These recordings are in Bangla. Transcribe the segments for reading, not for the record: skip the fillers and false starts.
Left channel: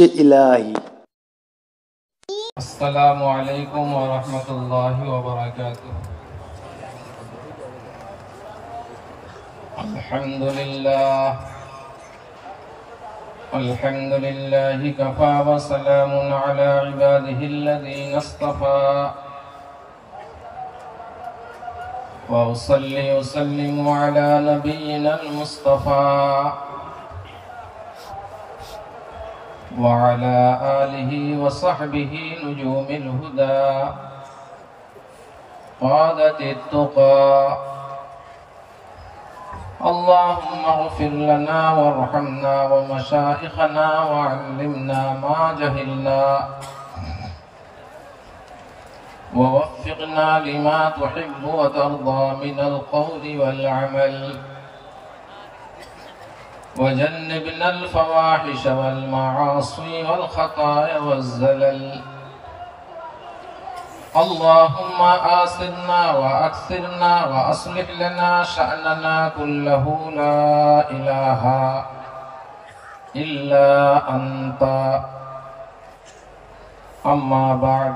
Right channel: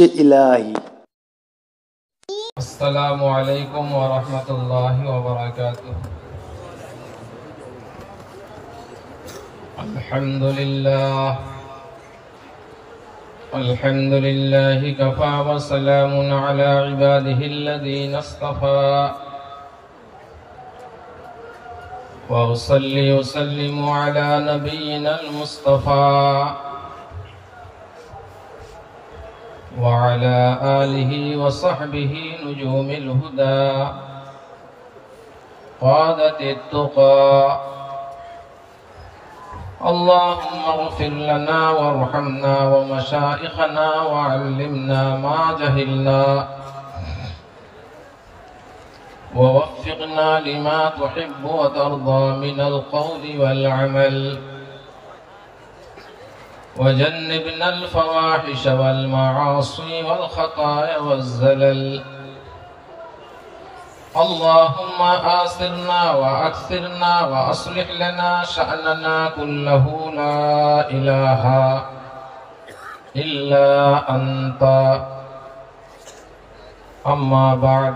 इश्क इलाही। अस्सलामु अलैकुम व रहमतुल्लाहि व बरकातुहू। अल्हम्दुलिल्लाहि कफ़ा व सलामुन अला इबादिहिल्लज़ीना इस्तफ़ा व उसल्ली व उसल्लिमु अला नबिय्यिनल मुस्तफ़ा वअला आलिहि व सहबिहि नुजूमिल हुदा क़ादतित तुक़ा। अल्लाहुम्मा इग़फ़िर लना वरहमना व मशाइख़ना वअल्लिमना मा जहिलना ववफ़्फ़िक़ना लिमा तुहिब्बु व तर्ज़ा मिनल क़ौलि वल अमल वजन्निबना अल-फ़वाहिश वल मआसी वल ख़ताया वज़्ज़लल। अल्लाहुम्मा आसिरना व अक्सिरना व अस्लिह लना शअनना कुल्लहु ला इलाहा इल्ला अंता। अम्मा बअद।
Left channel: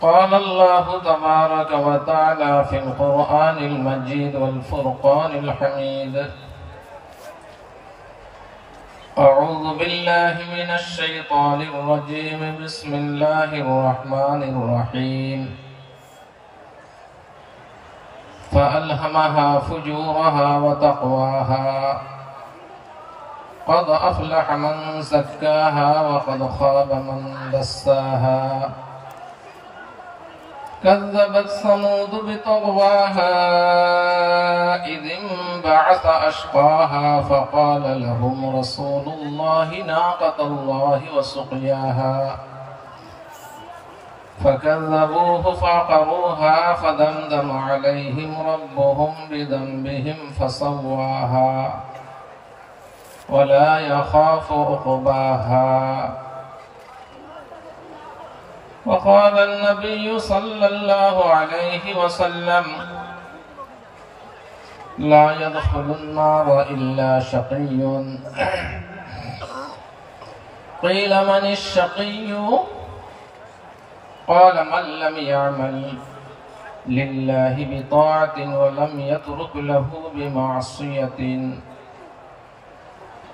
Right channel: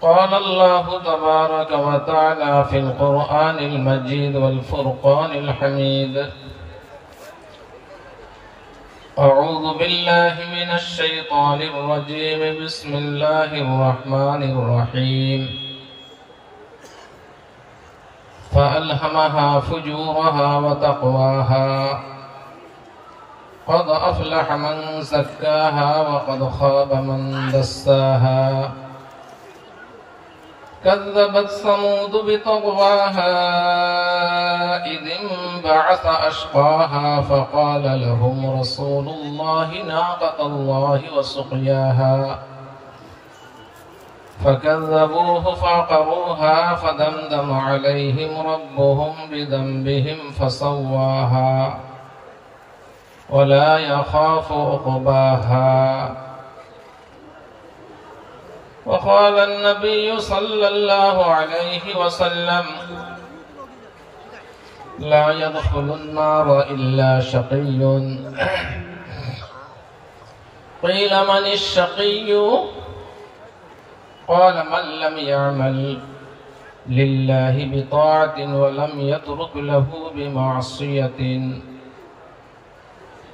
क़ाल अल्लाहु तबारक व तआला फ़िल क़ुरआनिल मजीद वल फ़ुरक़ानिल हमीद। अऊज़ु बिल्लाहि मिनश शैतानिर रजीम। बिस्मिल्लाहिर रहमानिर रहीम। फ़अल्हमहा फ़ुजूरहा व तक़वाहा क़द अफ़लह मन ज़क्काहा व क़द ख़ाब मन दस्साहा। कज़्ज़बत समूद बितग़वाहा इज़ इंबअस अशक़ाहा फ़क़ाल लहुम रसूलुल्लाहि नाक़तल्लाहि व सुक़याहा फ़कज़्ज़बूहु फ़अक़रूहा फ़दमदम अलैहिम रब्बुहुम बिज़ंबिहिम फ़सव्वाहा वला यख़ाफ़ु उक़बाहा। वक़ाल अन्नबिय्यु सल्लल्लाहु अलैहि वसल्लम ला यदख़ुलुन्नार इल्ला शक़िय्युन। क़ील मनिश्शक़िय्यु क़ाल मन लम यअमल लिल्लाहि बिताअतिन व लम यत्रुक लहु बिमअसियतिन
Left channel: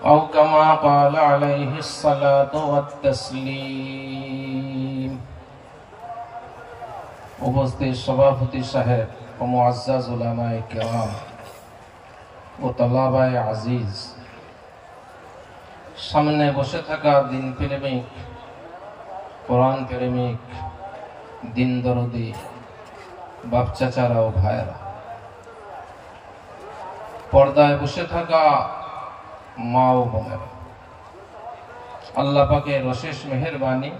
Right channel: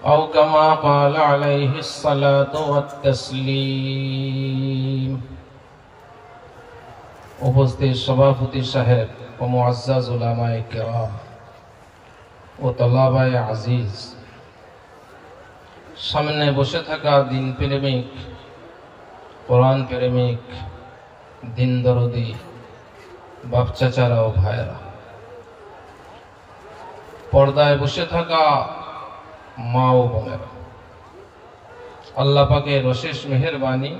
औ कमा क़ाल अलैहिस्सलातु वत्तस्लीम। उपस्थित सभापति साहेब व मुअज़्ज़ज़ उलमाए किराम ও তলাবায়ে আজিজ, সামনে বসে থাকা দিন প্রেমিক, কোরআন প্রেমিক, দিন দরদি বাপ চাচারা ও ভাইরা, পর্দায় বসে থাকা মা ও বোনেরা, আল্লাহ পাকের অশেষ মেহেরবানি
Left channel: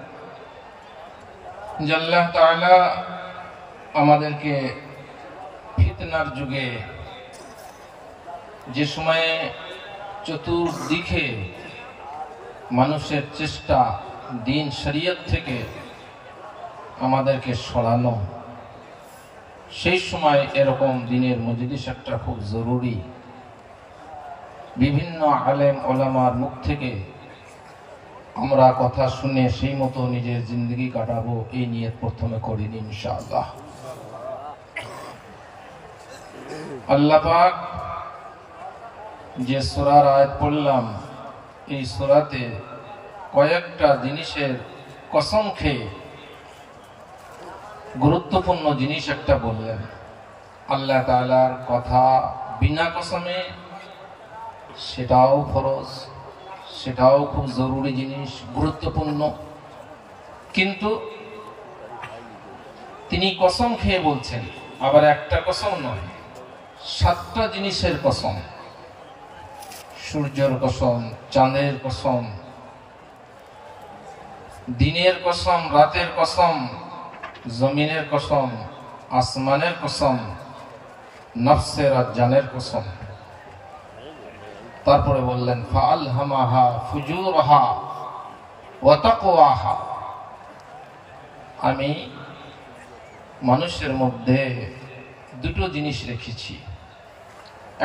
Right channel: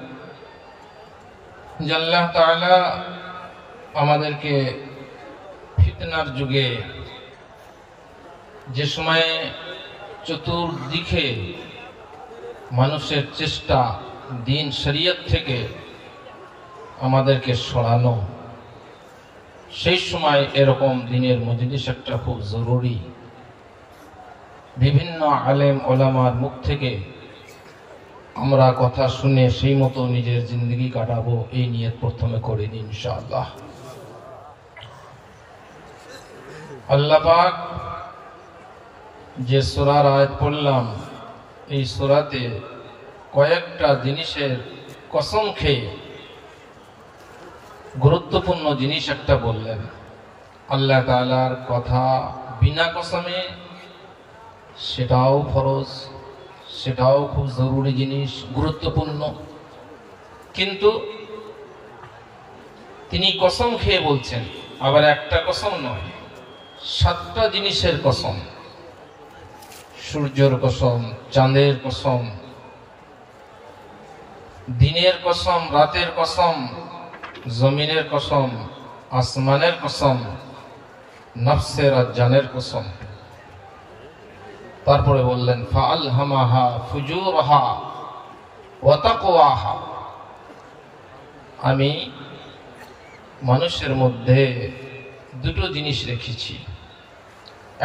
যে আল্লাহ তাআলা আমাদেরকে ফিতনার যুগে, যে সময়ে চতুর্দিকে মানুষের চেষ্টা দিন শরীয়ত থেকে আমাদেরকে সরানো, সেই সময় এরকম দিনের মজলিস একটা খুব জরুরি। বিভিন্ন আলেম ওলামার মুখ থেকে আমরা কথা শুনে সেই মতো নিজের জিন্দগি কাটাবো, এই নিয়ত প্রথমে করিনি ইনশাআল্লাহ। আল্লাহ পাক যে সূরার আয়াত পড়লাম, এই সূরাতে কয়েকটা জিনিসের কসম খেয়ে গুরুত্বপূর্ণ জিনিস একটা বললেন। আল্লাহ তাআলার কথা বিনা কসমে, সেটাও ফরজ, সেটাও খুব জরুরি জিনিস, গুরুত্বপূর্ণ। কিন্তু তিনি কসম খেয়ে বলছেন, আবার একটা কসম নয়, 7টা জিনিসের কসম। সূর্যের কসম, চাঁদের কসম, দিনের কসম, রাতের কসম, জমিনের কসম, আসমানের কসম, নফসের আর জানের কসম। তারপরে বললেন ফাআলহামাহা ফুজুরহা ওয়া তাকওয়াহা, আমি মানুষের মধ্যে দুটো জিনিস রেখেছি,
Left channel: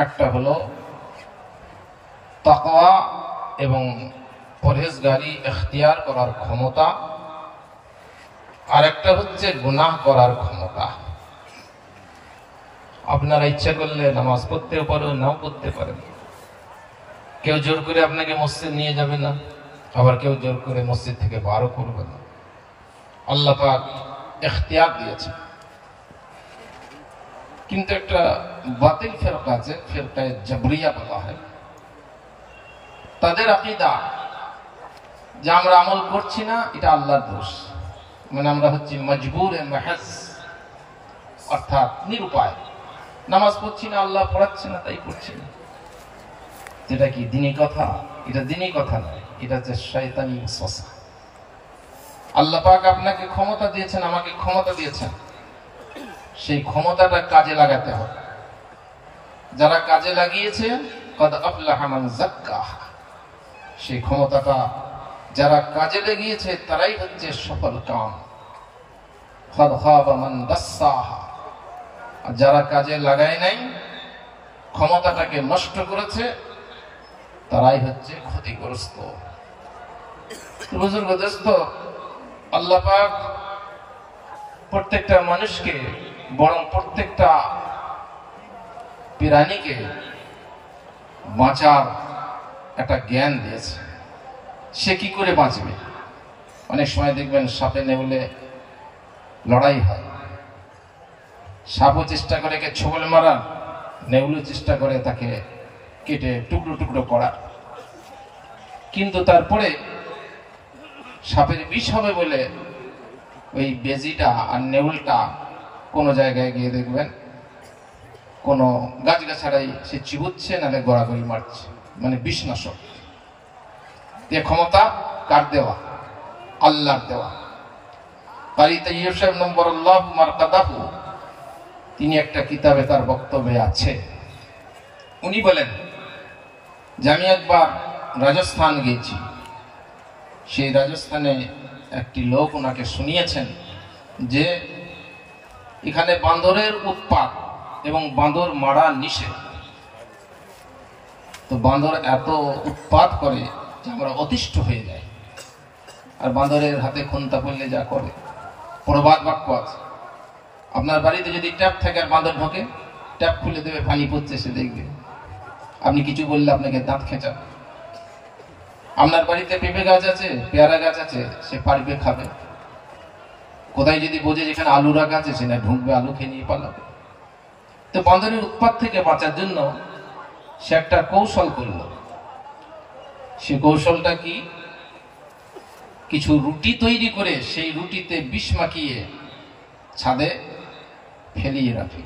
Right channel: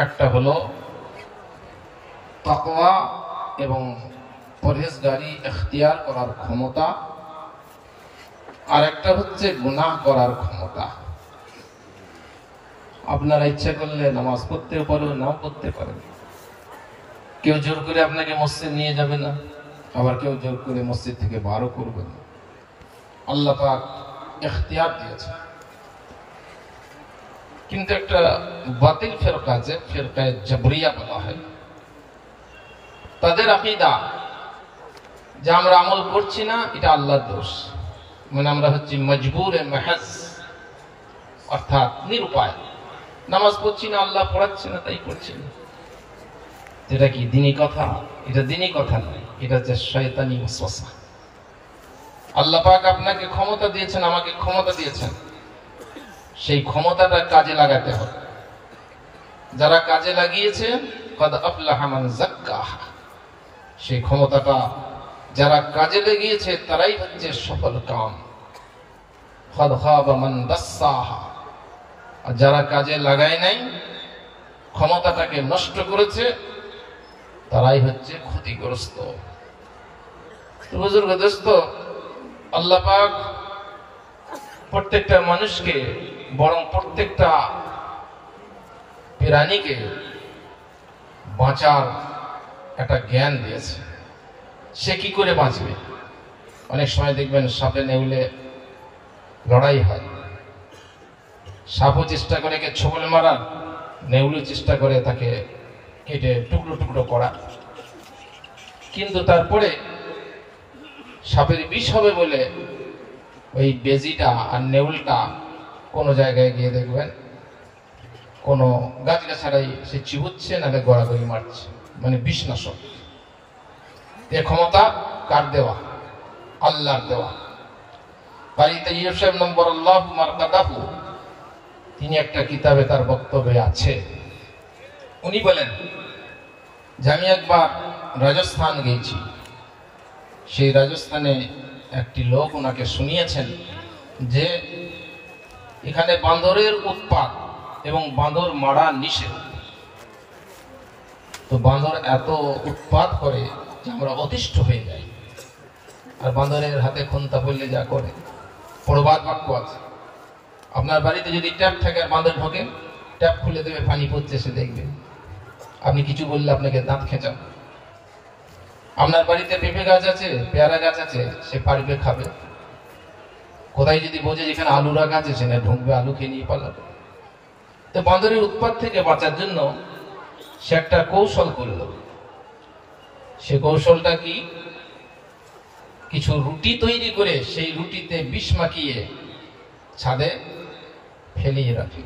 একটা হলো তাকওয়া এবং পরহেজগারি এখতিয়ার করার ক্ষমতা, আর একটা হচ্ছে গুনাহ করার ক্ষমতা। আপনারা ইচ্ছা করলে নামাজ পড়তেও পারেন, নাও পড়তে পারেন। কেউ জোর করে আপনাকে মসজিদ নিয়ে যাবে না, আবার কেউ জোর করে মসজিদ থেকে বারও করবে না। আল্লাহ পাক এখতিয়ার দিয়েছে। কিন্তু একটা বাতিল ফিরকা আছে, ফিরকায়ে জাবরিয়া বলা হয়, তাদের আকীদা যে আমরা আমল করছি না এটা আল্লাহর দোষ, মানে আমরা হচ্ছি মজবুরে মাহজ, অর্থাৎ নিরুপায়। নামাজ পড়ছি না, আল্লাহ পড়াচ্ছে না, তাই পড়ছি না। যেটা কি দিনী কথা? এটা দিনী কথা নয়, এটা হচ্ছে শয়তানি ওয়াসওয়াসা। আল্লাহ পাক আপনাকে ক্ষমতা দিয়েছেন, আমাকে ক্ষমতা দিয়েছেন, সেই ক্ষমতাটা কাজে লাগাতে হবে। যারা কাজে লাগিয়েছে কাদ আফলাহা মান যাক্কাহা, সেই ক্ষমতাটা যারা কাজে লাগিয়েছে তারাই হচ্ছে সফল কাম। কাদ খাবা মান দাসসাহা, আর যারা কাজে লাগায় নাই, ক্ষমতাটাকে নষ্ট করেছে, তারাই হচ্ছে ক্ষতিগ্রস্ত। বুজুর্গ দোস্ত, আল্লাহ পাক প্রত্যেকটা মানুষকে, বরং প্রত্যেকটা প্রাণীকে বাঁচার একটা জ্ঞান দিয়েছে। সে কি করে বাঁচবে? অনেক সময় দেখবেন সাপে নেউলে লড়াই হয়, সাপও চেষ্টা করে একে ছোবল মারা, নেউলে চেষ্টা করে তাকে কেটে টুকরো টুকরো করা। কিন্তু তারপরে সাপের বিষ হবে বলে ওই বেজিটা আর নেউলটা কোনো জায়গায় গিয়ে দেখবেন কোনো গাছগাছাড়াই সে চিবুচ্ছে, নাহলে গড়াগড়ি মারছে, মানে বিষনাশক। এ ক্ষমতা কার দেওয়া? আল্লাহর দেওয়া। বাড়িতে ইউসুফ নম্বর আল্লাহ মারকাদাহু, তিনি একটা কিতাবে তার বক্তব্যে আছে, উনি বলেন যে আমি একবার রাজস্থান গিয়েছি, সেই রাজস্থানে একটি লোক ওনাকে শুনিয়েছেন যে এখানে বাঁদরের উৎপাত এবং বাঁদর মারা নিষেধ। তো বাঁদর এত উৎপাত করে যে আমরা অতিষ্ঠ হয়ে যাই, আর বাঁদরের হাতে খুন্তা পড়লে যা করে। প্রবাদ বাক্য আছে, আপনার বাড়িতে যদি ট্যাপ থাকে আর বাঁদর ঢোকে, ট্যাপ খুলে দেবে, পানি পড়ছে, সে দেখবে। আপনি কিছু বললে আপনাকে দাঁত খেঁচা। আপনার বাড়িতে পেঁপে গাছ আছে, পেয়ারা গাছ আছে, সে পারবে, খাবে। কোথায় যদি বোঝে যেখানে আলুরা গাছ আছে, না ঢুকবে, আলু খেয়ে নিয়ে পালাবে। তো বাঁদরের উৎপাত থেকে বাঁচার জন্য সে একটা কৌশল করল। সে কৌশলটা কি? কিছু রুটি তৈরি করে সেই রুটিতে বিষ মাখিয়ে ছাদে ফেলিয়ে রাখে।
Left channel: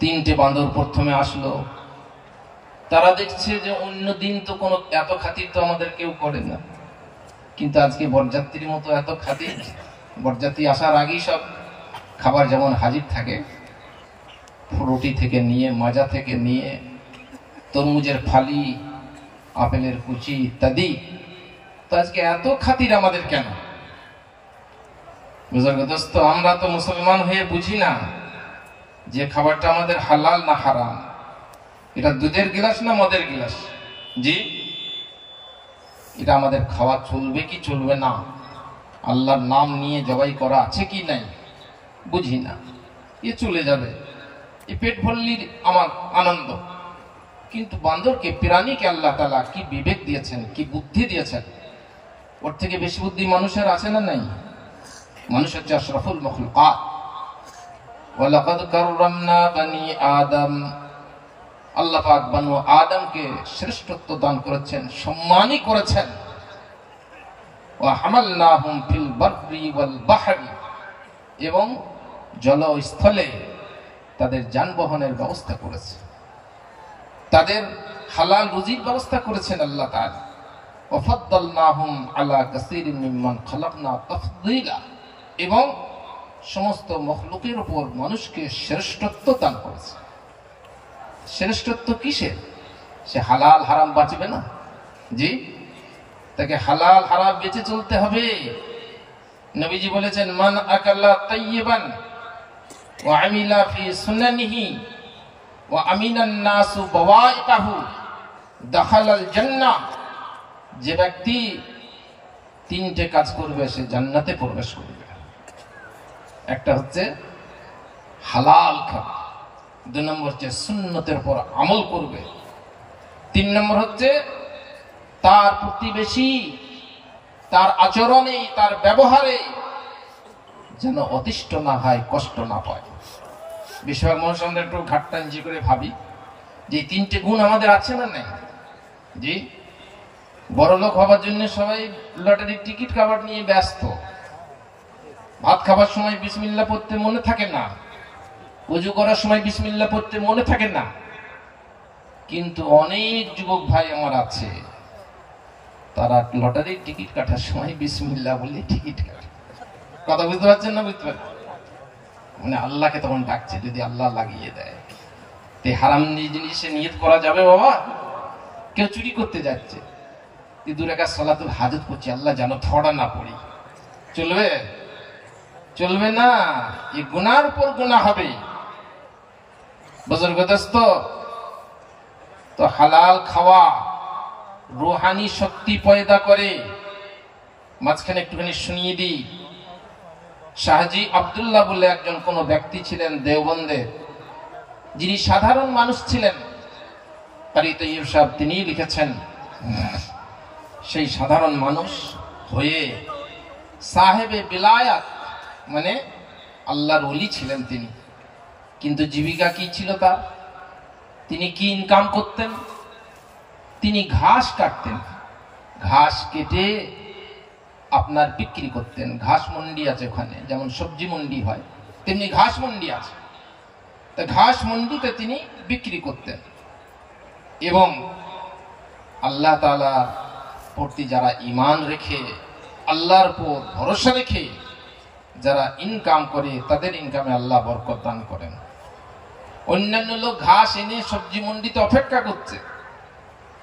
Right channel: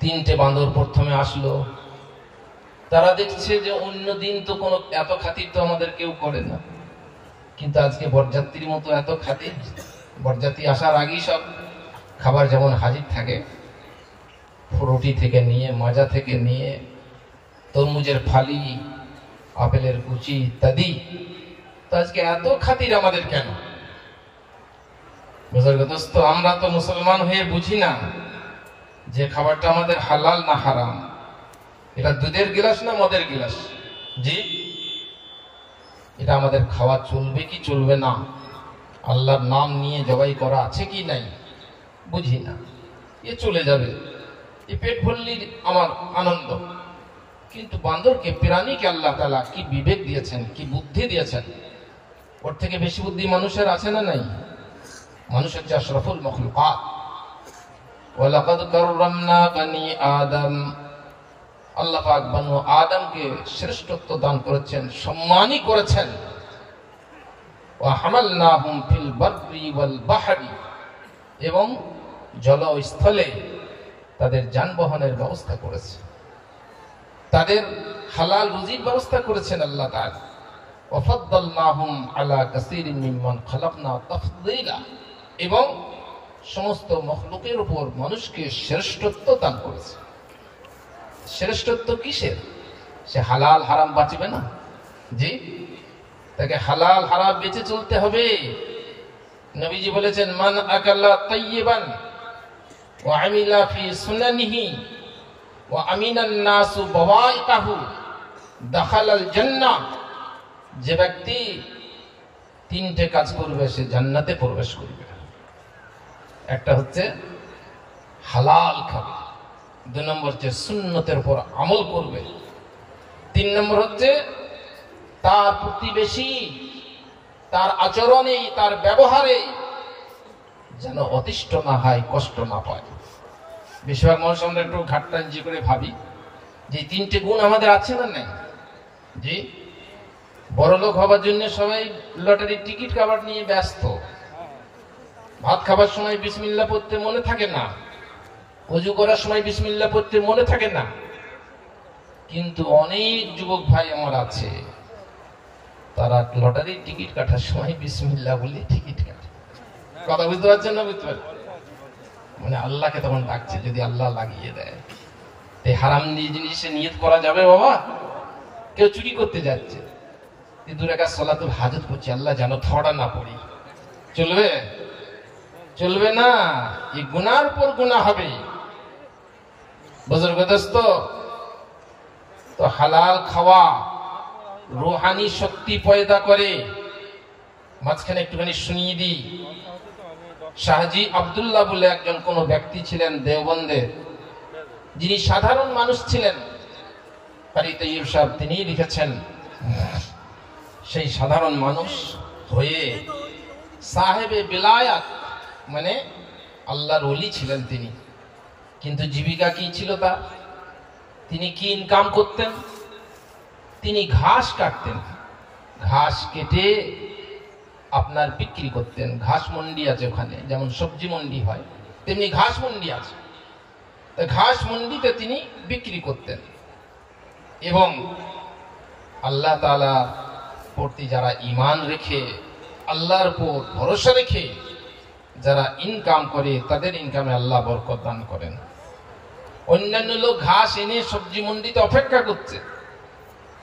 3টে বাঁদর প্রথমে আসলো, তারা দেখছে যে অন্য দিন তো কোনো এত খাতির তো আমাদের কেউ করে না, কিন্তু আজকে বরযাত্রীর মতো এত খাতির। বরযাত্রী আসার আগেই সব খাবার যেমন হাজির থাকে, রুটি থেকে নিয়ে, মাজা থেকে নিয়ে, তরমুজের ফালি, আপেলের কুচি ইত্যাদি। তো আজকে এত খাতির আমাদের কেন? বুজুর্গ দোস্ত, আমরা তো মুসলমান হয়ে বুঝি না যে খাবারটা আমাদের হালাল না হারাম। এটা দুধের গ্লাস না মদের গ্লাস? জি, এটা আমাদের খাওয়া চলবে কি চলবে না, আল্লাহর নাম নিয়ে জবাই করা আছে কি নাই, বুঝি না। এ চলে যাবে, এ পেট ভরলির আমার আনন্দ। কিন্তু বান্দরকে, প্রাণীকে আল্লাহ তাআলা কি বিবেক দিয়েছেন, কি বুদ্ধি দিয়েছেন। ওর থেকে বেশি বুদ্ধি মানুষের আছে না নাই? মানুষ হচ্ছে আশরাফুল মাখলুকাত। ওয়ালাকাদ কাররামনা বানি আদম, আল্লাহ পাক বনু আদমকে শ্রেষ্ঠত্ব দান করেছেন, সম্মানই করেছেন। ওয়া হামালনাহুম ফিল বাররি ওয়াল বাহরি, এবং জল ও স্থলে তাদের যানবাহনের ব্যবস্থা করেছে, তাদের হালাল রুজির ব্যবস্থা করেছেন আল্লাহ তাআলা। ওয়া ফাদ্দালনাহুম আলা কাসীরিন মিম্মান খালাকনা তাফদীলা, এবং সমস্ত মখলুকের উপর মানুষকে শ্রেষ্ঠত্ব দান করেছে। শ্রেষ্ঠত্ব কিসের? সে হালাল হারাম বাঁচবে না? জি, তাকে হালাল হারাম বেঁচে চলতে হবে। নবীজি বলেছেন, মান আকালা তাইয়িবান ওয়া আমিলা ফি সুনানিহি ওয়া আমিনান নাসু বাওয়াইকাহু দাখালাল জান্নাহ যে ব্যক্তি তিনটে কাজ করবে সে জান্নাতে প্রবেশ করবে। একটা হচ্ছে হালাল খাবে, 2 নম্বর হচ্ছে সুন্নতের উপর আমল করবে, 3 নম্বর হচ্ছে তার প্রতিবেশী তার আচরণে তার ব্যবহারে যেন অতিষ্ঠ না হয়, কষ্ট না পায়। বেশিরভাগ মানুষ আমরা একটু ঘাটটাঞ্জি করে ভাবি যে 3টে গুণ আমাদের আছে না নাই। জি, বড়লোক হবার জন্য সবাই লটারির টিকিট কাভার নিয়ে ব্যস্ত, ভাত খাবার সময় বিসমিল্লাহ পড়তে মনে থাকে না, ওযু করার সময় বিসমিল্লাহ পড়তে মনে থাকে না। কিন্তু অনেক যুবক ভাই আমার আছে, তারা লটারির টিকিট কাটার সময় বিসমিল্লাহ বলে টিকিট কাটে। কথা বুঝতে পারছেন না? বুঝতে পারছেন? মানে আল্লাহকে তখন ডাকছে, যদি আল্লাহ লাগিয়ে দেয়। তে হারাম জিনিসে নিয়ত করা যাবে বাবা? কেউ চুরি করতে যাচ্ছে, 2 রাকাত সালাতুল হাজত করছে, আল্লাহ যেন থড়া না পড়ি, চলবে? চলবে না। এই গুনার পর গুনাহ হবে। বুজুর্গ দোস্ত, তো হালাল খাওয়া রুহানি শক্তি পয়দা করে। মাঝখানে একটুখানি শুনিয়ে দিই, শাহজি আব্দুল্লাহ বলে একজন কোন ব্যক্তি ছিলেন দেওবন্দের, যিনি সাধারণ মানুষ ছিলেন। কারি তৈয়ব সাহেব তিনি লিখেছেন, সেই সাধারণ মানুষ হয়ে সাহেবে বিলায়াত মানে আল্লাহর ওলি ছিলেন তিনি। কিন্তু জীবিকা কি ছিল তার? তিনি কি ইনকাম করতেন? তিনি ঘাস কাটতেন, ঘাস কেটে আপনার বিক্রি করতেন। ঘাস মন্ডি আছে ওখানে, যেমন সবজি মন্ডি হয় তেমনি ঘাস মন্ডি আছে। তা ঘাস মন্ডিতে তিনি বিক্রি করতেন। এবং আল্লাহ তাআলা প্রতি যারা ঈমান রেখে, আল্লাহর উপর ভরসা রেখে যারা ইনকাম করে, তাদের ইনকামে আল্লাহ বরকত দান করেন। অন্যান্য লোক ঘাস এনে সবজি মন্ডিতে অপেক্ষা করছে,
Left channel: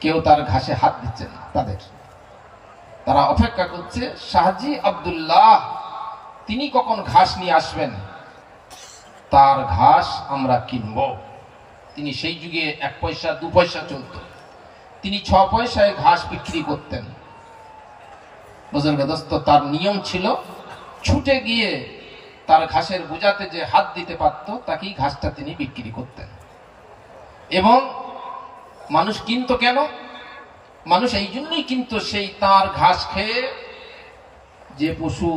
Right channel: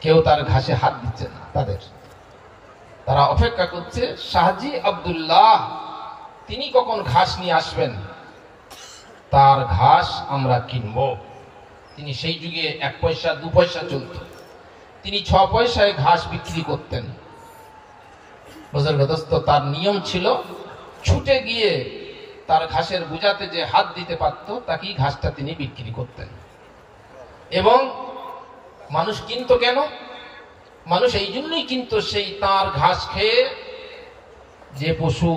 কেউ তার ঘাসে হাত দিচ্ছে না, তারা অপেক্ষা করছে শাহজি আব্দুল্লাহ তিনি কখন ঘাস নিয়ে আসবেন, তার ঘাস আমরা কিনব। তিনি সেই যুগে 1 পয়সা 2 পয়সা চলত, তিনি 6 পয়সায় ঘাস বিক্রি করতেন। বুজুর্গ দোস্ত, তার নিয়ম ছিল ছুটে গিয়ে তার ঘাসের বোঝাতে যে হাত দিতে পারত তাকেই ঘাসটা তিনি বিক্রি করতেন। এবং মানুষ কিনতো কেন? মানুষ এই জন্যই কিনতো, সেই তার ঘাস খেয়ে যে পশু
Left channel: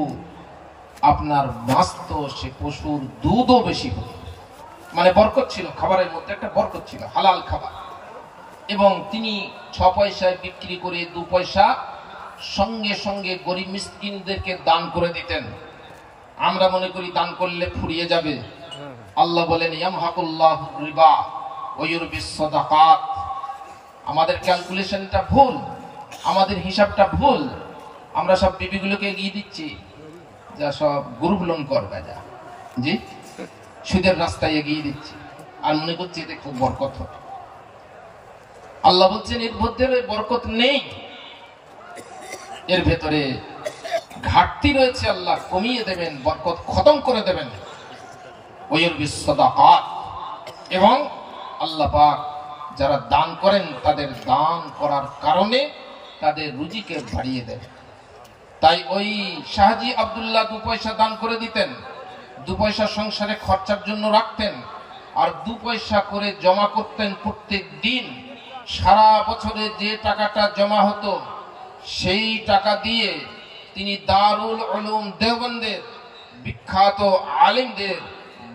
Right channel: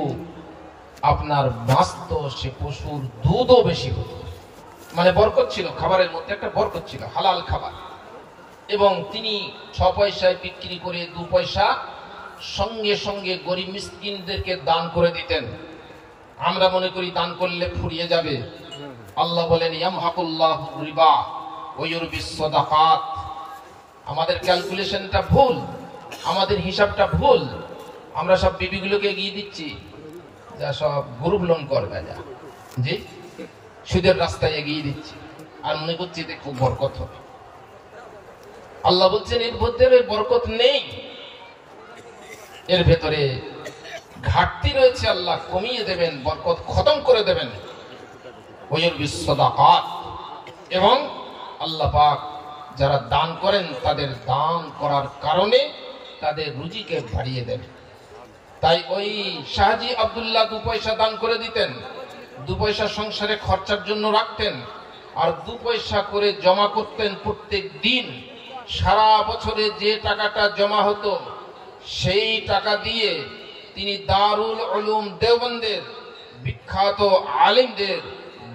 আপনার বাঁচত, সে পশুর দুধও বেশি হতো। মানে বরকত ছিল, খাবারের মধ্যে একটা বরকত ছিল, হালাল খাবার। এবং তিনি 6 পয়সায় বিক্রি করে 2 পয়সা সঙ্গে সঙ্গে গরিব মিসকিনদেরকে দান করে দিতেন। আমরা মনে করি দান করলে ফুরিয়ে যাবে। আল্লাহ বলেন, ইয়ামহাকুল্লাহু রিবা ওয়া ইউরবিস সাদাকাত। আমাদের ক্যালকুলেশনটা ভুল, আমাদের হিসাবটা ভুল। আমরা সব বিবিগুলোকে এগিয়ে দিচ্ছি, যা সব গ্রুপ লোন করবে, যা জি সুদের রাস্তায় এগিয়ে দিচ্ছি, আর মনে করছি এতে খুব বরকত হবে। আল্লাহ বলছেন এর মধ্যে বরকত নেই, এর ভেতরে ঘাটতি রয়েছে। আল্লাহ কমিয়ে দেবেন, বরকত খতম করে দেবেন। ওয়ায়ুরবিস সাদাকাত। এবং আল্লাহ পাক যারা দান করেন তাদের দান করার কারণে তাদের রুজিকে বাড়িয়ে দেন। তাই ওই শাহজি আব্দুল্লাহ 2 পয়সা দান করে দিতেন, 2 পয়সা সংসারে খরচার জন্য রাখতেন, আর 2 পয়সা করে জমা করতেন প্রত্যেক দিন। সারা বছরে যে টাকাটা জমা হতো সেই টাকা দিয়ে তিনি দারুল উলুম দেওবন্দের বিখ্যাত আলেমদের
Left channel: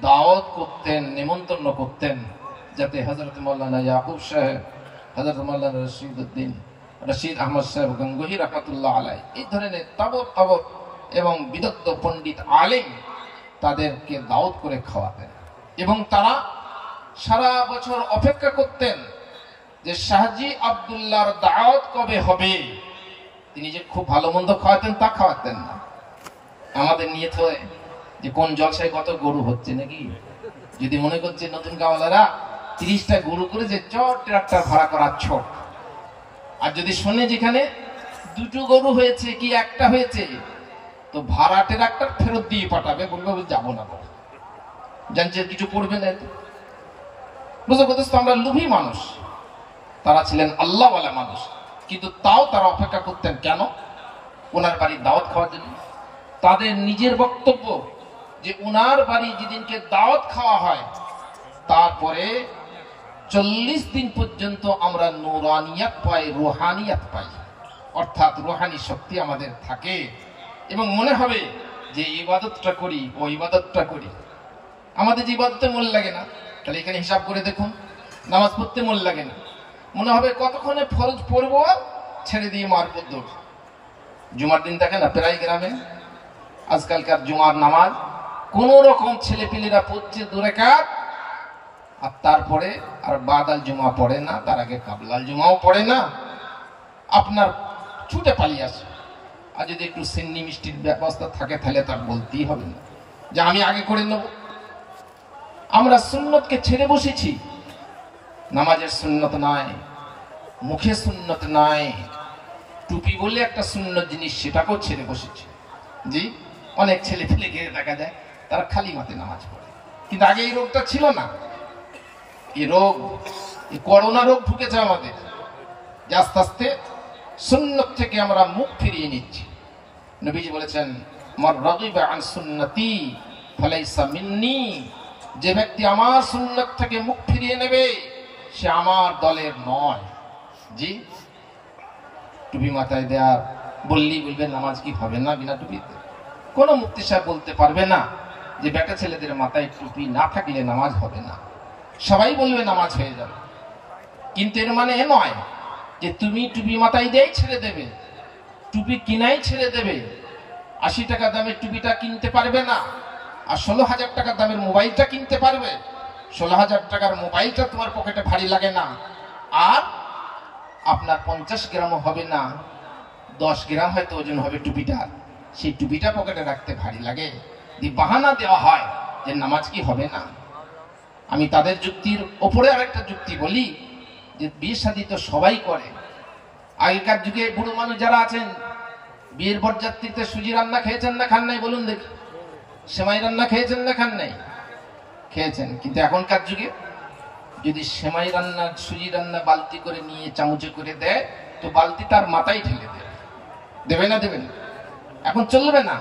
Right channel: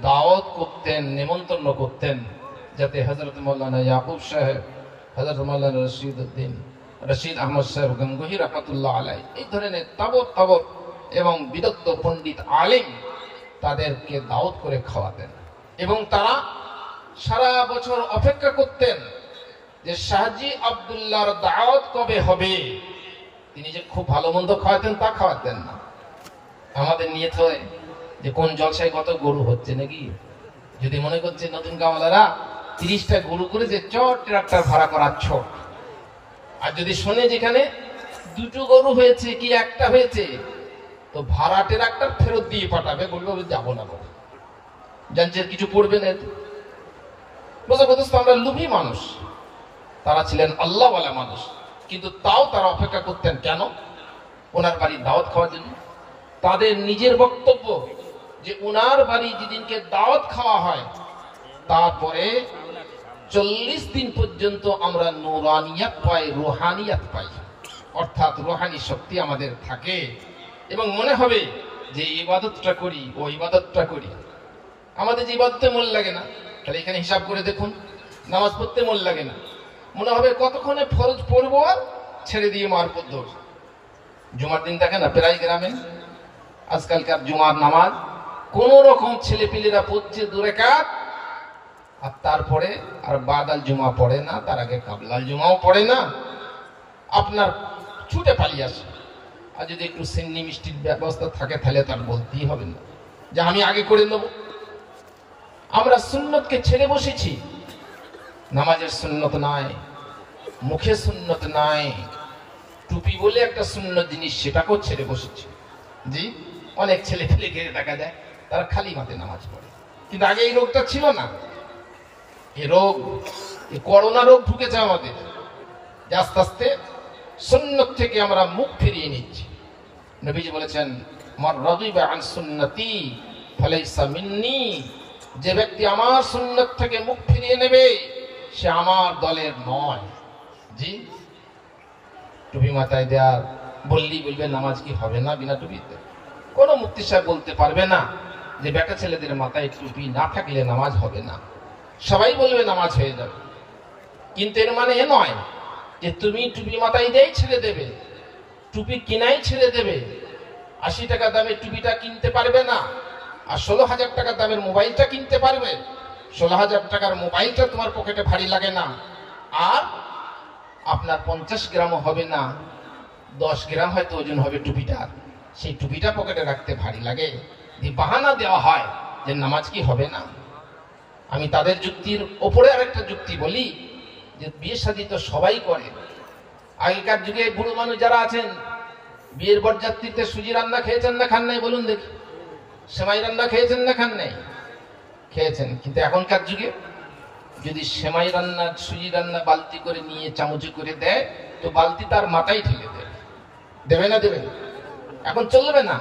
দাওয়াত করতেন, নেমন্তন্ন করতেন, যাতে হযরত মাওলানা ইয়াকুব সাহেব, হযরত মাওলানা রশিদ আহমদ সাহেব গঙ্গোহী রাহমাতুল্লাহ আলাইহি, এই ধরনের তবর এবং বিদগ্ধ পণ্ডিত আলেম তাদেরকে দাওয়াত করে খাওয়াতেন। এবং তারা সারা বছর অপেক্ষা করতেন যে শাহজি আব্দুল্লাহর দাওয়াত কবে হবে। তিনি যে খুব ভালো মন্দ খাওয়াতেন তা খাওয়াতেন না। আমাদের নিয়ত হয় যে কোন জলসায় কত গরু হচ্ছে নাকি, যদি মনে করছে নতুন কামলারা 30টা গরু করে যে চট ট্রাক্টর ভাড়া করার ছোট, আর যদি শোনে যেখানে 2টো গরু হয়েছে কি 1টা হয়েছে, তো ভাড়া ট্রাক্টর ফেরত দিয়ে পাঠাবে, বলবে যাবো না, জানছে কিছু করবে না। বুঝতে পারছো, আমরা লোভী মানুষ, তারা ছিলেন আল্লাহওয়ালা মানুষ। কিন্তু তাও তারা অপেক্ষা করতেন কেন? ওনার বাড়ির দাওয়াত খাওয়ার জন্য। তাদের নিজের বক্তব্য যে ওনার বাড়ি যেদিনকে দাওয়াত খাওয়া হয় তারপরে 40 দিন পর্যন্ত আমরা নুরানিয়াত পাই, রুহানিয়াত পাই, অর্থাৎ রুহানি শক্তি আমাদের থাকে এবং মনে হবে যে ইবাদতটা করি ও ইবাদতটা করি। আমাদের যে ইবাদতে মন লাগে না, তাহলে এখানে হিসাব করে দেখুন, নামাজ পড়তে মন লাগে না, মনে হবে কতক্ষণে ফরজ পড়বো, ছেড়ে দিয়ে মারফত দৌড়। জুমার দিন থাকে না প্রায় গ্রামে, আজকালকার জুমার নামাজ কোন রকম ছেলে পিলেরা পড়ছে 2 রাকাত, আর তারপরে আর বাদাল জুমা পড়ে না, তার আগে কাবলাল জুমাও পড়ে না, আপনার ছুটে পালিয়ে আসে। আর যদি একটু সিন্নি মিষ্টির ব্যবস্থা থাকে তাহলে তার বলতেই হবে না যে আমি আগে করে নেব। আমরা সুন্নতকে ছেড়ে বসেছি, নামাজের সুন্নত নয়, মুখে সুন্নত নয়, টুপি বলে একটা সুন্নত জিনিস সেটাকেও ছেড়ে বসেছি। জি, অনেক ছেলে পেলে গিয়ে দেখা যায় তারা খালি মাঠে নামাজ পড়ে, কিন্তু আগে এই রোগটা ছিল না। এই রোগ, এই করোনা রোগ ঢুকেছে আমাদের, যে আস্তে আস্তে সুন্নত থেকে আমরা মুখ ফিরিয়ে নিচ্ছি। নবীজি বলেছেন মান রাগিবা আন সুন্নতি ফালাইসা মিন্নি, যে ব্যক্তি আমার সুন্নত থেকে মুখ ফিরিয়ে নেবে সে আমার দলের নয়। জি, টুপি মাথায় দেয়া বললেই বলবে নামাজ কি হবে না বিনা টুপিতে? কোন মুফতি সাহেব বলতে পারবে না যে বেটা ছেলেদের মাথায় টুপি না থাকলে নামাজ হবে না। সবাই বলবে নামাজ হয়ে যাবে, কিন্তু এর মানে এ নয় যে তুমি টুপি মাথায় দিয়েই ছেড়ে দেবে, টুপি কিনাই ছেড়ে দেবে। 80 টাকা দামের টুপিটা কিনতে পারবে না, আর 16,000 টাকা দামের মোবাইলটা কিনতে পারবে। 16,000 টাকার মোবাইলটা তোমার পকেটে ভারী লাগে না, আর আপনার 50 গ্রামও হবে না, 10 গ্রাম হয়তো ওজন হবে টুপিটা, সেই টুপিটা পকেটে রাখতে ভারী লাগে। যে বাহানা দেওয়া হয় যে নামাজ কি হবে না। আমি তাদের যুক্তির ওপরে আরেকটা যুক্তি বলি, যে বিয়ে শাদী তো সবাই করে। আগেকার যুগে বুড়ো মানুষ যারা আছেন, বিয়ের বরযাত্রীতে সুজি রান্না খেয়েছেন না খান নাই? বলুন দেখি, সেমাই রান্না খেয়েছেন না খান নাই? খেয়েছেন। কিন্তু এখনকার যুগে যদি সেমাই রান্না, সুজি রান্না বালতি করে নিয়ে চামচে করে দেয়, তো বালতি তার মাথায় ঠেলে দেয়। দেবে না? দেবে না। এখন চলবে না,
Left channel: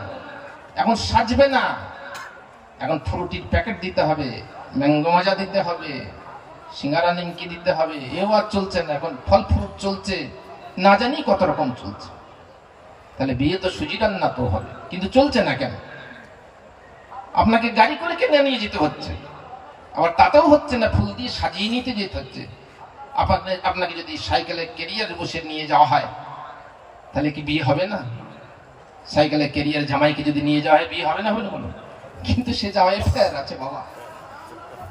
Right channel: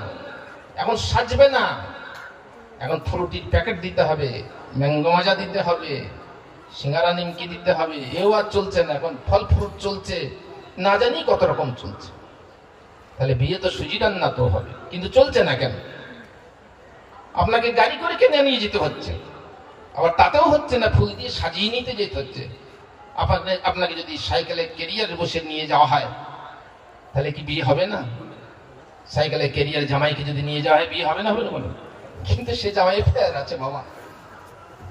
এখন সাজবে না, এখন ফ্রুটির প্যাকেট দিতে হবে, ম্যাঙ্গো মাজা দিতে হবে, সিঙ্গারা নিমকি দিতে হবে। এও আর চলছে না, এখন ফল ফ্রুট চলছে, না জানি কত রকম চলছে। তাহলে বিয়ে তো সুজি রান্না তো হবে, কিন্তু চলছে না কেন? আপনাকে গাড়ি করে কিনে নিয়ে যেতে হচ্ছে, আবার তাতেও হচ্ছে না, ফুল দিয়ে সাজিয়ে নিতে যেতে হচ্ছে। আপনাকে যদি সাইকেলে ক্যারিয়ার বসে নিয়ে যাওয়া হয় তাহলে কি বিয়ে হবে না? সাইকেলে ক্যারিয়ার জামাইকে যদি নিয়ে যাওয়া হয় বিয়ে হবে না? হবে না বলো? কিন্তু সে জামাই ফের আছে বাবা,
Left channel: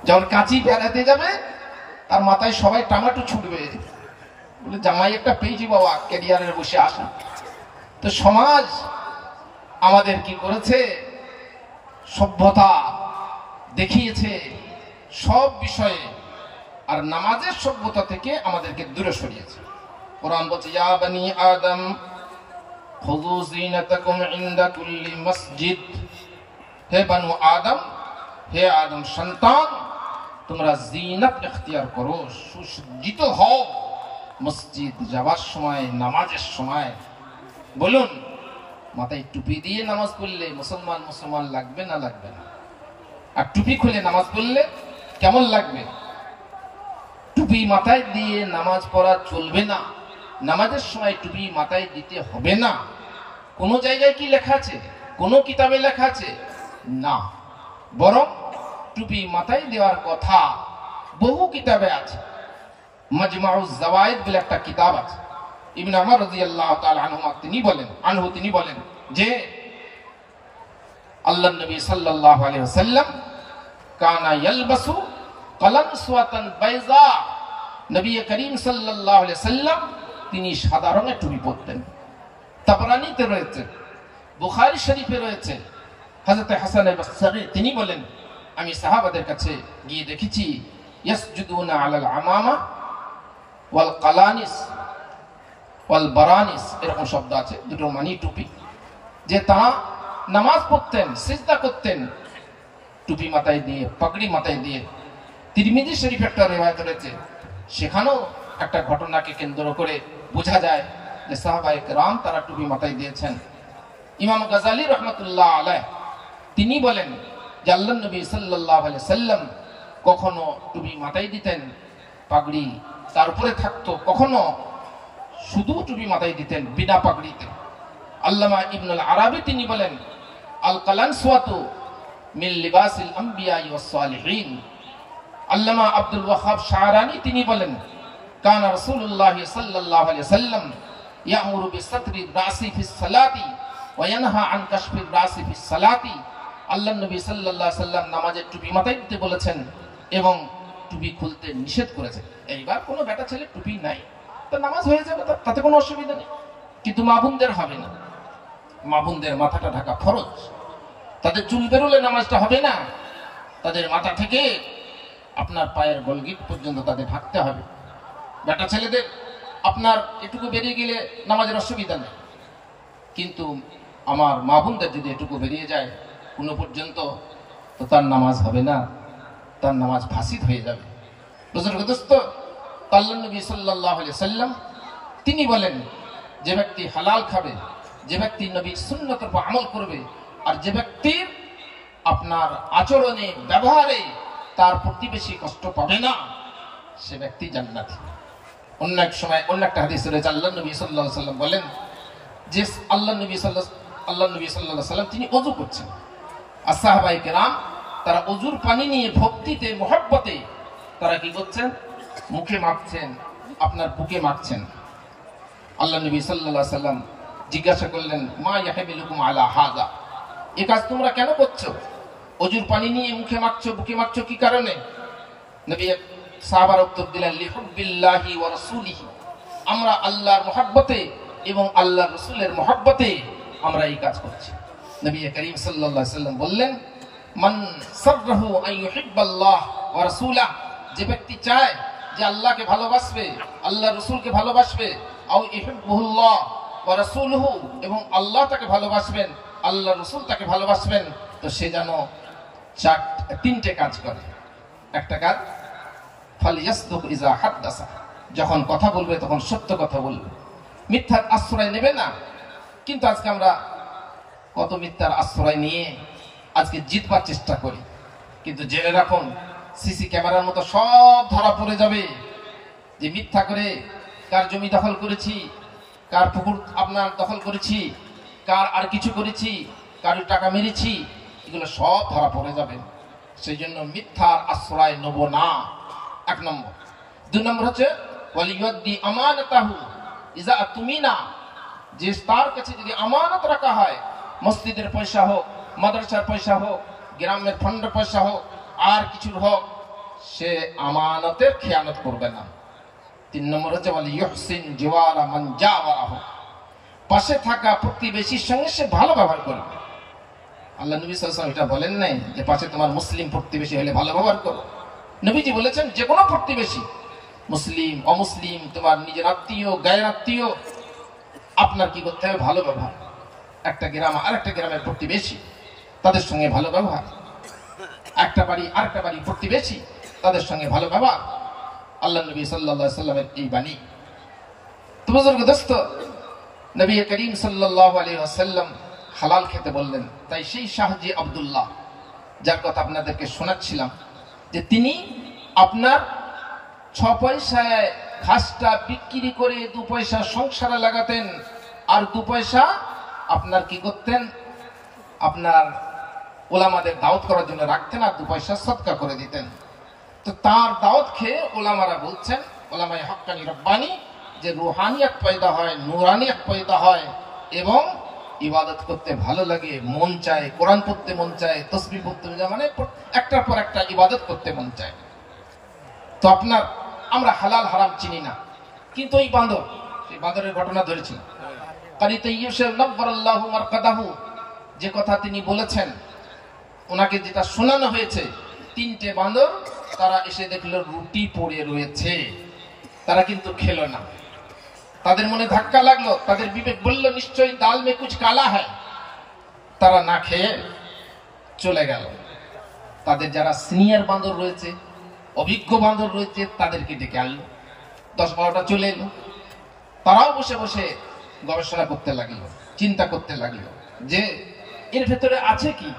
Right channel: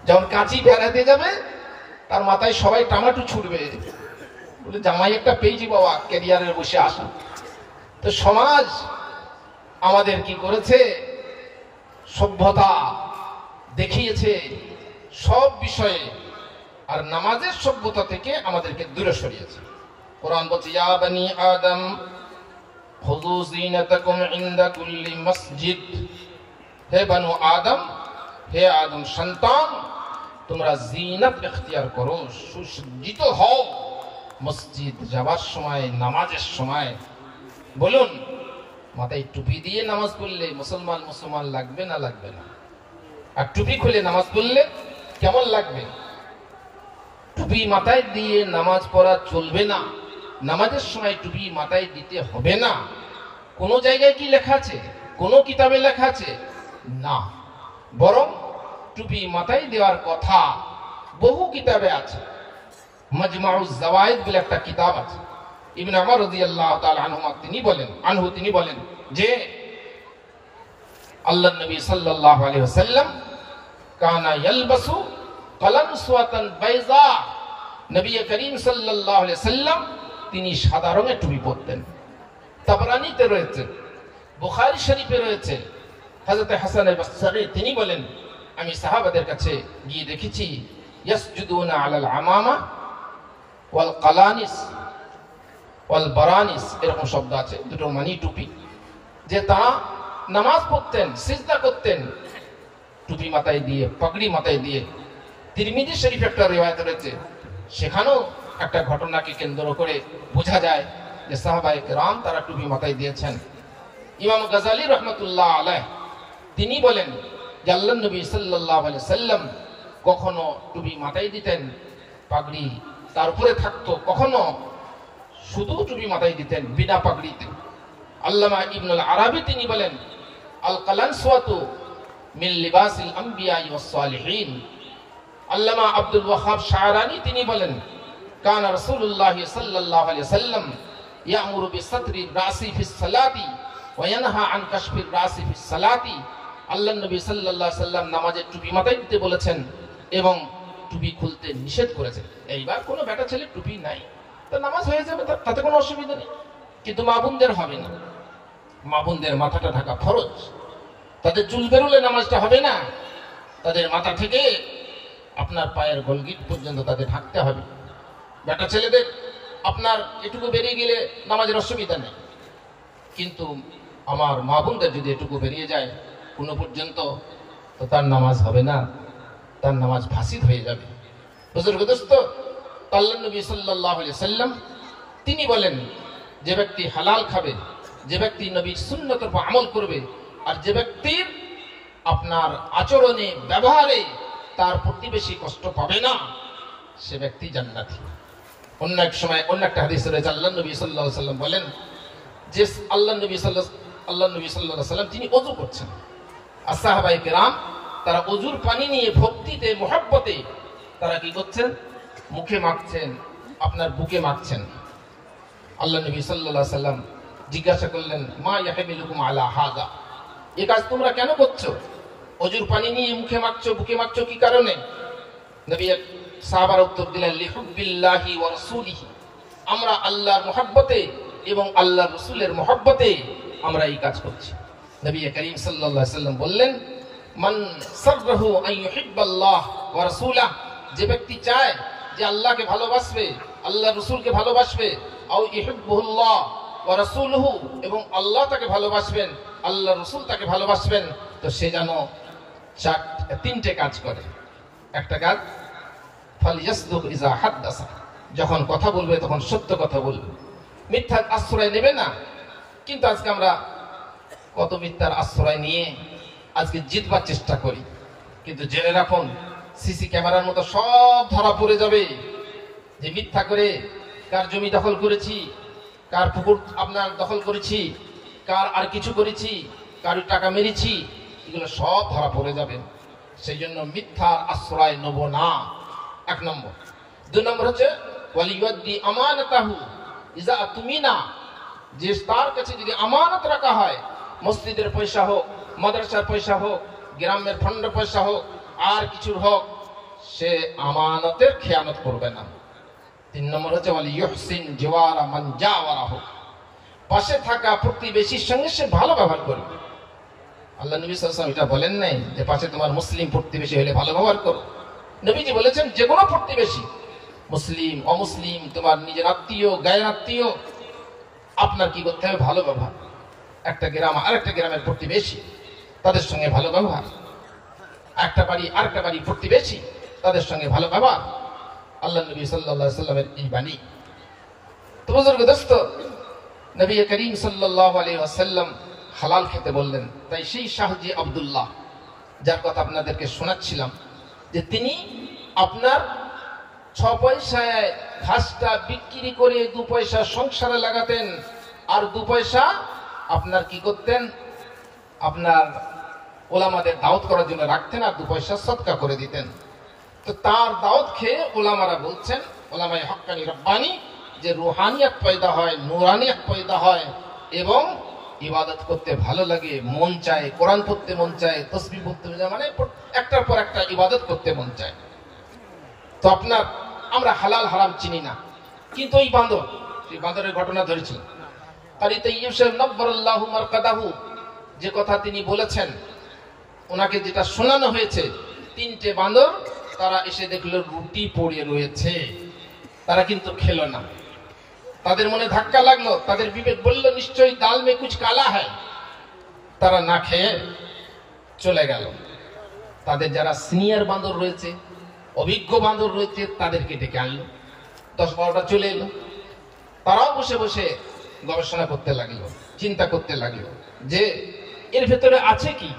যখন কাঁচি বেড়াতে যাবে তার মাথায় সবাই টামাটু ছুটবে, বলে জামাই একটা পেয়েছি বাবা, ক্যারিয়ারে বসে আসুন। তো সমাজ আমাদের কি করেছে? সভ্যতা দেখিয়েছে সব বিষয়ে, আর নামাজের সভ্যতা থেকে আমাদেরকে দূরে সরিয়েছে। কোরআন বলছে ইয়া বনি আদম খুযু যিনাতাকুম ইনদা কুল্লি মসজিদ, হে বনু আদম, হে আদম সন্তান, তোমরা জিনাত ইখতিয়ার করো, সুসজ্জিত হও মসজিদ যাবার সময়, নামাজের সময়। বলুন, মাথায় টুপি দিয়ে নামাজ পড়লে মুসলমান মুসলমান লাগবে না লাগবে না? আর টুপি খুলে নামাজ পড়লে কেমন লাগবে? টুপি মাথায় দিয়ে নামাজ পড়া চলবে না, নামাজের সময় টুপি মাথায় দিতে হবে না। কোন জায়গায় কি লেখা আছে? কোন কিতাবে লেখা আছে? না, বরং টুপি মাথায় দেওয়ার কথা বহু কিতাবে আছে। মাজমাউজ জাওয়ায়েদ বলে একটা কিতাব আছে, ইবনে উমর রাদিয়াল্লাহু তাআলা তিনি বলেন যে আল্লাহর নবী সাল্লাল্লাহু আলাইহি ওয়াসাল্লাম কানা ইয়ালবাসু কালামসওয়াতান বাইযা, নবী করিম সাল্লাল্লাহু আলাইহি ওয়াসাল্লাম তিনি সাদা রঙের টুপি পরতেন। তাবরানীতে রয়েছে, বুখারী শরীফে রয়েছে। হযরত হাসান আল-বসরি তিনি বলেন, আমি সাহাবাদের কাছে গিয়ে দেখেছি ইয়াসজুদুনা আলাল আমামা ওয়াল কালানিস ওয়াল বারানিস, এরকম শব্দ আছে, দুটো মানে টুপি, যে তারা নামাজ পড়তেন, সিজদা করতেন টুপি মাথায় দিয়ে, পাগড়ি মাথায় দিয়ে। তিরমিজি শরীফে একটা রিওয়ায়াত রয়েছে, সেখানেও একটা ঘটনাকে কেন্দ্র করে বোঝা যায় যে সাহাবায়ে কেরাম তারা টুপি মাথায় দিয়েছেন। ইমাম গাজালি রহমতুল্লাহ আলাইহ তিনি বলেন যে আল্লাহর নবী সাল্লাল্লাহু আলাইহি সাল্লাম কখনো টুপি মাথায় দিতেন, পাগড়ি তার উপরে থাকতো, কখনো শুধু টুপি মাথায় দিতেন বিনা পাগড়িতে। আল্লামা ইবনুল আরাবী তিনি বলেন আল কালানসওয়াতু মিন লিবাসিল আম্বিয়া ওয়াস সালিহিন। আল্লামা আব্দুল ওয়াহাব শাহরানী তিনি বলেন কানা রাসূলুল্লাহ সাল্লাল্লাহু আলাইহি সাল্লাম ইয়ামুরু বিসাতরি রাসি ফিস সালাতি ওয়া ইয়ানহা আন কাশফির রাসি ফিস সালাতি। আল্লাহর নবী সাল্লাল্লাহু আলাইহি সাল্লাম নামাজে টুপি মাথায় দিতে বলেছেন এবং টুপি খুলতে নিষেধ করেছেন। এইবার কোনো বেটা ছেলে টুপি নাই, তো নামাজ হয়ে যাবে, তাতে কোনো অসুবিধা নেই। কিন্তু মা বোনদের হবে না, মা বোনদের মাথাটা ঢাকা ফরজ, তাদের চুল বেরোলে নামাজটা হবে না, তাদের মাথা থেকে আপনার পায়ের গোলগিট পর্যন্ত তাদের ঢাকতে হবে। বেটা ছেলেদের আপনার এটুকু বেরিয়ে গেলে নামাজের অসুবিধা নেই, কিন্তু আমার মা বোনদের যদি এটুকু বেরিয়ে যায় কোনো পর্যন্ত, তো তার নামাজ হবে না, তার নামাজ ফাসিদ হয়ে যাবে। বুজুর্গ দোস্ত, আল্লাহর নবী সাল্লাল্লাহু আলাইহি সাল্লাম তিনি বলেন যে ব্যক্তি হালাল খাবে, যে ব্যক্তি নবীর সুন্নতের উপর আমল করবে, আর যে ব্যক্তির আপনার আচরণে ব্যবহারে তার প্রতিবেশী কষ্ট পাবে না, সে ব্যক্তি জান্নাতি। অন্য এক সময় অন্য একটা হাদিসে রয়েছে আল্লাহর নবী সাল্লাল্লাহু আলাইহি সাল্লাম বলেন যে আল্লাহর নবী সাল্লাল্লাহু আলাইহি সাল্লাম তিনি ওযু করছেন, আর সাহাবায়ে কেরাম তারা ওযুর পানি নিয়ে ভক্তিতে মুহাব্বতে তারা কি করছেন, মুখে মাখছেন, আপনার বুকে মাখছেন। আল্লাহ নবী সাল্লাল্লাহু আলাইহি সাল্লাম জিজ্ঞাসা করলেন মা ইয়াহমিলুকুম আলা হাযা, এই কাজ তোমরা কেন করছো? ওযুর পানি নিয়ে মুখে মাখছো, বুকে মাখছো, কি কারণে? নবী সাহাবার উত্তর দিলেন লিহুব্বিল্লাহি ওয়া রাসূলিহি, আমরা আল্লাহর মুহাব্বতে এবং আল্লাহর রাসূলের মুহাব্বতে আমরা এই কাজ করছি। নবী করিম সাল্লাল্লাহু আলাইহি সাল্লাম বললেন মান সাররাহু আন ইউহিব্বাল্লাহ ওয়া রাসূলাহ, যে ব্যক্তি চায় যে আল্লাহকে ভালোবাসবে, আল্লাহ রাসূলকে ভালোবাসবে, আও ইহিব্বুল্লাহ ওয়া রাসূলুহু, এবং আল্লাহ তাকে ভালোবাসবেন, আল্লাহ রাসূল তাকে ভালোবাসবেন, তো সে যেন তিনটে কাজ করে। একটা কাজ ফালিয়াসদুক ইযা হাদাসা, যখন কথা বলবে তখন সত্য কথা বলবে, মিথ্যার আশ্রয় নেবে না। কিন্তু আজকে আমরা কত মিথ্যার আশ্রয় নিয়ে আজকে জিতবার চেষ্টা করি, কিন্তু জেনে রাখুন সিসি ক্যামেরার মতো সব ধরা পড়ে যাবে যে মিথ্যা করে কার জমি দখল করেছি, কার পুকুর আপনার দখল করেছি, কার আর কিছু করেছি, কারো টাকা মেরেছি, এগুলো সব ধরা পড়ে যাবে। সেই জন্য মিথ্যার আশ্রয় নেব না, এক নম্বর। দুই নম্বর হচ্ছে ওয়ালিয়াদি আমানাতাহু ইযা আতুমিনা, যে তার কাছে যদি আমানত রাখা হয়, মসজিদের পয়সা হোক, মাদ্রাসার পয়সা হোক, গ্রামের ফান্ডের পয়সা হোক, আর কিছুর হোক, সে আমানতের খেয়ানত করবে না। তিন নম্বর হচ্ছে ওয়ালিয়ুহসিন জিওয়ারা মান জাওয়ারাহু, পাশে থাকা প্রতিবেশীর সঙ্গে সে ভালো ব্যবহার করবে। আল্লাহ নবী সাল্লাল্লাহু আলাইহি ওয়াসাল্লাম এটা বলেন নাই যে পাশে তোমার মুসলিম প্রতিবেশী হলে ভালো ব্যবহার করো। নবীজি বলেছেন যে কোনো প্রতিবেশী, মুসলিম অমুসলিম, তোমার নিজের আত্মীয়, গায়ের আত্মীয়, আপনার কি করতে হবে, ভালো ব্যবহার। একটা গ্রাম আরেকটা গ্রামের প্রতিবেশী, তাদের সঙ্গে ভালো ব্যবহার। একটা বাড়ি আরেকটা বাড়ি প্রতিবেশী, তাদের সঙ্গে ভালো ব্যবহার। আল্লাহ নবী সাল্লাল্লাহু আলাইহি ওয়াসাল্লামের এই বাণী। তো বুজুর্গ দোস্ত, নবী করিম সাল্লাল্লাহু আলাইহি ওয়াসাল্লাম হালাল খেতে বললেন। তাই সেই শাহজি আব্দুল্লাহ, যার কথা আপনাদেরকে শোনাচ্ছিলাম, যে তিনি আপনার 6 পয়সায় ঘাসটা বিক্রি করে 2 পয়সা সংসারে লাগাতেন, আর 2 পয়সা আপনার কি করতেন, আপনার ওলামাদের দাওয়াত করার জন্য রাখতেন, আর 2 পয়সা সদকা করে দিতেন। তো তার দাওয়াত খেয়ে ওলামারা বলছেন, ওলামায়ে হক্কানি রব্বানি, যে রুহানিয়াত পয়দা হয়, নূরানিয়াত পয়দা হয়, এবং ইবাদত করতে ভালো লাগে, মন চায়, কোরআন পড়তে মন চায়, তাসবিহ পড়তে মন চায়, মানে একটার পর একটা ইবাদত করতে মন চায়। তো আপনার আমরা হালাল হারাম চিনি না, কিন্তু এই বাঁদরের ঘটনা ধরেছি। কারি তাইয়্যিব সাহেব নব্বরাল্লাহু মারকাদাহু, যে কথা তিনি বলেছেন, ওনাকে যেটা শোনানো হয়েছে, 3টে বাঁদর তারা এসে দেখলো রুটি পড়ে রয়েছে, তারা কিন্তু খেলো না। তাদের মনে ধাক্কা লাগলো, তাদের বিবেক বলল নিশ্চয়ই দাল মে কুছ কালা হয়, তারা না খেয়ে চলে গেল। তাদের যারা সিনিয়র বাঁদর রয়েছে, অভিজ্ঞ বাঁদর রয়েছে, তাদেরকে ডেকে আনলো, 10-12টা চলে এলো। তারাও বসে বসে গবেষণা করতে লাগলো, চিন্তা করতে লাগলো যে এর ভেতরে আছে কি।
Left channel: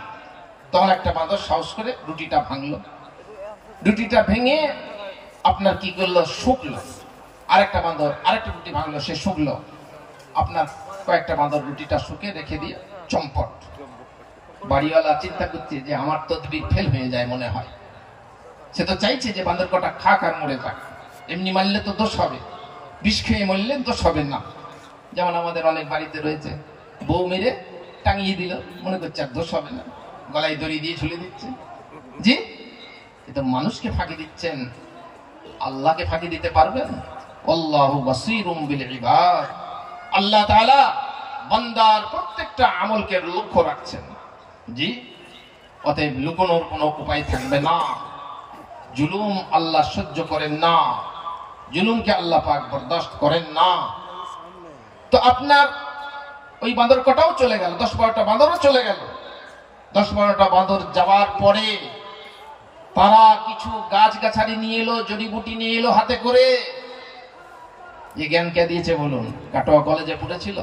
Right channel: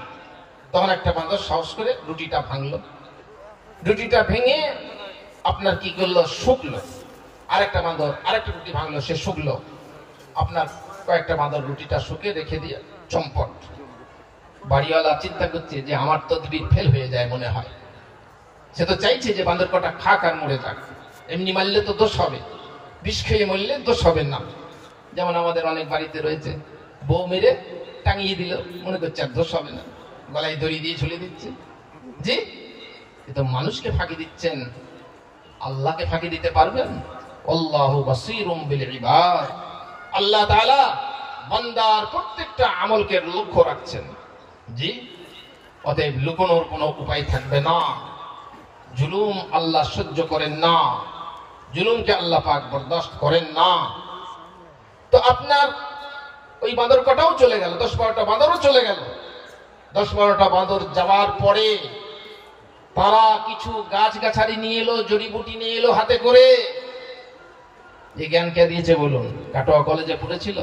তখন একটা বাঁদর সাহস করে রুটিটা ভাঙলো। রুটিটা ভেঙে আপনার কি করলো, শুকলো। আরেকটা বাঁদর আরেকটা রুটি ভাঙলো, সে শুকলো। আপনার কয়েকটা বাঁদর রুটিটা শুকে রেখে দিয়ে চম্পট। বাড়িওয়ালা চিন্তা করছে যে আমার তদবির ফেল হয়ে যায় মনে হয়। সে তো চাইছে যে বাঁদর কটা খাক আর মরে যাক, এমনি মারলে তো দোষ হবে, বিষ খেয়ে মরলে দোষ হবে না। যেমন আমাদের অনেক বাড়িতে রয়েছে, বউ মেরে টাঙিয়ে দিল, মনে করছে আর দোষ হবে না, গলায় দড়ি দিয়ে ঝুলে দিচ্ছে। জি, এ তো মানুষকে ফাঁকি দিচ্ছেন, আল্লাহকে ফাঁকি দিতে পারবেন? আল্লাহু বাসীরুম বিল ইবাদ। আল্লাহ তাআলা বান্দার প্রত্যেকটা আমলকে লক্ষ্য রাখছেন। জি, অতএব লুকোনোর কোনো উপায় থাকবে না। জুলুম আল্লাহ সহ্য করেন না, জুলুমকে আল্লাহ পাক বরদাস্ত করেন না। তো আপনার ওই বাঁদর কটাও চলে গেল, 10-12টা বাঁদরও চলে গেল। 10-12টা বাঁদর যাওয়ার পরে তারা কিছু গাছগাছালি নিয়ে এলো, জড়িবুটি নিয়ে এলো হাতে করে। এই জ্ঞান কে দিয়েছে বলুন? কাটোয়া কলেজে পড়েছিল,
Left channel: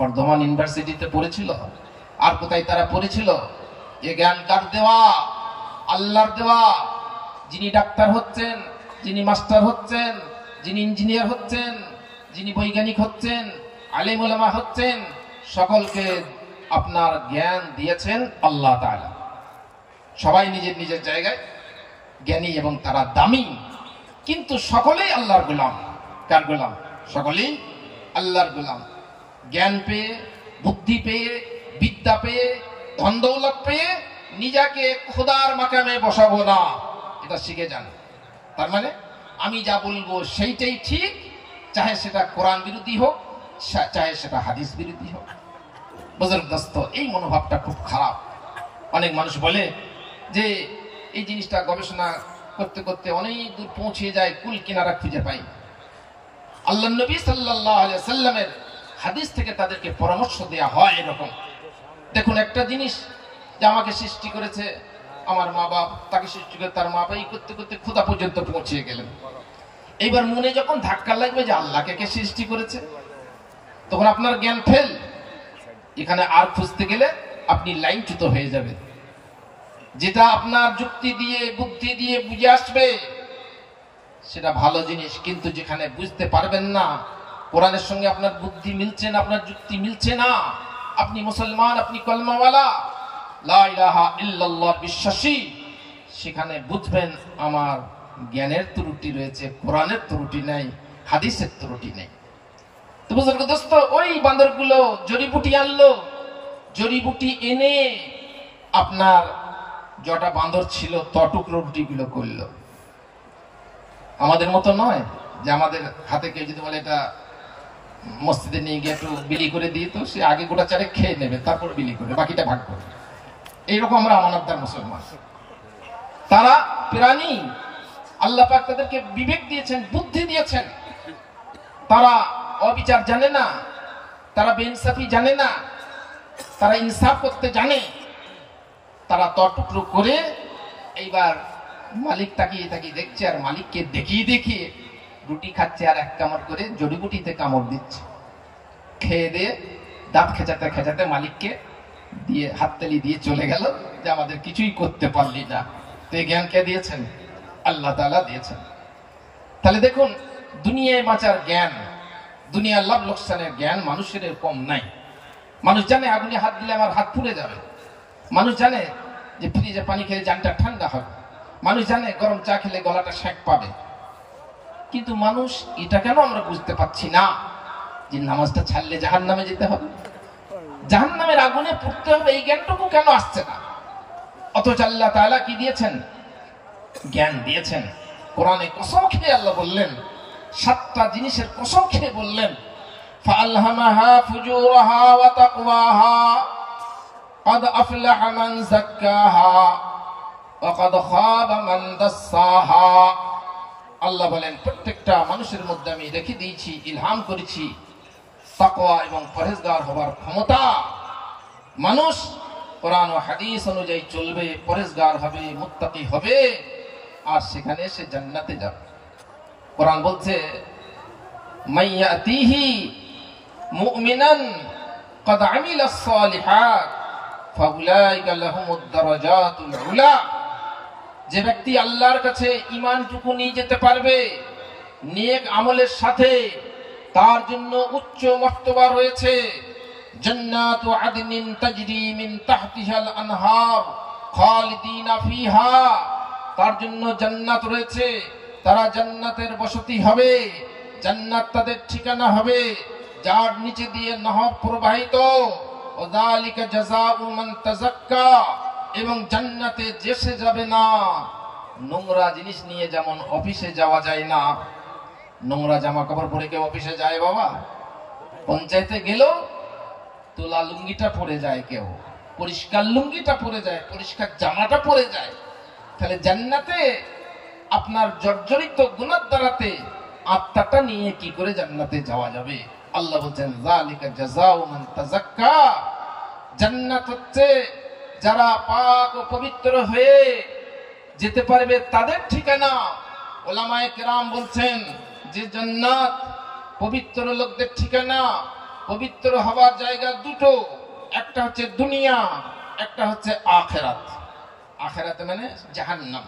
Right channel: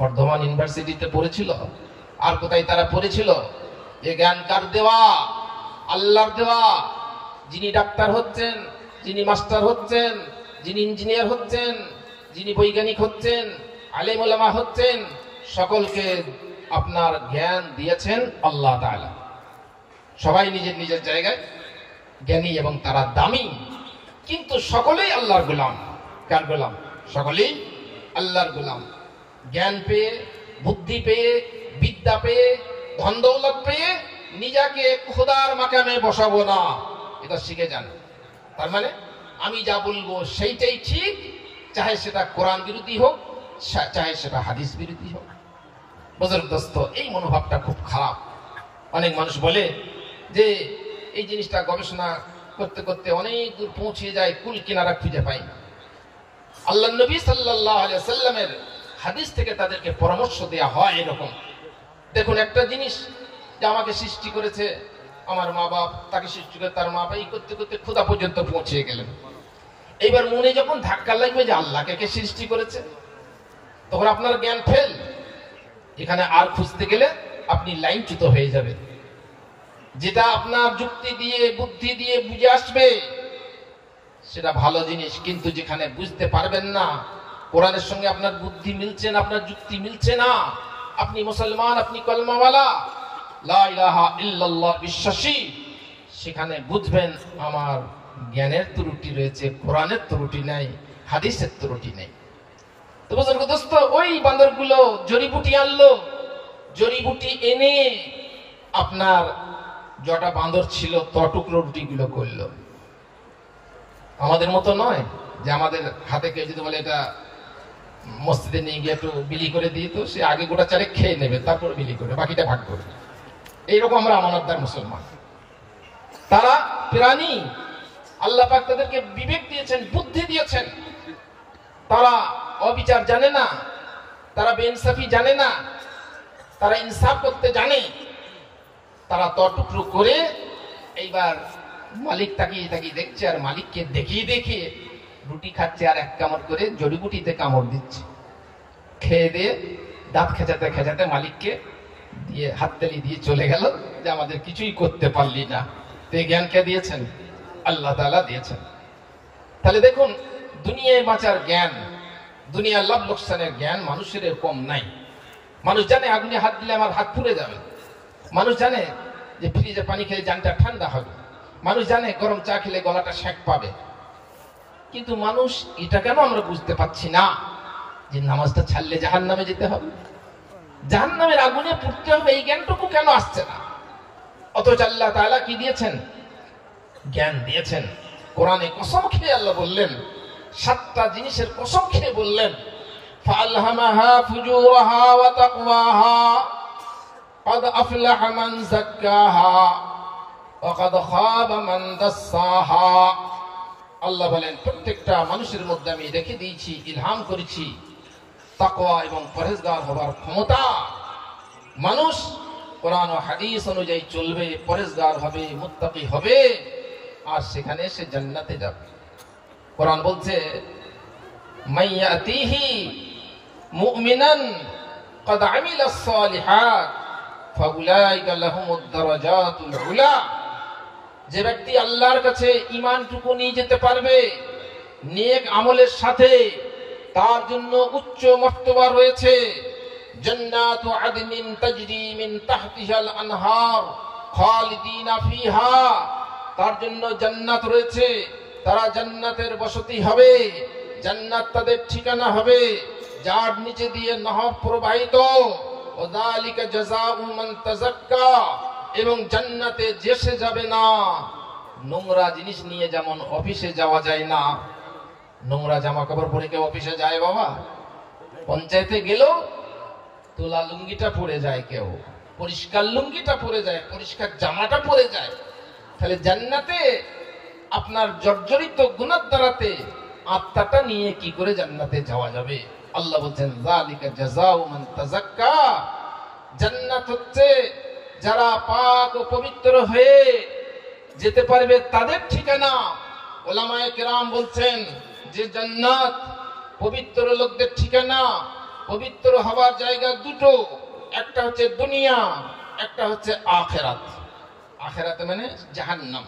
বর্ধমান ইউনিভার্সিটিতে পড়েছিল, আর কোথায় তারা পড়েছিল? এই জ্ঞান কার দেওয়া? আল্লাহর দেওয়া। যিনি ডাক্তার হচ্ছেন, যিনি মাস্টার হচ্ছেন, যিনি ইঞ্জিনিয়ার হচ্ছেন, যিনি বৈজ্ঞানিক হচ্ছেন, আলেম ওলামা হচ্ছেন, সকলকে আপনার জ্ঞান দিয়েছেন আল্লাহ তাআলা। সবাই নিজের নিজের জায়গায় জ্ঞানী এবং তারা দামি, কিন্তু সকলেই আল্লাহর গোলাম। কার গোলাম? সকলেই আল্লাহর গোলাম। জ্ঞান পেয়ে, বুদ্ধি পেয়ে, বিদ্যা পেয়ে, ধন দৌলত পেয়ে নিজেকে খোদার মাকামে বসাবো না, এটা শিখে যান। তার মানে আমি যা বলবো সেইটাই ঠিক, চাহে সেটা কোরআন বিরোধী হোক, চাহে সেটা হাদিস বিরোধী হোক। বুজুর্গ দোস্ত, এই মনোভাবটা খুব খারাপ। অনেক মানুষ বলে যে এই জিনিসটা গবেষণা করতে করতে অনেক দূর পৌঁছে যায়, কুল কিনারা খুঁজে পাই। আল্লাহ নবী সাল্লাল্লাহু আলাইহি সাল্লামের হাদিস থেকে তাদেরকে পরামর্শ দেয়া হয় এরকম। দেখুন, একটা জিনিস যে আমাকে সৃষ্টি করেছে আমার মা বাপ, তাকে সৃষ্টি করে তার মা বাপ, এই করতে করতে খোদা পর্যন্ত পৌঁছে গেলেন। এইবার মনে যখন ধাক্কা লাগবে যে আল্লাহকে কে সৃষ্টি করেছে, তখন আপনার জ্ঞান ফেল। এখানে আর খুঁজতে গেলে আপনি লাইনচ্যুত হয়ে যাবেন। যেটা আপনার যুক্তি দিয়ে, বুদ্ধি দিয়ে বুঝে আসবে সেটা ভালো জিনিস, কিন্তু যেখানে বুঝতে পারবেন না, কোরআনের সঙ্গে আপনার বুদ্ধি মিলছে না, আপনার যুক্তি মিলছে না, আপনি মুসলমান, আপনি কলমাওয়ালা, লা ইলাহা ইল্লাল্লাহ বিশ্বাসী, সেখানে বুঝবেন আমার জ্ঞানের ত্রুটি রয়েছে, কোরআনের ত্রুটি নেই, হাদিসের ত্রুটি নেই। তো বুজুর্গ দোস্ত, ওই বান্দরগুলো জড়িবুটি আনলো, জড়িবুটি এনে আপনার যটা বান্দর ছিল তটুকরো রুটিগুলো করলো। আমাদের মতো নয় যে আমাদের হাতে কেউ যদি বলে এটা মসজিদে নিয়ে গিয়ে একটু বিলি করে দিয়ে, তো সে আগে গোটা চারেক খেয়ে নেবে, তারপর বিলি করবে, বাকিটা ভাগ করবে। এইরকম আমরা আমানতদার মুসলমান। তারা প্রাণী, আল্লাহ পাক তাদেরকে বিবেক দিয়েছেন, বুদ্ধি দিয়েছেন। তারা অবিচার জানে না, তারা বেইনসাফি জানে না, তারা ইনসাফ করতে জানে। তারা তটুকরো করে এইবার মালিক তাকিয়ে তাকিয়ে দেখছে, আর মালিককে দেখিয়ে দেখিয়ে রুটি খাচ্ছে, আর এক কামড় করে জড়িবুটিতে কামড় দিচ্ছে। খেয়ে দিয়ে দাঁত খেঁচাতে খেঁচাতে মালিককে দিয়ে হাততালি দিয়ে চলে গেল যে আমাদের কিছুই করতে পারলি না। তো এই জ্ঞানকে দিয়েছেন আল্লাহ তাআলা দিয়েছেন। তাহলে দেখুন, দুনিয়ায় বাঁচার জ্ঞান, দুনিয়ার লাভ লোকসানের জ্ঞান মানুষের কম নাই। মানুষ জানে আগুনে হাত দিলে আমার হাত পুড়ে যাবে, মানুষ জানে যে ফ্রিজে পানি খেলে জানটা ঠান্ডা হবে, মানুষ জানে গরম চা খেলে গলাটা সেঁক পাবে। কিন্তু মানুষ এটা কেন আমরা বুঝতে পারছি না যে নামাজটা ছাড়লে জাহান্নামে যেতে হবে, জাহান্নামের আগুনে পুড়তে হবে, এই জ্ঞানটুকু কেন আসছে না? অথচ আল্লাহ তাআলা কি দিয়েছেন? জ্ঞান দিয়েছেন। কোরআনে কসম খেয়ে আল্লাহ বললেন, 7টা জিনিসের কসম খেয়ে বললেন, ফাআলহামাহা ফুজুরাহা ওয়া তাকওয়াহা قد أفلح من زكاها وقد خاب من دساها। আল্লাহ বলেন, প্রত্যেকটা মানুষের মধ্যে আমি রেখে দিয়েছি, ইলহাম করেছি তাকওয়া এবং পরহেজগার হওয়ার ক্ষমতা। মানুষ কোরআন ও হাদিস অনুযায়ী চলবে, পরহেজগার হবে, মুত্তাকি হবে, আর সেখানে সে জান্নাতে যাবে। কোরআন বলছে মাইয়াতিহি মুমিনান ক্বাদ আমিলাস সালিহাত ফাউলাইকা লাহুমুদ দারাজাতুল উলা। যে ব্যক্তি আল্লাহর কাছে ঈমানটুকু নিয়ে যেতে পারবে নেক আমলের সাথে, তার জন্য উচ্চ মর্তবা রয়েছে। জান্নাতু আদনিন তাজরি মিন তাহতিহাল আনহার খালিদিনা ফিহা। তার জন্য জান্নাত রয়েছে, তারা জান্নাতের বসতি হবে, জান্নাত তাদের ঠিকানা হবে, যার নিচে দিয়ে নহর প্রবাহিত। ওয়াযালিকা জাযাউ মান তাযাক্কা। এবং জান্নাতে যেসে যাবে না। নোংরা জিনিস নিয়ে যেমন অফিসে যাওয়া যায় না, নোংরা জামা কাপড় পরে কেউ অফিসে যায় বাবা? পঞ্চায়েতে গেল তোলা লুঙ্গিটা পরে যায়, কেউ পরিষ্কার লুঙ্গিটা পরে যায়, পরিষ্কার জামাটা পরে যায়। তাহলে জান্নাতে আপনার জর্জরিত গুনাহ দ্বারাতে আত্মাটা নিয়ে কি করে জান্নাতে যাওয়া যাবে? আল্লাহ বলছেন যালিকা জাযাউ মান তাযাক্কা। জান্নাত হচ্ছে যারা পাক ও পবিত্র হয়ে যেতে পারবে তাদের ঠিকানা। উলামায়ে কেরাম বলছেন যে জান্নাত পবিত্র লোকদের ঠিকানা। পবিত্র হওয়ার জায়গা দুটো, একটা হচ্ছে দুনিয়া, একটা হচ্ছে আখিরাত। আখিরাত মানে জাহান্নাম।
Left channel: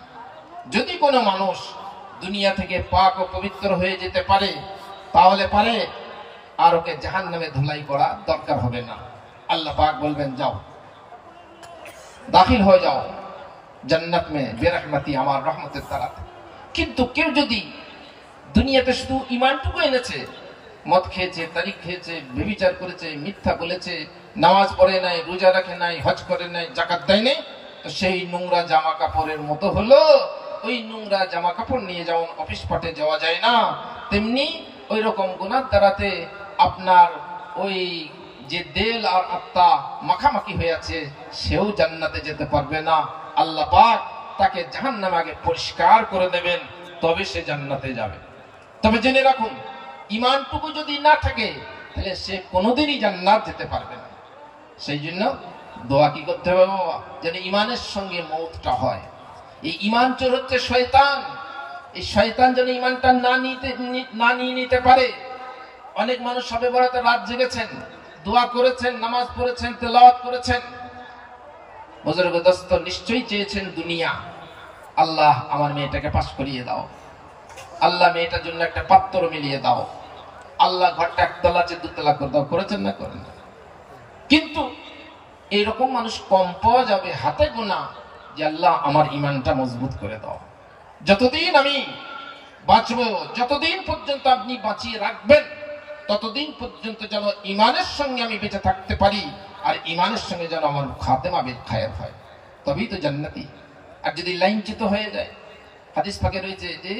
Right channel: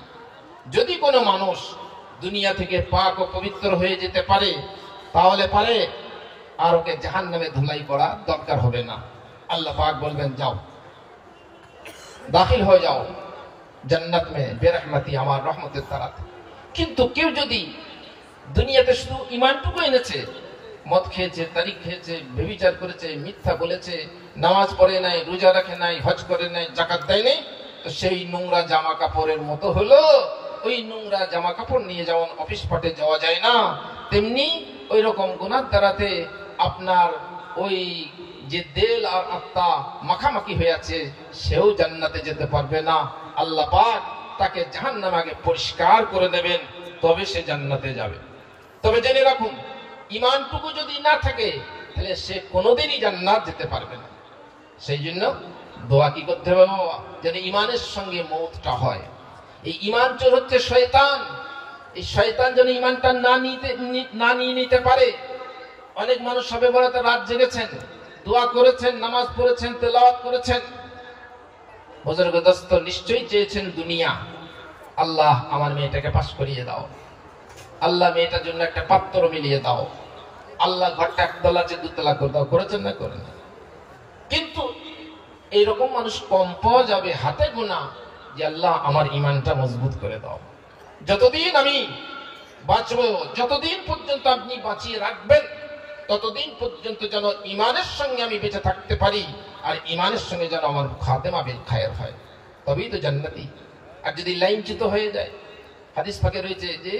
যদি কোনো মানুষ দুনিয়া থেকে পাক ও পবিত্র হয়ে যেতে পারে তাহলে পারে, আর ওকে জাহান্নামে ধুলাই করা দরকার হবে না। আল্লাহ পাক বলবেন যাও দাখিল হয়ে যাও জান্নাত মে বেরহমতি, আমার রহমতের দ্বারা। কিন্তু কেউ যদি দুনিয়াতে শুধু ঈমানটুকু এনেছে, মদ খেয়েছে, তারিখ খেয়েছে, ব্যভিচার করেছে, মিথ্যা বলেছে, নামাজ পড়ে নাই, রোজা রাখে নাই, হজ করে নাই, যাকাত দেয় নাই, সেই নোংরা জামা কাপড়ের মতো হলো। ওই নোংরা জামা কাপড় নিয়ে যেমন অফিস পাটে যাওয়া যায় না, তেমনি ওই রকম গুনাহ দ্বারাতে আপনার ওই যে দেল আর আত্মা মাখামাখি হয়ে আছে, সেও জান্নাতে যেতে পারবে না। আল্লাহ পাক তাকে জাহান্নামে আগে পরিষ্কার করে দেবেন, তবে সে জান্নাতে যাবে। তবে জেনে রাখুন, ঈমানটুকু যদি না থাকে তাহলে সে কোনোদিনই জান্নাত যেতে পারবে না। সেই জন্য দোয়া কি করতে হবে বাবা? যেন ঈমানের সঙ্গে মওতটা হয়। এই ঈমান চোর হচ্ছে শয়তান। এই শয়তান যেন ঈমানটা না নিয়ে নিতে পারে। অনেক মানুষ সবে বরাতে রাত জেগেছেন, দোয়া করেছেন, নামাজ পড়েছেন, তেলাওয়াত করেছেন। বুজুর্গ দোস্ত নিশ্চয়ই চেয়েছেন দুনিয়া। আল্লাহ আমার মেয়েটাকে পাস করিয়ে দাও, আল্লাহ মেয়েটার জন্য একটা পাত্র মিলিয়ে দাও, আল্লাহ ঘরটা একতলা যে দুতলা করে দাও। করেছেন না? করেন না। কিন্তু এরকম মানুষ কম পাওয়া যাবে, হাতে গোনা, যে আল্লাহ আমার ঈমানটা মজবুত করে দাও। যতদিন আমি বাঁচবো, যতদিন পর্যন্ত আপনি বাঁচিয়ে রাখবেন, ততদিন পর্যন্ত যেন ঈমানের সঙ্গে আমি বেঁচে থাকতে পারি, আর ঈমানের সঙ্গে যেন আমার খাতেমা বিল খায়র হয়, তবেই তো জান্নাতি। আর যদি লাইনচ্যুত হয়ে যায়, হাদিস পাকে রয়েছে যে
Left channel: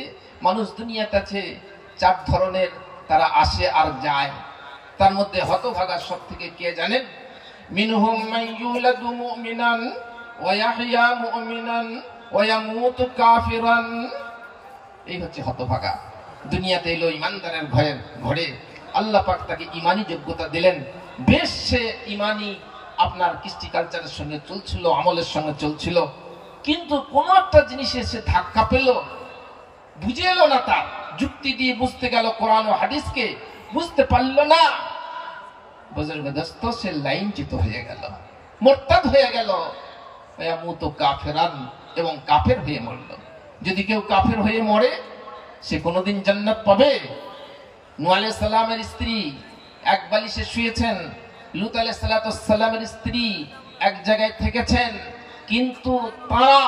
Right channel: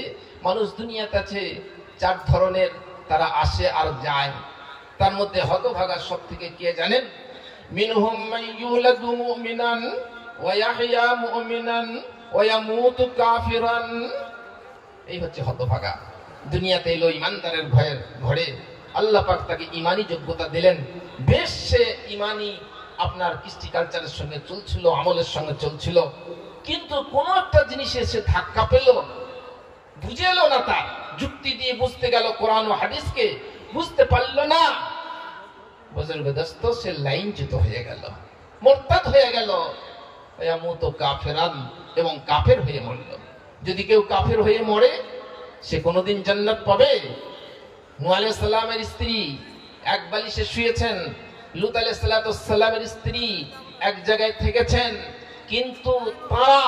মানুষ দুনিয়াতে আছে 4 ধরনের, তারা আসে আর যায়। তার মধ্যে হতভাগা সব থেকে কে জানেন? মিনহুম মান ইউলাদু মুমিনান ওয়া ইয়াহইয়া মুমিনান ওয়া ইয়ামুতু কাফিরান। এই হচ্ছে হতভাগা। দুনিয়াতে এলো ঈমানদারের ঘরে, আল্লাহ পাক তাকে ঈমানি যোগ্যতা দিলেন। বেশ সে ঈমানি আপনার কৃষ্টি কালচারের সঙ্গে চলছিল, আমলের সঙ্গে চলছিল, কিন্তু কোন একটা জিনিসে সে ধাক্কা পেল, বুঝে এলো না, তার যুক্তি দিয়ে বুঝতে গেল, কোরআন ও হাদিসকে বুঝতে পারল না। বুজুর্গ দোস্ত সে লাইনচ্যুত হয়ে গেল, মুরতাদ হয়ে গেল, ইয়ামুতু কাফিরান, এবং কাফের হয়ে মরল। যদি কেউ কাফের হয়ে মরে, সে কোনোদিন জান্নাত পাবে? নূহ আলাইহিস সালামের স্ত্রী এক বালিশে শুয়েছেন, লূত আলাইহিস সালামের স্ত্রী এক জায়গায় থেকেছেন, কিন্তু তারা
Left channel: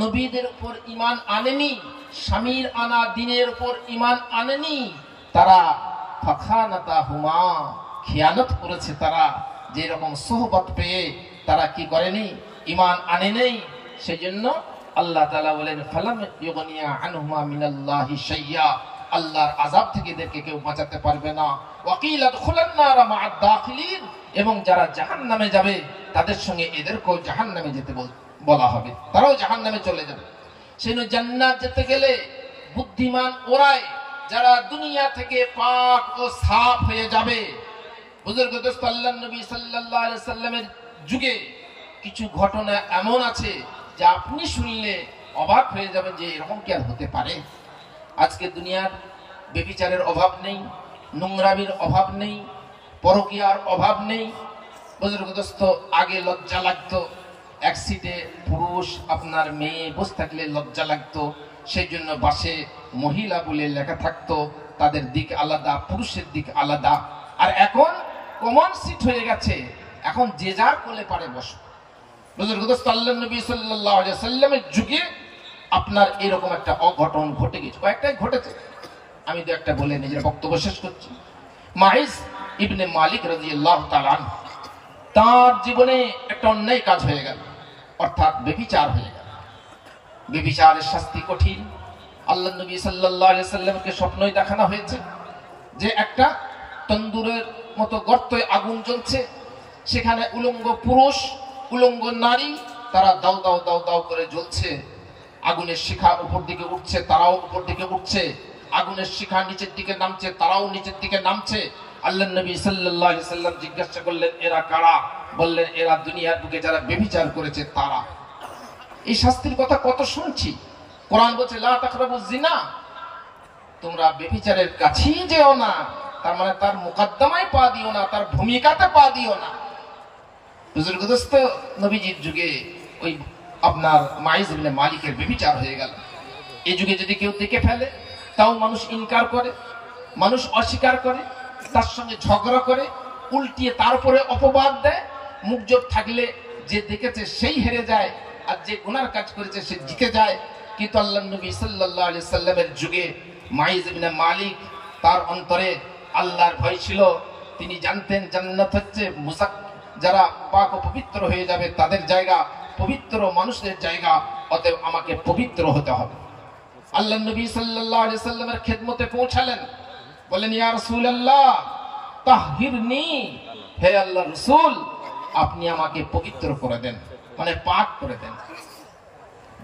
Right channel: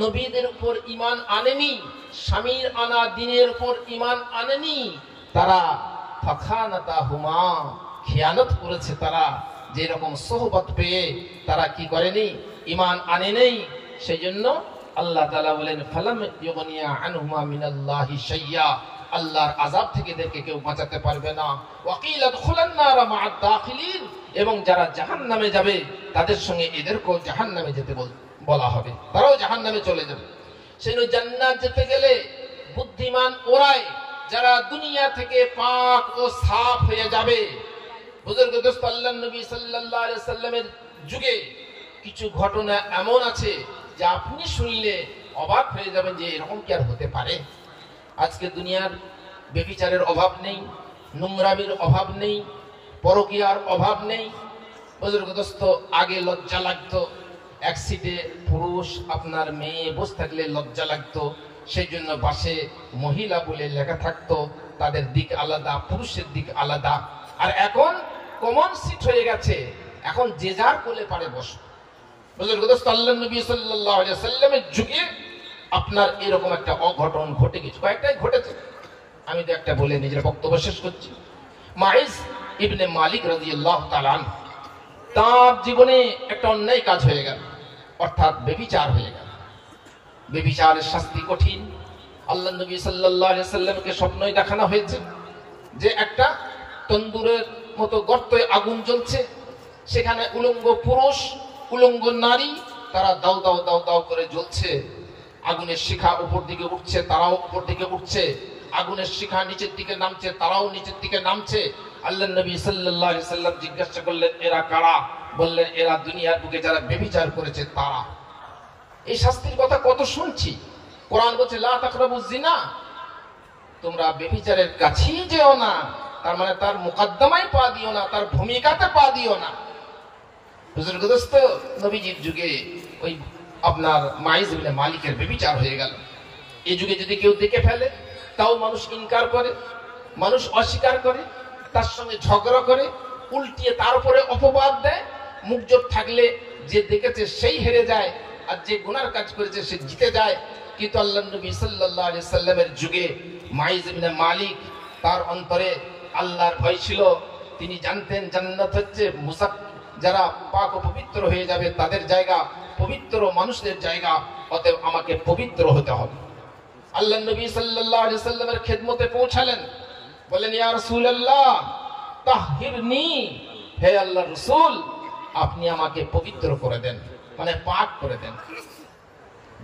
নবীদের উপর ঈমান আনেনি, স্বামীর আনা দ্বীনের উপর ঈমান আনেনি। তারা ফাখানাতাহুমা, খিয়ানত করেছে। তারা যে রকম সোহবত পেয়ে তারা কি করেনি? ঈমান আনে নেই। সেজন্য আল্লাহ তাআলা বলেন ফালাম ইউগনিয়া আনহুমা মিনাল্লাহি শাইয়্যা, আল্লাহর আযাব থেকে এদেরকে কেউ বাঁচাতে পারবে না। ওয়াকিলা দুখুলান নারা মা'আদ দাখিলিন, এবং যারা জাহান্নামে যাবে তাদের সঙ্গে এদেরকেও জাহান্নামে যেতে বলা হবে, তারাও জাহান্নামে চলে যাবে। সেজন্য জান্নাত যেতে গেলে বুদ্ধিমান ওরাই যারা দুনিয়া থেকে পাক ও সাফ হয়ে যাবে। বুজুর্গ দোস্ত, আল্লাহর নবী সাল্লাল্লাহু আলাইহি সাল্লামের যুগে কিছু ঘটনা এমন আছে যে আপনি শুনলে অবাক হয়ে যাবেন যে এরকম কি আর হতে পারে। আজকে দুনিয়ার বেবিচারের অভাব নেই, নোংরামির অভাব নেই, পরকীয়ার অভাব নেই। বুজুর্গদোস্ত, আগে লজ্জা লাগতো, এক সিটে পুরুষ আপনার মেয়ে বসে থাকলে লজ্জা লাগতো, সেই জন্য বাসে মহিলা বলে লেখা থাকতো, তাদের দিক আলাদা, পুরুষের দিক আলাদা। আর এখন কমন সিট হয়ে গেছে, এখন যে যার কোলে পারে বসে। বুজুর্গদোস্ত, আল্লাহর নবী সাল্লাল্লাহু আলাইহি সাল্লামের যুগে আপনার এরকম একটা অঘটন ঘটে গেছে, কয়েকটাই ঘটেছে। আমি তো একটা বলে নিজের বক্তব্য শেষ করছি। মাইস ইবনে মালিক রাদিয়াল্লাহু তাআলা আনহু, তার জীবনে একটা অন্যায় কাজ হয়ে গেল, অর্থাৎ ব্যভিচার হয়ে গেল। ব্যভিচারের শাস্তি কঠিন। আল্লাহর নবী সাল্লাল্লাহু আলাইহি সাল্লামকে স্বপ্নই দেখানো হয়েছে যে একটা তন্দুরের মতো গর্তে আগুন জ্বলছে, সেখানে উলঙ্গ পুরুষ, উলঙ্গ নারী, তারা দাও দাও দাও দাও করে জ্বলছে। আগুনের শিখা উপর দিকে উঠছে, তারাও উপর দিকে উঠছে। আগুনের শিখা নিচের দিকে নামছে, তারাও নিচের দিকে নামছে। আল্লাহর নবী সাল্লাল্লাহু আলাইহি সাল্লাম জিজ্ঞাসা করলেন, এরা কারা? বললেন, এরা দুনিয়ার বুকে যারা ব্যভিচার করেছে তারা। এই শাস্তির কথা কত শুনছি। কোরআন বলছে, লা তাকরাবুজ জিনা, তোমরা ব্যভিচারের কাছেই যেও না। তার মানে তার মুকদ্দমায় পা দিও না, তার ভূমিকাতে পা দিও না। বুজুর্গদোস্ত, নবীজির যুগে ওই আপনার মাইস ইবনে মালিকের ব্যভিচার হয়ে গেল। এই যুগে যদি কেউ দেখে ফেলে, তাও মানুষ ইনকার করে, মানুষ অস্বীকার করে, তার সঙ্গে ঝগড়া করে, উল্টিয়ে তার উপরে অপবাদ দেয়। মুখ জোর থাকলে যে দেখেছে সেই হেরে যায়, আর যে গুনার কাজ করেছে সে জিতে যায়। কিন্তু আল্লাহর নবী সাল্লাল্লাহু আলাইহি সাল্লামের যুগে মাইস ইবনে মালিক, তার অন্তরে আল্লাহর ভয় ছিল। তিনি জানতেন জান্নাত হচ্ছে যারা পাক ও পবিত্র হয়ে যাবে তাদের জায়গা, পবিত্র মানুষদের জায়গা, অতএব আমাকে পবিত্র হতে হবে। আল্লাহর নবী সাল্লাল্লাহু আলাইহি সাল্লামের খেদমতে পৌঁছালেন, বলেন, ইয়া রাসূলুল্লাহ তাহহিরনি, হে আল্লাহর রাসূল, আপনি আমাকে পবিত্র করে দেন, মানে পাক করে দেন।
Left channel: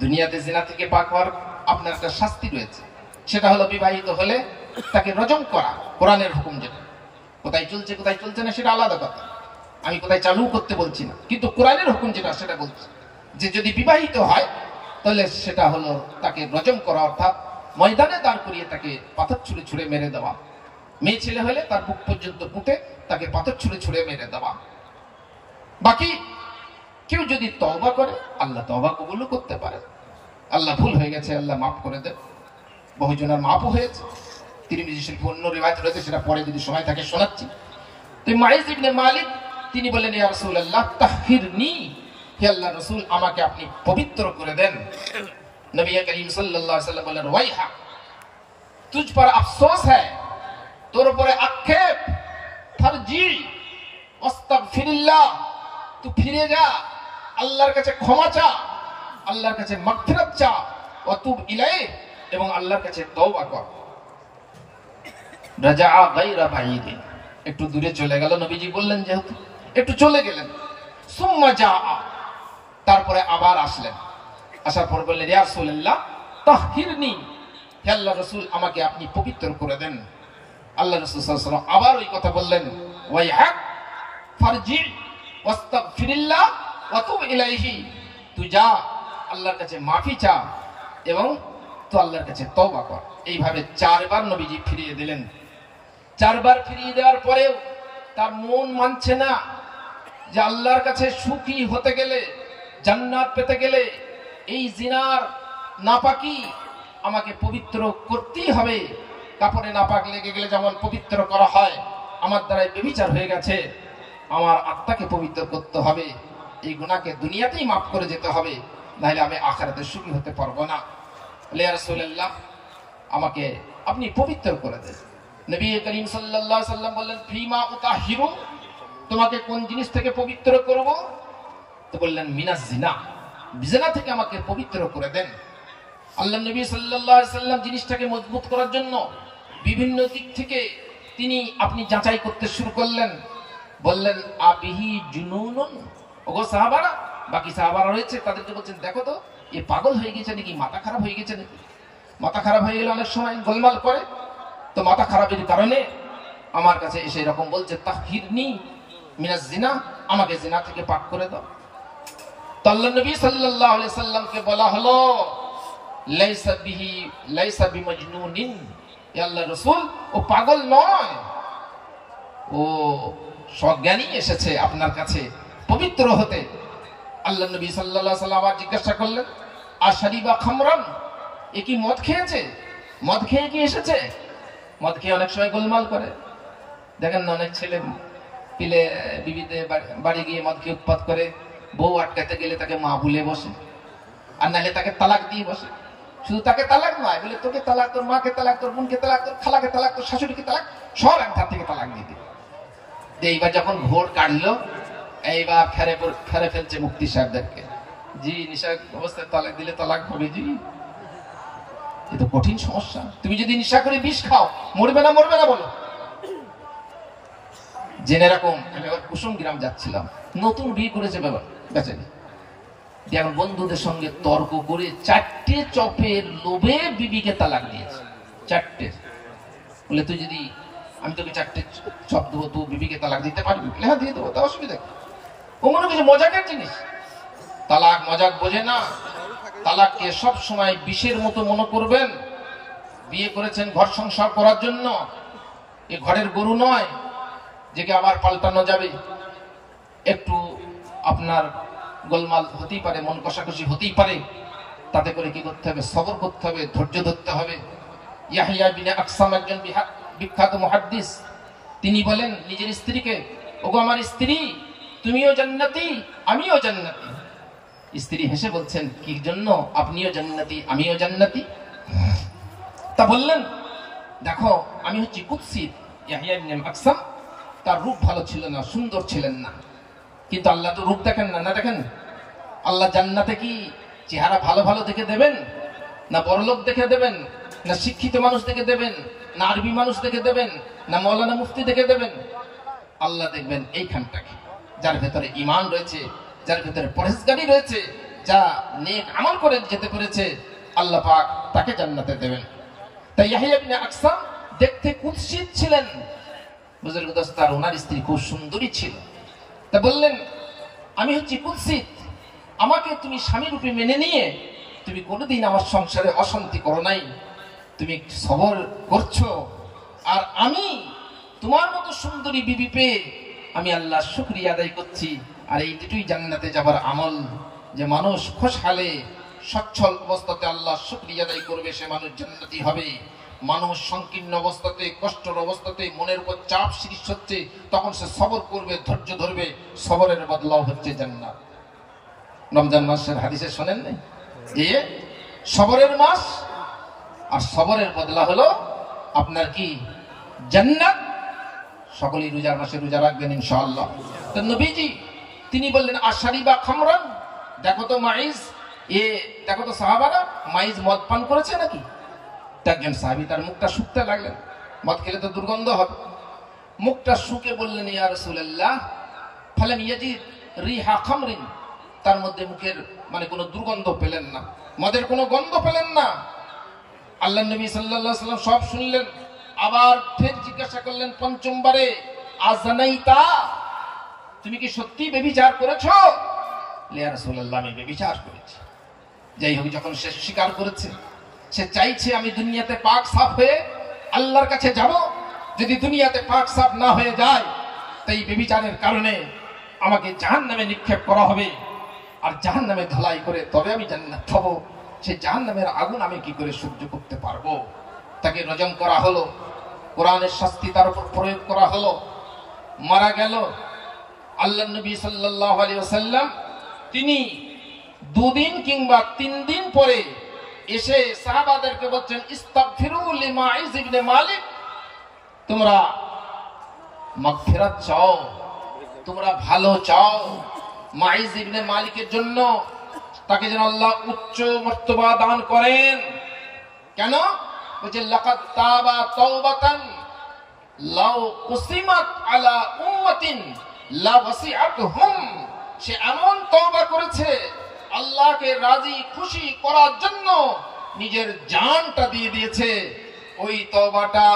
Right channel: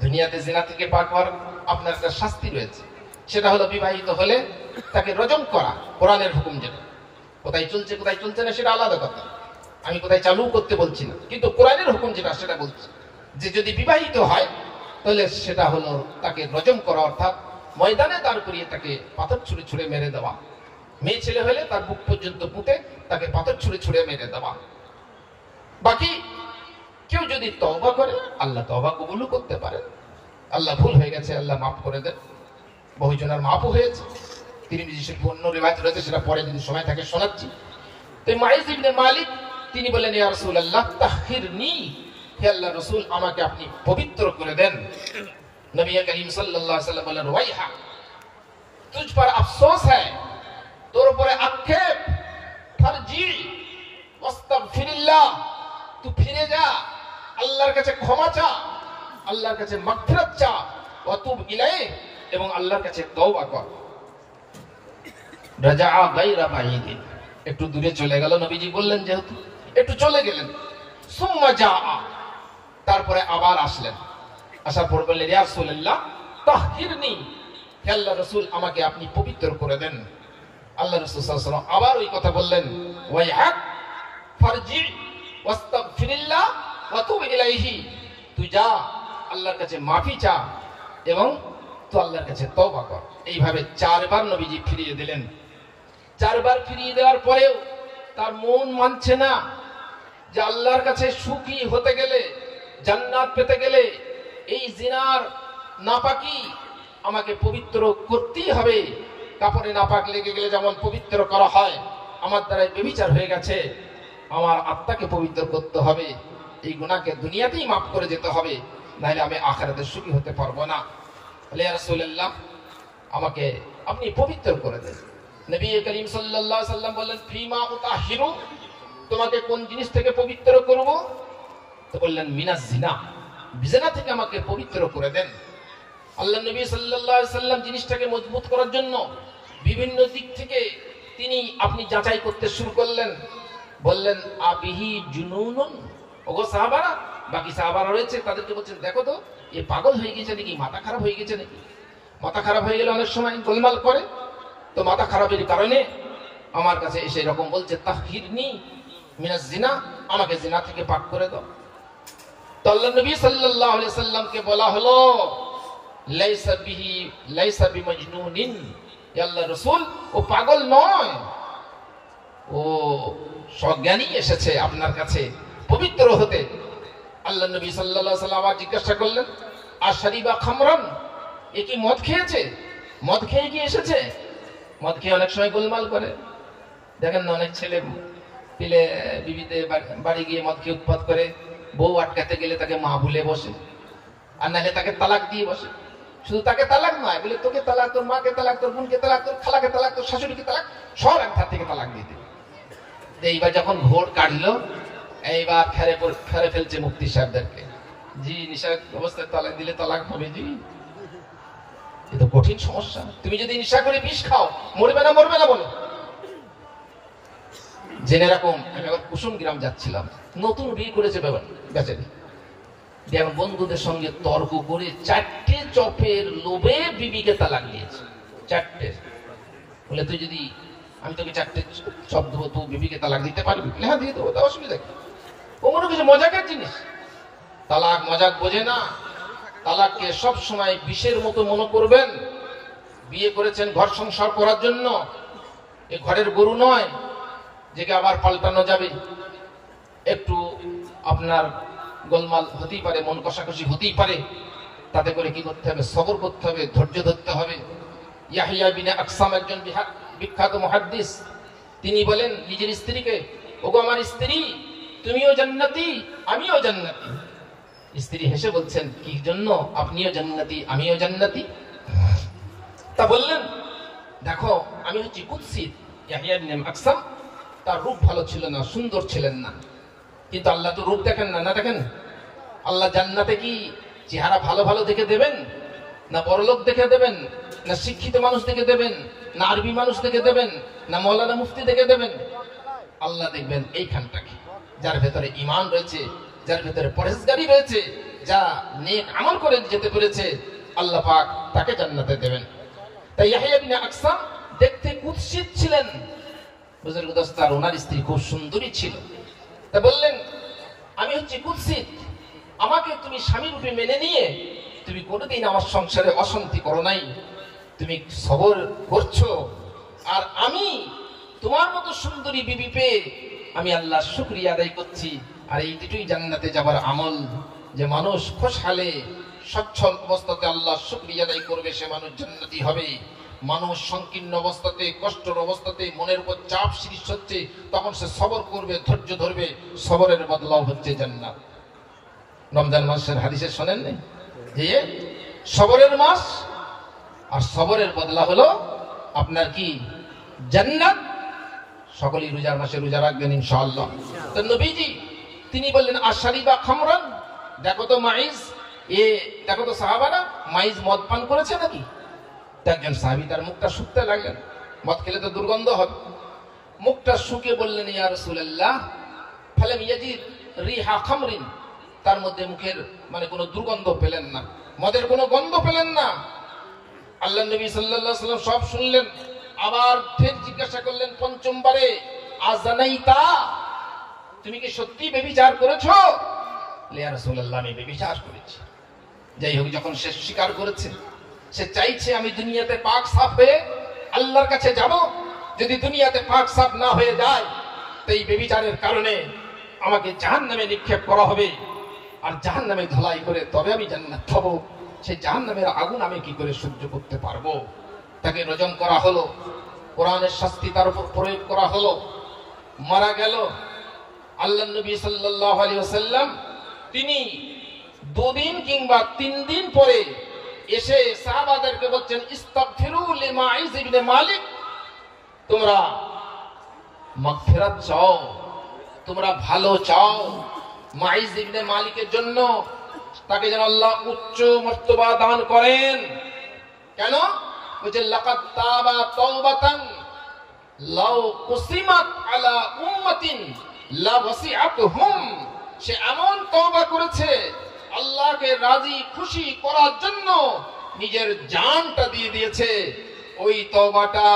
দুনিয়াতে জিনা থেকে পাক হওয়ার আপনার একটা শাস্তি রয়েছে, সেটা হলো বিবাহিত হলে তাকে রজম করা। কোরআনের হুকুম যেটা, কোথায় চলছে কোথায় চলছে না সেটা আলাদা কথা, আমি কোথায় চালু করতে বলছি না, কিন্তু কোরআনের হুকুম যেটা সেটা বলছি যে যদি বিবাহিত হয় তাহলে সেটা হলো তাকে রজম করা, অর্থাৎ ময়দানে দাঁড় করিয়ে তাকে পাথর ছুঁড়ে ছুঁড়ে মেরে দেওয়া। মেয়ে ছেলে হলে তার বুক পর্যন্ত পুঁতে তাকে পাথর ছুঁড়ে ছুঁড়ে মেরে দেওয়া। বাকি কেউ যদি তওবা করে, আল্লাহ তওবা কবুল করতে পারে। আল্লাহ ভুল হয়ে গেছে, আল্লাহ মাফ করে দেন। বহুজনের মাফও হয়েছে। তিরমিজি শরীফে অন্য রিওয়ায়াত রয়েছে, সেটা পরে যদি সময় থাকে শোনাচ্ছি। তো মাইস ইবনে মালিক তিনি বলেন, ইয়া রাসূলুল্লাহ তাহহিরনি, হে আল্লাহর রাসূল, আমাকে আপনি পবিত্র করে দেন। নবী করিম সাল্লাল্লাহু আলাইহি ওয়াসাল্লাম বলেন, ওয়াইহা, তুझ पर अफसोस है, তোর উপরে আক্ষেপ। ফারজি ওয়াস্তাগফিরিল্লাহ, তুই ফিরে যা, আল্লাহর কাছে ক্ষমা চা, আল্লাহর কাছে মাগফিরাত চা, ওয়া তুব ইলাইহি, এবং আল্লাহর কাছে তওবা কর। রাজা গায়রা বাঈদিন, একটু দূরে চলে গেল। নবীজি বললেন যেহেতু, একটু চলে গেলেন। সুম্মা জা, তারপরে আবার আসলেন। আসার পর বললেন, ইয়া রাসূলুল্লাহ তাহহিরনি, হে আল্লাহর রাসূল, আমাকে আপনি পবিত্র করে দেন। আল্লাহ রাসূল সাল্লাল্লাহু আলাইহি ওয়াসাল্লাম আবার ওই কথা বললেন, ওয়াইহাক ফারজি ওয়াস্তাগফিরিল্লাহ ওয়া তুব ইলাইহি, তুই যা, আল্লাহর কাছে মাফি চা এবং তো আল্লাহর কাছে তওবা কর। এইভাবে 4 বার নবীজি ফিরিয়ে দিলেন। 4 বার ফিরিয়ে দেওয়ার পরেও তার মন মানছে না যে আল্লাহর কাছে সুখী হতে গেলে, জান্নাত পেতে গেলে এই জিনার নাপাকি আমাকে পবিত্র করতেই হবে। কাপড়ে নাপাক লেগে গেলে যেমন পবিত্র করা হয়, আমার দ্বারাই ব্যভিচার হয়ে গেছে, আমার আত্মাকে পবিত্র করতে হবে। এই গুনাহকে দুনিয়াতেই মাফ করে যেতে হবে, নাহলে আমি আখিরাতে সুখী হতে পারবো না। ইয়া রাসূলুল্লাহ, আমাকে আপনি পবিত্র করে দেন। নবী করিম সাল্লাল্লাহু আলাইহি ওয়াসাল্লাম বললেন, ফিমা উতাহিরু, তোমাকে কোন জিনিস থেকে পবিত্র করব? তো বললেন, মিনাজ জিনা, জিনা থেকে আমাকে পবিত্র করে দেন। আল্লাহ নবী সাল্লাল্লাহু আলাইহি ওয়াসাল্লাম জিনিসটাকে মজবুত করার জন্য বিভিন্ন দিক থেকে আপনি যাচাই করতে শুরু করলেন। বললেন, আবিহি জুনুনুন, ওগো সাহাবারা, বাকি সাহাবারা রয়েছে, তাদেরকে বলছেন, দেখো তো এ পাগল হয়ে গেছে নাকি, মাথা খারাপ হয়ে গেছে নাকি। মাথা খারাপ হয়ে গেলে অনেক সময় গোলমাল করে, তো মাথা খারাপের কারণে আমার কাছে এসে এরকম বলছে, তাহহিরনি মিনাজ জিনা, আমাকে জিনা থেকে পাক করে দাও। তো আল্লাহ নবী সাল্লাল্লাহু আলাইহি সাল্লামকে বলা হলো, লাইসা বিহি লাইসা বিমাজনুনিন, হে আল্লাহর রাসূল ও পাগল নয়, ও সজ্ঞানী এসেছে আপনার কাছে পবিত্র হতে। আল্লাহ নবী সাল্লাল্লাহু আলাইহি ওয়াসাল্লাম জিজ্ঞাসা করলেন, আশারিবা খামরান, এ কি মদ খেয়েছে? মদ খেয়ে কি এসেছে? মদ খেয়ে অনেক সময় গোলমাল করে, দেখেন না অনেক ছেলে পিলে বিবিতে বাড়ি গিয়ে মদ খেয়ে উৎপাত করে, বউ আটকাতে গেলে তাকে মা ভুলে বসে, আর নাহলে তাকে তালাক দিয়ে বসে। শুধু তাকে তালাক নয়, বলে তোকে তালাক, তোর মাকে তালাক, তোর বোনকে তালাক, তোর খালাকে তালাক, তোর শাশুড়িকে তালাক, সব এক ধার থেকে তালাক দিতে। এইবার যখন ভোট কাটলো, এইবার ফেরে ফেলছে মুফতি সাহেবদেরকে, জি নিশা অবস্থায় তালাক দিলে তালাক হবে জি, এ তো কঠিন সমস্যা। তুমি যদি নিশা করে বিষ খাও, মরবে না মরবে না বলো। জেনে রাখুন, কুসুম গ্রাম যাচ্ছিলাম, নতুন বিয়ে করেছে বেচারি, যেমন বন্ধুদের সঙ্গে তর্ক করে 4টে চপের লোভে বিবিকে তালাক দিয়েছে। 4টে, বলে তুই যদি, আমি তোকে 4টে চপ দেবো, তুই বিবিকে তালাক দিতে পারবি? হ্যাঁ দিয়ে দেবো, তার অসুবিধা কি? ও মনে কিছু মজাকের জিনিস। তালাক মজাক বোঝে না, তালাককে সব সময় বিষের মতো মনে করবেন। বিয়ে করেছেন ঘর সংসার করার জন্য, এ ঘরের গরু নয় যেকে আবার পাল্টানো যাবে। একটু আপনার গোলমাল হতেই পারে, মন কষাকষি হতেই পারে, তাতে করে কি করতে হবে? সবর করতে হবে, ধৈর্য ধরতে হবে। ইয়াহইয়া বিন আকসাম একজন বিখ্যাত মুহাদ্দিস, তিনি বলেন নিজের স্ত্রীকে, ওগো আমার স্ত্রী, তুমিও জান্নাতি আমিও জান্নাতি। স্ত্রী হেসে বলছেন, কি জন্য? আপনিও জান্নাতি আমিও জান্নাতি। তা বললেন, দেখো আমি হচ্ছি কুৎসিত। ইয়াহইয়া বিন আকসাম, তার রূপ ভালো ছিল না, সুন্দর ছিলেন না, কিন্তু আল্লাহ তো রূপ দেখেন না, না দেখেন? আল্লাহ জান্নাতে কি চেহারা ভালো ভালো দেখে দেবেন, না বড়লোক দেখে দেবেন, না শিক্ষিত মানুষ দেখে দেবেন, না আরবি মানুষ দেখে দেবেন, না মৌলানা মুফতি দেখে দেবেন? আল্লাহ দেখবেন এইখানটাকে, যার ভেতরে ঈমান রয়েছে, যার ভেতরে পরহেজগারি রয়েছে, যা নেক আমল করে যেতে পেরেছে, আল্লাহ পাক তাকে জান্নাতে দেবেন। তাই ইয়াহইয়া বিন আকসাম দেখতে কুৎসিত ছিলেন, বুজুর্গ দস্তার, ওনার স্ত্রী খুব সুন্দরী ছিল। তা বললেন, আমি হচ্ছি কুৎসিত, আমাকে তুমি স্বামী রূপে মেনে নিয়ে তুমি কোনোদিন আমার সংসারে অশান্তি করো নাই, তুমি সবর করছো, আর আমি তোমার মতো সুন্দরী বিবি পেয়ে আমি আল্লাহর শুকরিয়া আদায় করছি। আর এই দুটোই জান্নাতে যাবার আমল, যে মানুষ খুশহালে সচ্ছল অবস্থাতে আল্লাহর শুকরিয়া আদায় করবে, সে মানুষ জান্নাতি হবে। মানুষ সংকীর্ণ অবস্থাতে, কষ্টের অবস্থাতে, মনের উপর চাপ সৃষ্টি হচ্ছে, তখন সে সবর করবে, ধৈর্য ধরবে, সবরের বদলাও হচ্ছে জান্নাত। রমজান মাসের হাদিসে শোনেন যে সবরের মাস, আর সবরের বদলা হলো আপনার কি? জান্নাত। সকলেই রোজার মাসে রোজা রাখবেন ইনশাআল্লাহ। তো নবীজি তিনি বললেন, আশারিবা খামরান, দেখো তো মাইজ, দেখো তো সাহাবারা, মাইজ মদ পান করেছে নাকি? একজন সাহাবী তার মুখটা শুকতে লাগলেন, মদ খেলে তো দুর্গন্ধ হবে। মুখটা শুকে বললেন, ইয়া রাসূলুল্লাহ, ফালাম ইয়াজিদ রিহা খামরিন, তার মধ্যে মুখের মানে কোনো দুর্গন্ধ পেলেন না, মদের কোনো গন্ধ পেলেন না। আল্লাহ নবী সাল্লাল্লাহু আলাইহি ওয়াসাল্লাম সব শুনলেন, আবার ফের জিজ্ঞাসা করলেন পঞ্চমবারে, আযানাইতা, তুমি কি সত্যি ব্যভিচার করেছো? ইয়া রাসূলুল্লাহ, আমি ব্যভিচার করেছি। যাই হোক, যখন সে স্বীকার করেছে, সে চাইছে আমি দুনিয়াতে পাক সাফ হয়ে আল্লাহর কাছে যাব। যদি দুনিয়াতে পাক সাফ না হয়ে যায়, তো এই ব্যভিচারের কারণে আমাকে জাহান্নামে নিক্ষেপ করা হবে, আর জাহান্নামে ধলাই করে তবে আমি জান্নাত পাবো। সেই জাহান্নামের আগুন আমি কি করে সহ্য করতে পারবো? তাকে রজম করা হলো, কোরআনের শাস্তি তার উপর প্রয়োগ করা হলো, মারা গেল। আল্লাহ নবী সাল্লাল্লাহু আলাইহি ওয়াসাল্লাম তিনি 2 দিন কিংবা 3 দিন পরে এসে সাহাবাদেরকে বলছেন, ইস্তাগফিরু লিমাইজ ইবনে মালিক, তোমরা মাগফিরাত চাও, তোমরা ভালো চাও মাইজ ইবনে মালিকের জন্য, তাকে যেন আল্লাহ উচ্চ মর্তবা দান করেন। কেন? বলছে, লাকাদ তাবা তাওবাতান লাউ কুসিমাত আলা উম্মাতিন লা ওয়াসিআতুহুম, সে এমন তওবা করেছে আল্লাহকে রাজি খুশি করার জন্য নিজের জানটা দিয়ে দিয়েছে। ওই তওবাটা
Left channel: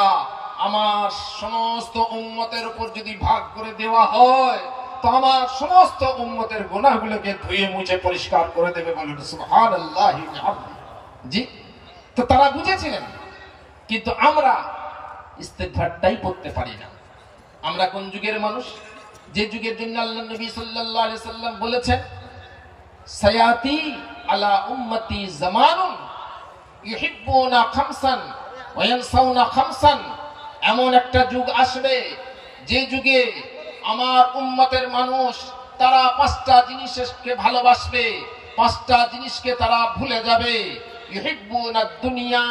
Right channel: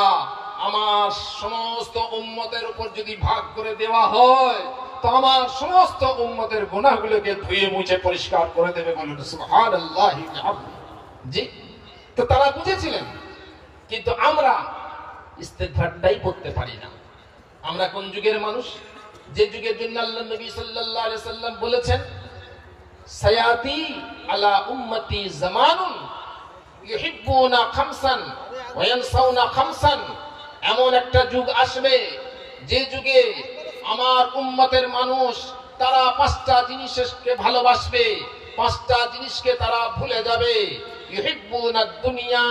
আমার সমস্ত উম্মতের উপর যদি ভাগ করে দেওয়া হয়, তো আমার সমস্ত উম্মতের গুনাহগুলোকে ধুয়ে মুছে পরিষ্কার করে দেবে। বলুন সুবহানাল্লাহি। জি। তো তারা বুঝেছিলেন, কিন্তু আমরা ইস্তেগফারটাই করতে পারি না। আমরা কোন যুগের মানুষ? যে যুগের জন্য আল্লাহ নবী সাল্লাল্লাহু আলাইহি সাল্লাম বলেছেন, সায়াতি আলা উম্মতি জামানুন ইউহিব্বুনা খামসান ওয়া ইয়ানসাউনা খামসান। এমন একটা যুগ আসবে যে যুগে আমার উম্মতের মানুষ তারা পাঁচটা জিনিসকে ভালোবাসবে, পাঁচটা জিনিসকে তারা ভুলে যাবে। ইউহিব্বুনা দুনিয়া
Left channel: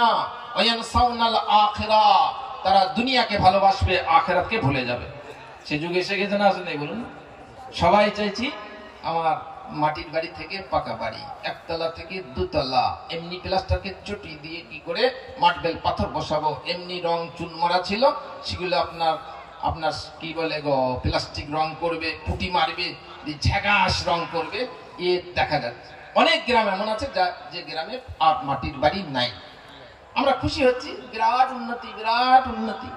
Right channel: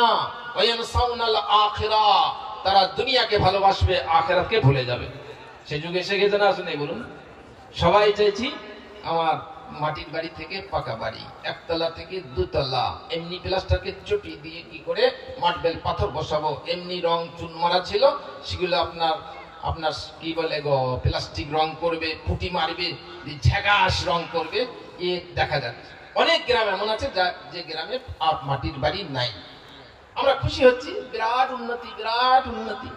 ওয়া ইয়ানসাউনাল আখিরা। তারা দুনিয়াকে ভালোবাসবে, আখিরাতকে ভুলে যাবে। সে যুগে এসে গেছে না, আসলে বলুন? সবাই চাইছি আমার মাটির বাড়ি থেকে পাকা বাড়ি, একতলা থেকে দুতলা, এমনি প্লাস্টারকে চটি দিয়ে কি করে মার্বেল পাথর বসাবো, এমনি রং চুন মারা ছিল, সেগুলো আপনার কি বলে গো, প্লাস্টিক রং করবে, পুটি মারবে, ঝাঁকাশ রং করবে। এ দেখা যাচ্ছে অনেক গ্রাম এমন আছে যে গ্রামে আর মাটির বাড়ি নাই। আমরা খুশি হচ্ছি, বিরাট উন্নতি, বিরাট উন্নতি।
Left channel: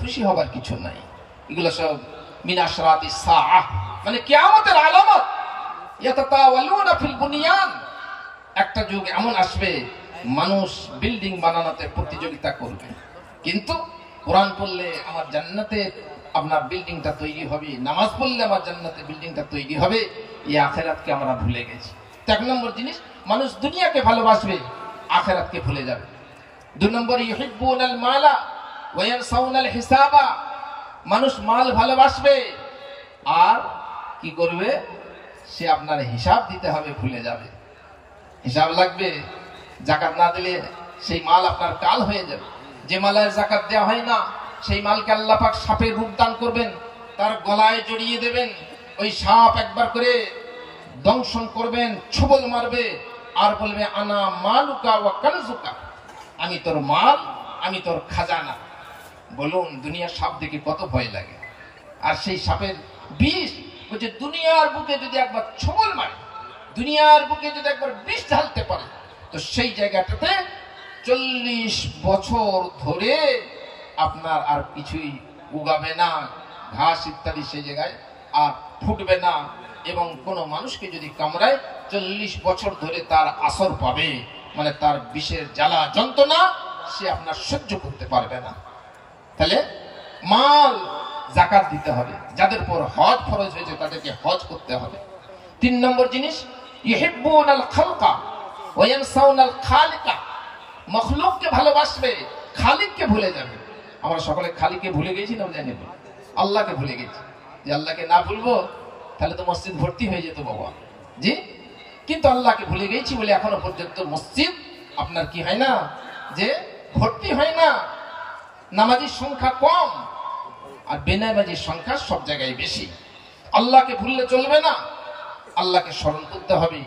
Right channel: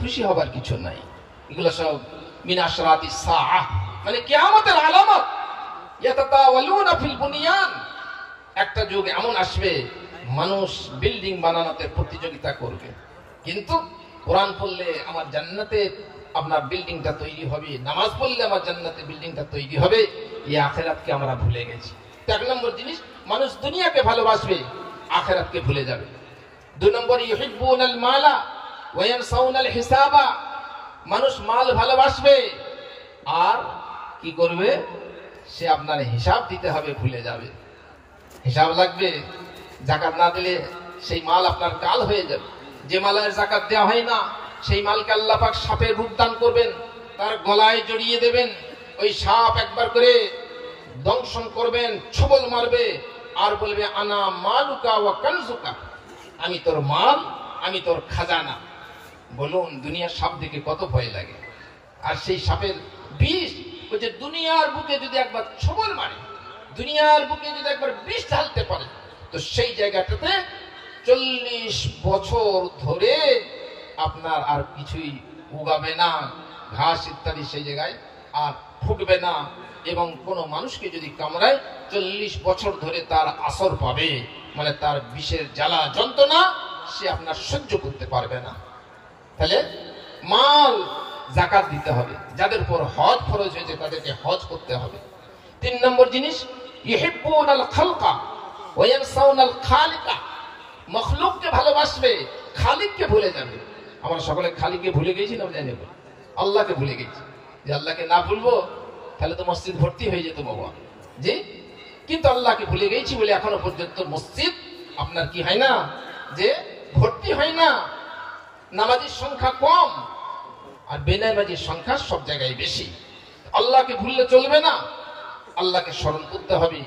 খুশি হবার কিছু নাই। এগুলো সব মিন আশরাতিস সাআহ, মানে কিয়ামতের আলামত। ইয়াতাতাওয়ালুনা ফিল বুনিয়ান। একটা যুগ এমন আসবে মানুষ বিল্ডিং বানানোতে প্রতিযোগিতা করবে, কিন্তু কোরআন পড়লে আমার জান্নাতে আপনার বিল্ডিংটা তৈরি হবে, নামাজ পড়লে আমার জান্নাতে বিল্ডিংটা তৈরি হবে। এই আখিরাতকে আমরা ভুলে গেছি। এক নম্বর জিনিস, মানুষ দুনিয়াকে ভালোবাসবে, আখিরাতকে ভুলে যাবে। দুই নম্বরে ইউহিব্বুনাল মালা ওয়া ইয়ানসাউনাল হিসাবা। মানুষ মাল ভালোবাসবে আর কি করবে? সে আপনার হিসাব দিতে হবে, ভুলে যাবে। হিসাব লাগবে, যাকাত না দিলে সেই মাল আপনার কাল হয়ে যাবে। যে মালের যাকাত দেওয়া হয় না, সেই মালকে আল্লাহ পাক সাপের রূপ দান করবেন, তার গলায় জড়িয়ে দেবেন। ওই সাপ একবার করে দংশন করবেন, ছোবল মারবে আর বলবে, আনা মালুকা ওয়া কানজুকা। আমি তোর মাল, আমি তোর খাজানা। বলুন, দুনিয়ার সাপ দেখে কত ভয় লাগে। আর সেই সাপের বিষ, ওই যে দুনিয়ার বুকে যদি একবার ছোবল মারে, দুনিয়ার বুকে যদি একবার বিষ ঢালতে পারে, তো সেই জায়গাটাতে 40 বছর ধরে আপনার আর কিছুই উগাবে না, ঘাস ইত্যাদি সেই জায়গায় আর ফুটবে না। এবং কোন মানুষকে যদি কামড়ায় 40 বছর ধরে তার আসর পাবে, মানে তার বিষের জ্বালা যন্ত্রণা সে আপনার সহ্য করতে পারবে না। তাহলে মাল যাকাত দিতে হবে, যাদের উপর হজ ফরজ হয়েছে তাদেরকে হজ করতে হবে। 3 নম্বর জিনিস, ইউহিব্বুনাল খালকা ওয়া ইয়ানসাউনাল খালিকা। মখলুককে ভালোবাসবে, খালিককে ভুলে যাবে। আমরা সকলে খালিককে ভুলে গেছি না, জানি না, আল্লাহকে ভুলে গেছি। যে আল্লাহকে না ভুলবো তাহলে তো মসজিদ ভর্তি হয়ে যেত বাবা, জি। কিন্তু আল্লাহকে ভুলে গেছি বলে এখনো পর্যন্ত মসজিদ আপনার কি হয় না, যে ভর্তি হয় না। নামাজির সংখ্যা কম আর বেনামাজির সংখ্যা সব জায়গায় বেশি। আল্লাহকে ভুললে চলবে না, আল্লাহকে স্মরণ করতে হবে।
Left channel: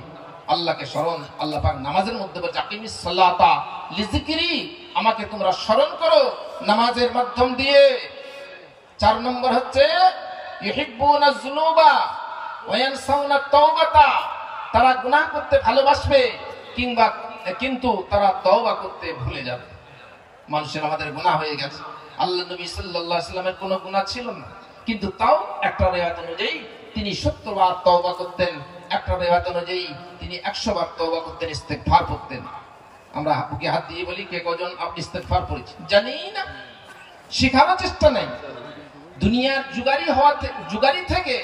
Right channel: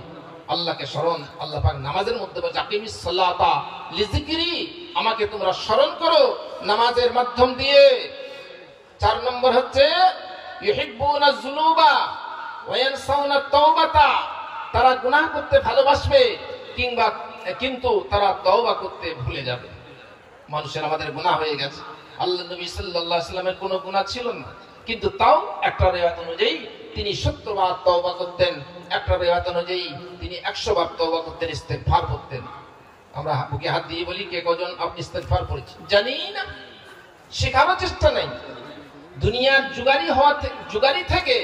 আল্লাহকে স্মরণ, আল্লাহ পাক নামাজের মধ্যে বলছে, আকিমিস সালাতা লিযিকরি, আমাকে তোমরা স্মরণ করো নামাজের মাধ্যম দিয়ে। 4 নম্বর হচ্ছে ইউহিব্বুনাজ যুনুবা ওয়া ইয়ানসাউনাত তাওবাতা। তারা গুনাহ করতে ভালোবাসবে, কিন্তু তারা তওবা করতে ভুলে যাবে। মানুষের আমাদের গুনাহ হয়ে গেছে। আল্লাহ নবী সাল্লাল্লাহু আলাইহি ওয়াসাল্লামের কোনো গুনাহ ছিল না, কিন্তু তাও একটা রিওয়ায়াত অনুযায়ী তিনি 70 বার তওবা করতেন, একটা রিওয়ায়াত অনুযায়ী তিনি 100 বার তওবা করতেন, ইস্তেগফার করতেন। আমরা বুকে হাত দিয়ে বলি, কে কজন আপনি ইস্তেগফার করেছেন? জানি না, শেখারও চেষ্টা নাই। দুনিয়ার জুগারি থেকে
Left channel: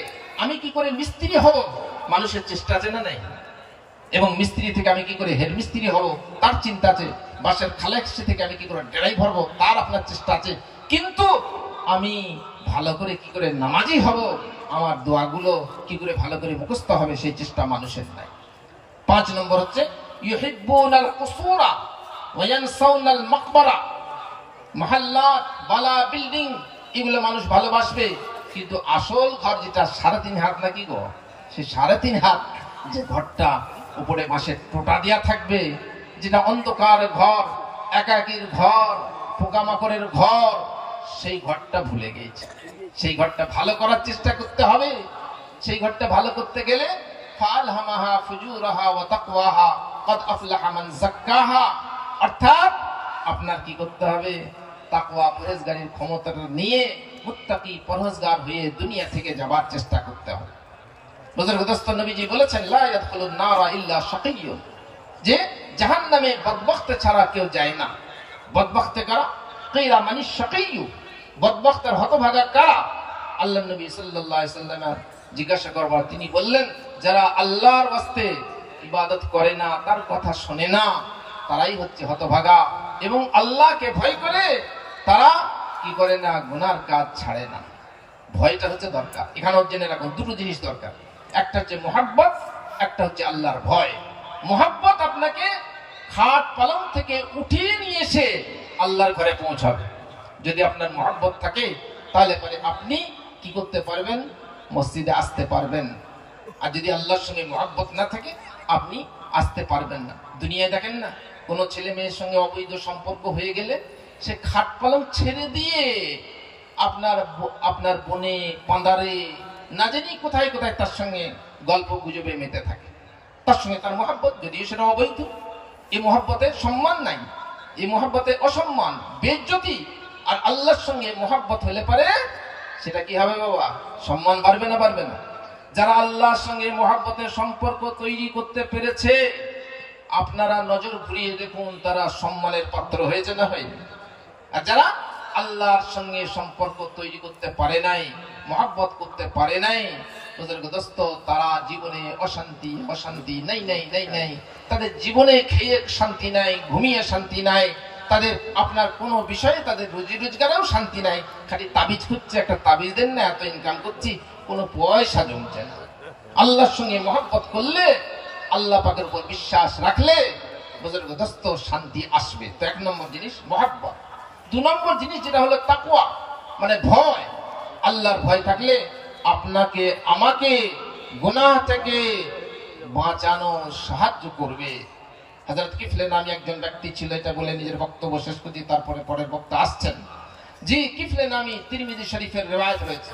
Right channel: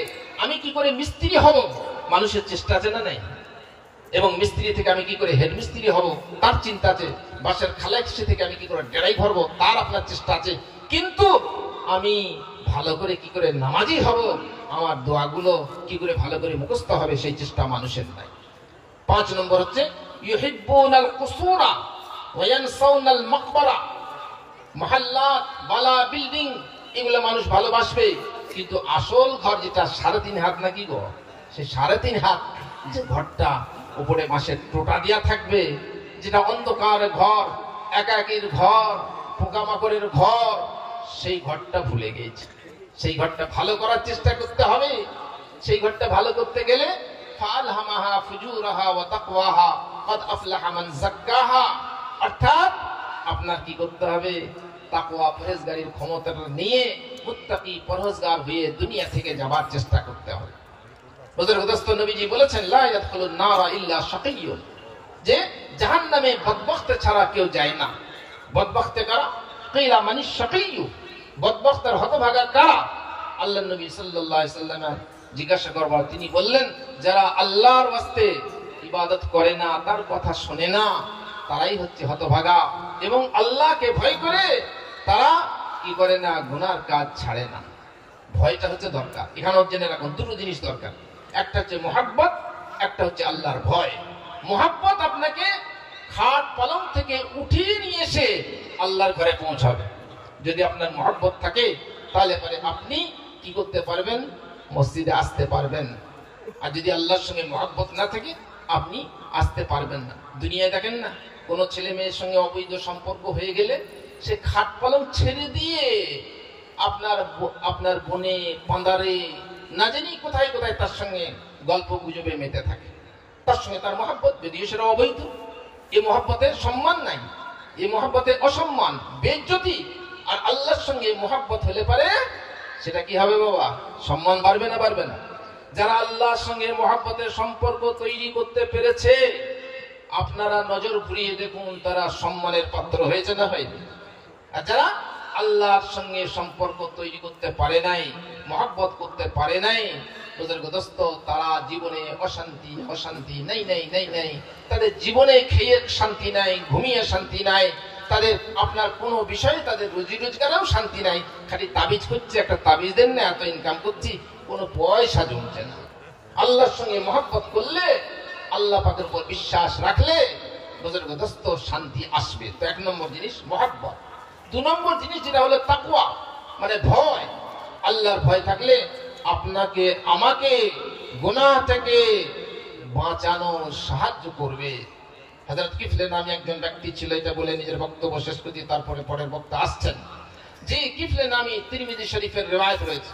আমি কি করে মিস্ত্রি হব, মানুষের চেষ্টা আছে না নাই? এবং মিস্ত্রি থেকে আমি কি করে হেড মিস্ত্রি হব, তার চিন্তা আছে। বাসের খালেকসি থেকে আমি কি করে ড্রাইভার ভরবো, তার আপনার চেষ্টা আছে। কিন্তু আমি ভালো করে কি করে নামাজি হব, আমার দোয়াগুলো কি করে ভালো করে মুখস্থ হবে, সেই চেষ্টা মানুষের নাই। 5 নম্বর হচ্ছে ইউহিব্বুনাল কুসুরা ওয়া ইয়ানসাউনাল মাকবারা। মহল্লাত, বালা, বিল্ডিং এগুলো মানুষ ভালোবাসবে, কিন্তু আসল ঘর যেটা 3.5 হাত নাকি গো, সেই 3.5 হাত যে ঘরটা উপরে বাঁশের টোটা দিয়া থাকবে, যেটা অন্ধকার ঘর, একাকীর ঘর, পোকামাকড়ের ঘর, সেই ঘরটা ভুলে গেছে। সেই ঘরটা ভালো করার চেষ্টা করতে হবে। সেই ঘরটা ভালো করতে গেলে ফালহামাহা ফুজুরাহা ওয়া তাকওয়াহা কদ আফলাহা মান যাক্কাহা, অর্থাৎ আপনার কি করতে হবে, তাকওয়া পরহেজগারির ক্ষমতাটা নিয়ে মুত্তাকি পরহেজগার হয়ে দুনিয়া থেকে যাবার চেষ্টা করতে হবে। বুজুর্গ দোস্ত নবীজি বলেছেন, লা ইয়াদখুলুন নারা ইল্লা শাকিয়্যুন, যে জাহান্নামে বদবখত ছাড়া কেউ যায় না। বদবখতে কারা? কিলা মানিশ শাকিয়্যু, বদবখতের হতভাগা কারা? আল্লাহর নবী সাল্লাল্লাহু আলাইহি সাল্লাম জিজ্ঞাসা করলেন, তিনি বললেন যারা আল্লাহর ওয়াস্তে ইবাদত করে না, তার কথা শোনে না, তারাই হচ্ছে হতভাগা। এবং আল্লাহকে ভয় করে তারা কি করে না? গুনার কাজ ছাড়ে না। ভয়টা হচ্ছে দরকার। এখানে জেনে রাখুন দুটো জিনিস দরকার, একটা হচ্ছে মুহাব্বত, একটা হচ্ছে আল্লাহর ভয়। মুহাব্বত আপনাকে খাট পালং থেকে উঠিয়ে নিয়ে এসে আল্লাহর ঘরে পৌঁছাবে। যদি আপনার মুহাব্বত থাকে তাহলে আপনি কি করতে পারবেন? মসজিদে আসতে পারবেন। আর যদি আল্লাহর সঙ্গে মুহাব্বত না থাকে আপনি আসতে পারবেন না। দুনিয়ায় দেখেন না, কোনো ছেলে মেয়ের সঙ্গে অবৈধ সম্পর্ক হয়ে গেলে সে খাট পালং ছেড়ে দিয়ে আপনার বনে পাঁদারে না জানি কোথায় কোথায় তার সঙ্গে গল্প গুজবে মেতে থাকে। তার সঙ্গে তার মহব্বত, যদিও সেটা অবৈধ। এই মহব্বতের সম্মান নাই, এই মহব্বতের অসম্মান, বেইজ্জতি। আর আল্লাহর সঙ্গে মহব্বত হলে পারে সেটা কি হবে বাবা? সম্মান বাড়বে না বাড়বে না? যারা আল্লাহর সঙ্গে মহব্বতের সম্পর্ক তৈরি করতে পেরেছে, আপনারা নজর ঘুরিয়ে দেখুন তারা সম্মানের পাত্র হয়েছে না হয়নি? আর যারা আল্লাহর সঙ্গে সম্পর্ক তৈরি করতে পারে নাই, মহব্বত করতে পারে নাই, দোস্ত, তারা জীবনে অশান্তি অশান্তি নাই নাই নাই নাই। তাদের জীবনে খেয়ে শান্তি নাই, ঘুমিয়ে শান্তি নাই, তাদের আপনার কোনো বিষয়ে তাদের রুজি রোজগারেও শান্তি নাই। খালি তাবিজ করছে, একটা তাবিজ দেন না, এত ইনকাম করছি, কোনো পয়সা জমছে না। আল্লাহর সঙ্গে মহব্বত করলে, আল্লাহ পাকের উপর বিশ্বাস রাখলে বুজুর্গ দোস্ত শান্তি আসবে। তো এক নম্বর জিনিস মহব্বত। দু নম্বর জিনিস যেটা হলো তাকওয়া, মানে ভয়। আল্লাহর ভয় থাকলে আপনাকে আমাকে গুনাহ থেকে বাঁচানো সাহায্য করবে। হযরত কিফলে নামে একজন ব্যক্তি ছিল, এটা বলে নিজের বক্তব্য শেষ করছি, তারপরে পরের বক্তা আসছেন। জি, কিফলে নামে তিরমিজি শরীফের রিওয়ায়াত রয়েছে।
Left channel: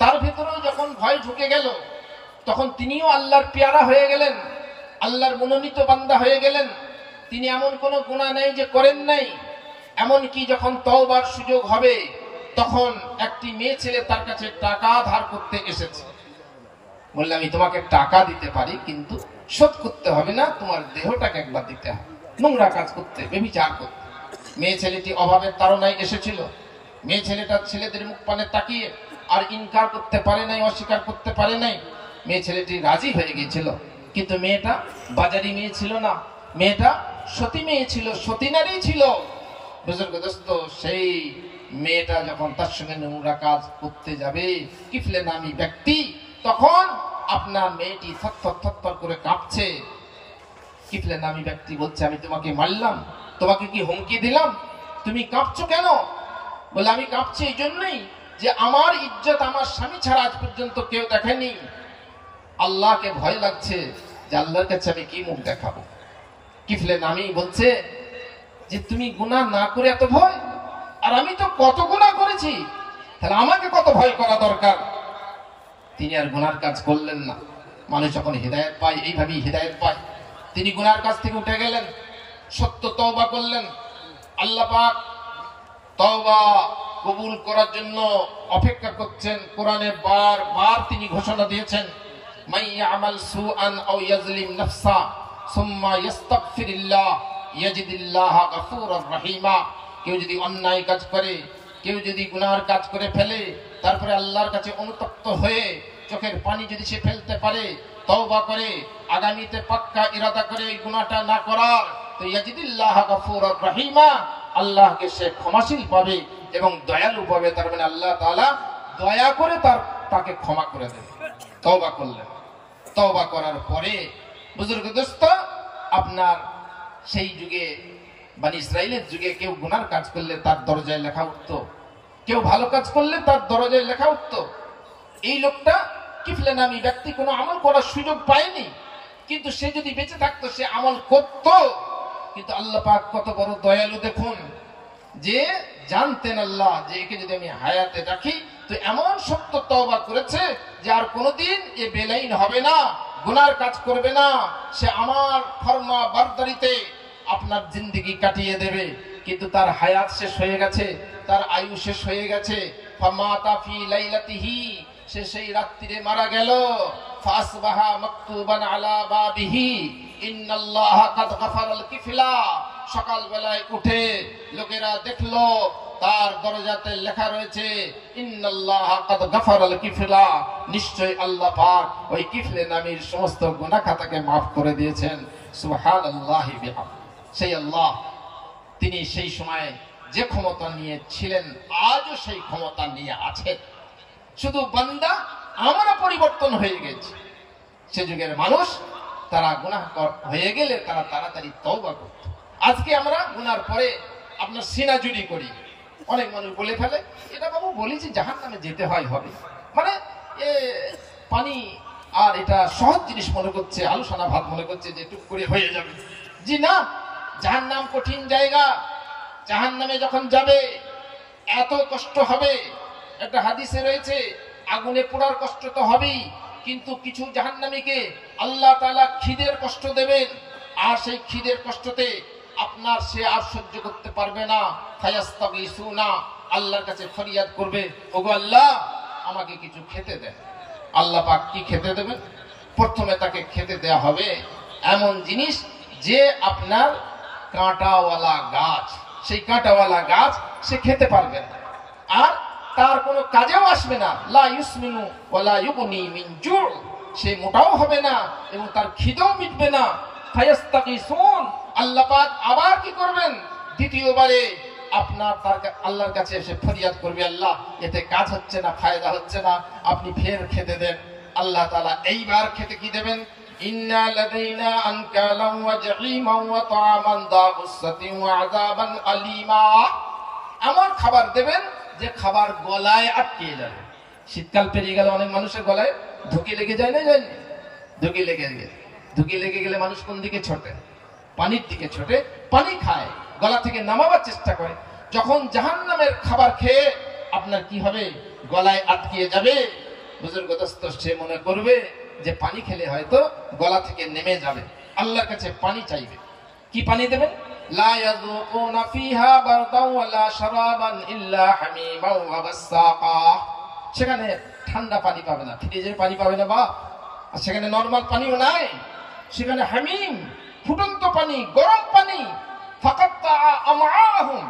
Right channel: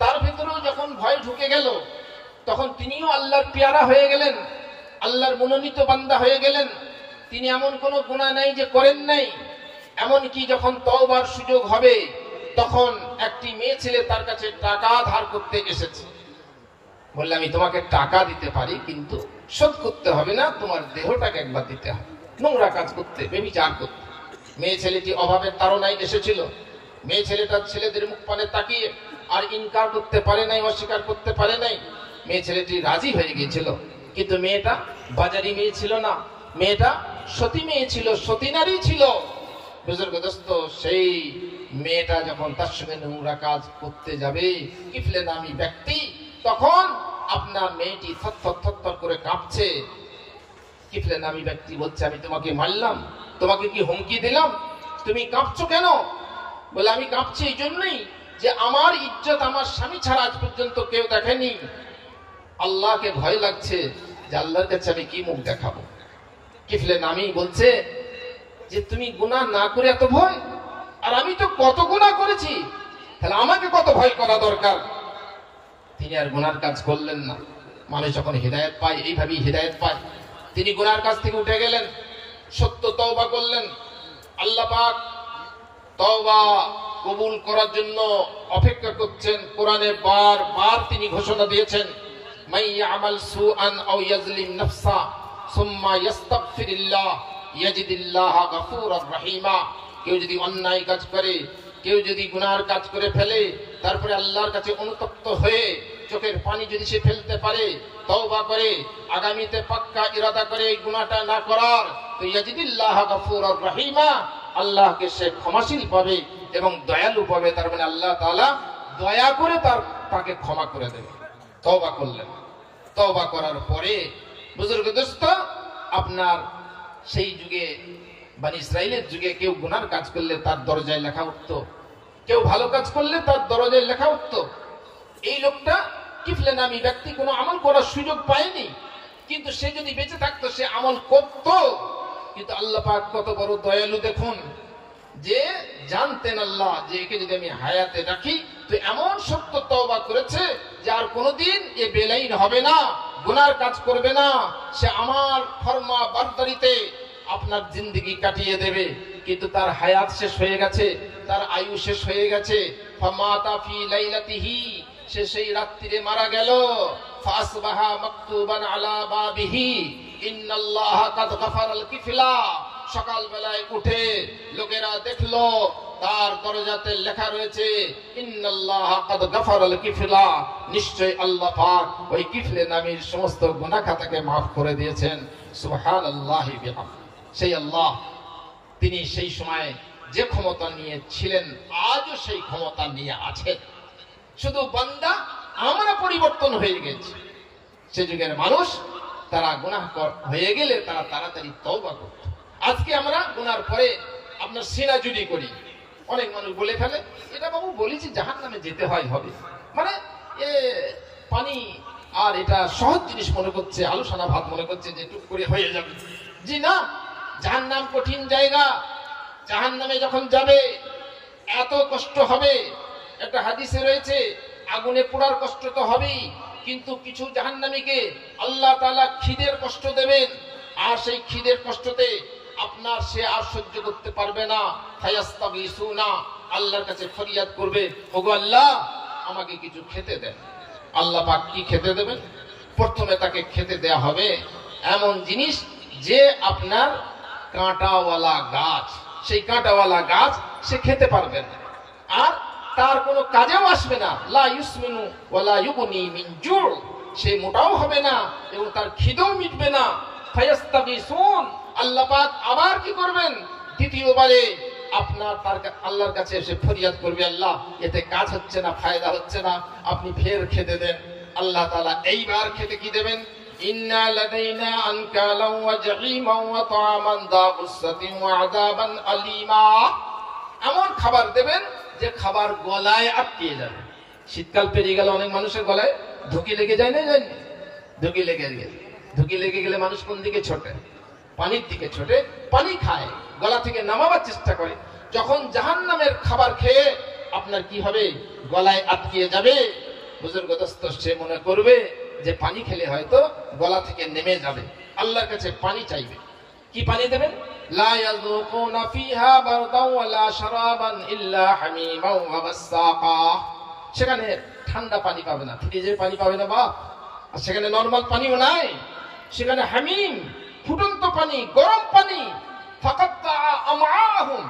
তার ভিতরেও যখন ভয় ঢুকে গেল তখন তিনিও আল্লাহর পেয়ারা হয়ে গেলেন, আল্লাহর মনোনীত বান্দা হয়ে গেলেন। তিনি এমন কোনো গুনাহ নাই যে করেন নাই। এমনকি যখন তওবার সুযোগ হবে তখন একটি মেয়ে ছেলে তার কাছে টাকা ধার করতে এসেছে। বললে আমি তোমাকে টাকা দিতে পারি, কিন্তু শোধ করতে হবে না, তোমার দেহটাকে একবার দিতে হবে। নোংরা কাজ করতে, ব্যভিচার করতে। মেয়ে ছেলেটি অভাবের তাড়নায় এসেছিল। মেয়ে ছেলেটা ছেলেদের মুখ পানে তাকিয়ে আর ইনকার করতে পারে নাই, অস্বীকার করতে পারে নাই। মেয়ে ছেলেটি রাজি হয়ে গিয়েছিল, কিন্তু মেয়েটা বাজারি মেয়ে ছিল না, মেয়েটা সতী মেয়ে ছিল, সতী নারী ছিল। বুজুর্গ দোস্ত, সেই মেয়েটা যখন তার সঙ্গে নোংরা কাজ করতে যাবে, কিফলে নামী ব্যক্তি, তখন আপনার মেয়েটি থরথর করে কাঁপছে। কিফলে নামী ব্যক্তি বলছে আমি তোমাকে মারলাম, তোমাকে কি হুমকি দিলাম, তুমি কাঁপছো কেন? বলে আমি কাঁপছি এই জন্যই যে আমার ইজ্জত আমার স্বামী ছাড়া আজ পর্যন্ত কেউ দেখেনি। আল্লাহকে ভয় লাগছে যে আল্লাহর কাছে আমি কি মুখ দেখাবো। কিফলে নামী বলছে যে তুমি গুনাহ না করে এত ভয়, আর আমি তো কত গুনাহ করেছি, তাহলে আমাকে কত ভয় করা দরকার। তিনি আর গুনার কাজ করলেন না। মানুষ যখন হিদায়াত পায়, এইভাবেই হিদায়াত পায়। তিনি গুনার কাজ থেকে উঠে গেলেন, সত্য তওবা করলেন। আল্লাহ পাক তওবা কবুল করার জন্য অপেক্ষা করছেন। কোরআনে বারবার তিনি ঘোষণা দিয়েছেন, মান ইয়ামাল সুআন আও ইয়াজলিম নাফসা সুম্মা ইস্তাগফিরিল্লাহ ইয়াজিদিল্লাহা গফুরার রহিমা। কেউ যদি অন্যায় কাজ করে, কেউ যদি গুনাহের কাজ করে ফেলে, তারপরে আল্লাহর কাছে অনুতপ্ত হয়ে চোখের পানি যদি সে ফেলতে পারে, তওবা করে, আগামীতে পাক্কা ইরাদা করে এই গুনাহটা না করার, তো ইয়াজিদিল্লাহা গফুরার রহিমা, আল্লাহকে সে ক্ষমাশীল পাবে এবং দয়ালু পাবে। তার মানে আল্লাহ তাআলা দয়া করে তাকে ক্ষমা করে দেবে। তওবা করলেন, তওবা করার পরে বুজুর্গ দোস্ত, আপনার সেই যুগে বানি ইসরাইলের যুগে কেউ গুনার কাজ করলে তার দরজায় লেখা উঠত, কেউ ভালো কাজ করলে তার দরজায় লেখা উঠত। এই লোকটা কিফলে নামী ব্যক্তি কোনো আমল করার সুযোগ পায়নি, কিন্তু সে যদি বেঁচে থাকতো সে আমল করত। কিন্তু আল্লাহ পাক কত বড় দয়ালু দেখুন, যে জানতেন আল্লাহ যে একে যদি আমি হায়াতে রাখি তো এমন সত্য তওবা করেছে যে আর কোনোদিন এ বেলাইন হবে না, গুনার কাজ করবে না, সে আমার ফরমা বারদারিতে আপনার জিন্দেগি কাটিয়ে দেবে। কিন্তু তার হায়াত শেষ হয়ে গেছে, তার আয়ু শেষ হয়ে গেছে। ফামাতা ফি লাইলাতিহি, সে সেই রাত্রিরে মারা গেল। ফাসবাহা মাকতুবান আলা বাবিহি, ইন্নাল্লাহা কাদ গাফারাল কিফলা। সকাল বেলায় উঠে লোকেরা দেখলো তার দরজাতে লেখা রয়েছে ইন্নাল্লাহা কাদ গাফারাল কিফলা, নিশ্চয় আল্লাহ পাক ওই কিফলে নামীর সমস্ত গুনাহ খাতাকে maaf করে দিয়েছেন। সুবহানাল্লাহি বিহামদিহি। সেই আল্লাহ, তিনি সেই সময় যে ক্ষমতা নিয়ে ছিলেন আজও সেই ক্ষমতা নিয়ে আছেন। শুধু বান্দা আমরা পরিবর্তন হয়ে গেছে। সে যুগের মানুষ তারা গুনাহগার হয়ে গেলে তারা তাড়াতাড়ি তওবা করত। আজকে আমরা গুনার পরে আপনার সিনা জুড়ি করি। অনেক মানুষ বলে ফেলে এটা বাবু বলেছি জাহান্নামে যেতে হয় হবে, মানে পানি আর এটা সহজ জিনিস মনে করছে, আলোচনা ভাত মনে করছে যে টুক করে হয়ে যাবে। জি না, জাহান্নাম কঠিন জায়গা। জাহান্নামে যখন যাবে এত কষ্ট হবে। একটা হাদিসে রয়েছে আগুনে পোড়ার কষ্ট তো হবেই, কিন্তু কিছু জাহান্নামীকে আল্লাহ তাআলা খিদের কষ্ট দেবেন, আর সেই খিদের কষ্টতে আপনার সে আর সহ্য করতে পারবে না। ফায়াস্তাগিসুনা, আল্লাহর কাছে ফরিয়াদ করবে, ওগো আল্লাহ আমাকে কিছু খেতে দেন। আল্লাহ পাক কি খেতে দেবেন? প্রথমে তাকে খেতে দেয়া হবে এমন জিনিস যে আপনার কাঁটাওয়ালা গাছ, সেই কাঁটাওয়ালা গাছ সে খেতে পারবে না, আর তার কোনো কাজেও আসবে না। লা ইউসমিনু ওয়ালা ইউগনি মিন জু', সে মোটাও হবে না এবং তার খিদেও মিটবে না। ফায়াস্তাগিসুন, আল্লাহ পাক আবার কি করবেন? দ্বিতীয়বারে আপনার আল্লাহর কাছে এসে ফরিয়াদ করবে, আল্লাহ এতে কাজ হচ্ছে না, ফায়দা হচ্ছে না, আপনি ফের খেতে দেন। আল্লাহ তাআলা এইবার খেতে কি দেবেন? ইন্না লাদাইনা আনকালান ওয়া জাহিমান ওয়া তা'আমান দা গুসসাতিন ওয়া আযাবান আলীমা। এমন খাবার দেবেন যে খাবার গলায় আটকে যাবে। শীতকাল পেরিয়ে গেলে অনেক মানুষের গলায় ধুকি লেগে যায় না, যায় ধুকি লেগে গেলে মানুষ কোন দিকে ছোটে? পানির দিকে ছোটে, পানি খায়, গলা থেকে নামাবার চেষ্টা করে। যখন জাহান্নামের খাবার খেয়ে আপনার কি হবে? গলায় আটকে যাবে। বুজুর্গ দোস্ত সে মনে করবে যে পানি খেলে হয়তো গলা থেকে নেমে যাবে, আল্লাহর কাছে পানি চাইবে। কি পানি দেবেন? লা ইয়াযুকুনা ফিহা বারদান ওয়ালা শারাবান ইল্লা হামিমান ওয়া গাসসাকা। সেখানে ঠান্ডা পানি পাবে না, ফ্রিজের পানি পাবে না, বা সেখানে নরমাল পানিও নাই, সেখানে হামিম ফুটন্ত পানি, গরম পানি। ফাকাত্তা আমাহুম,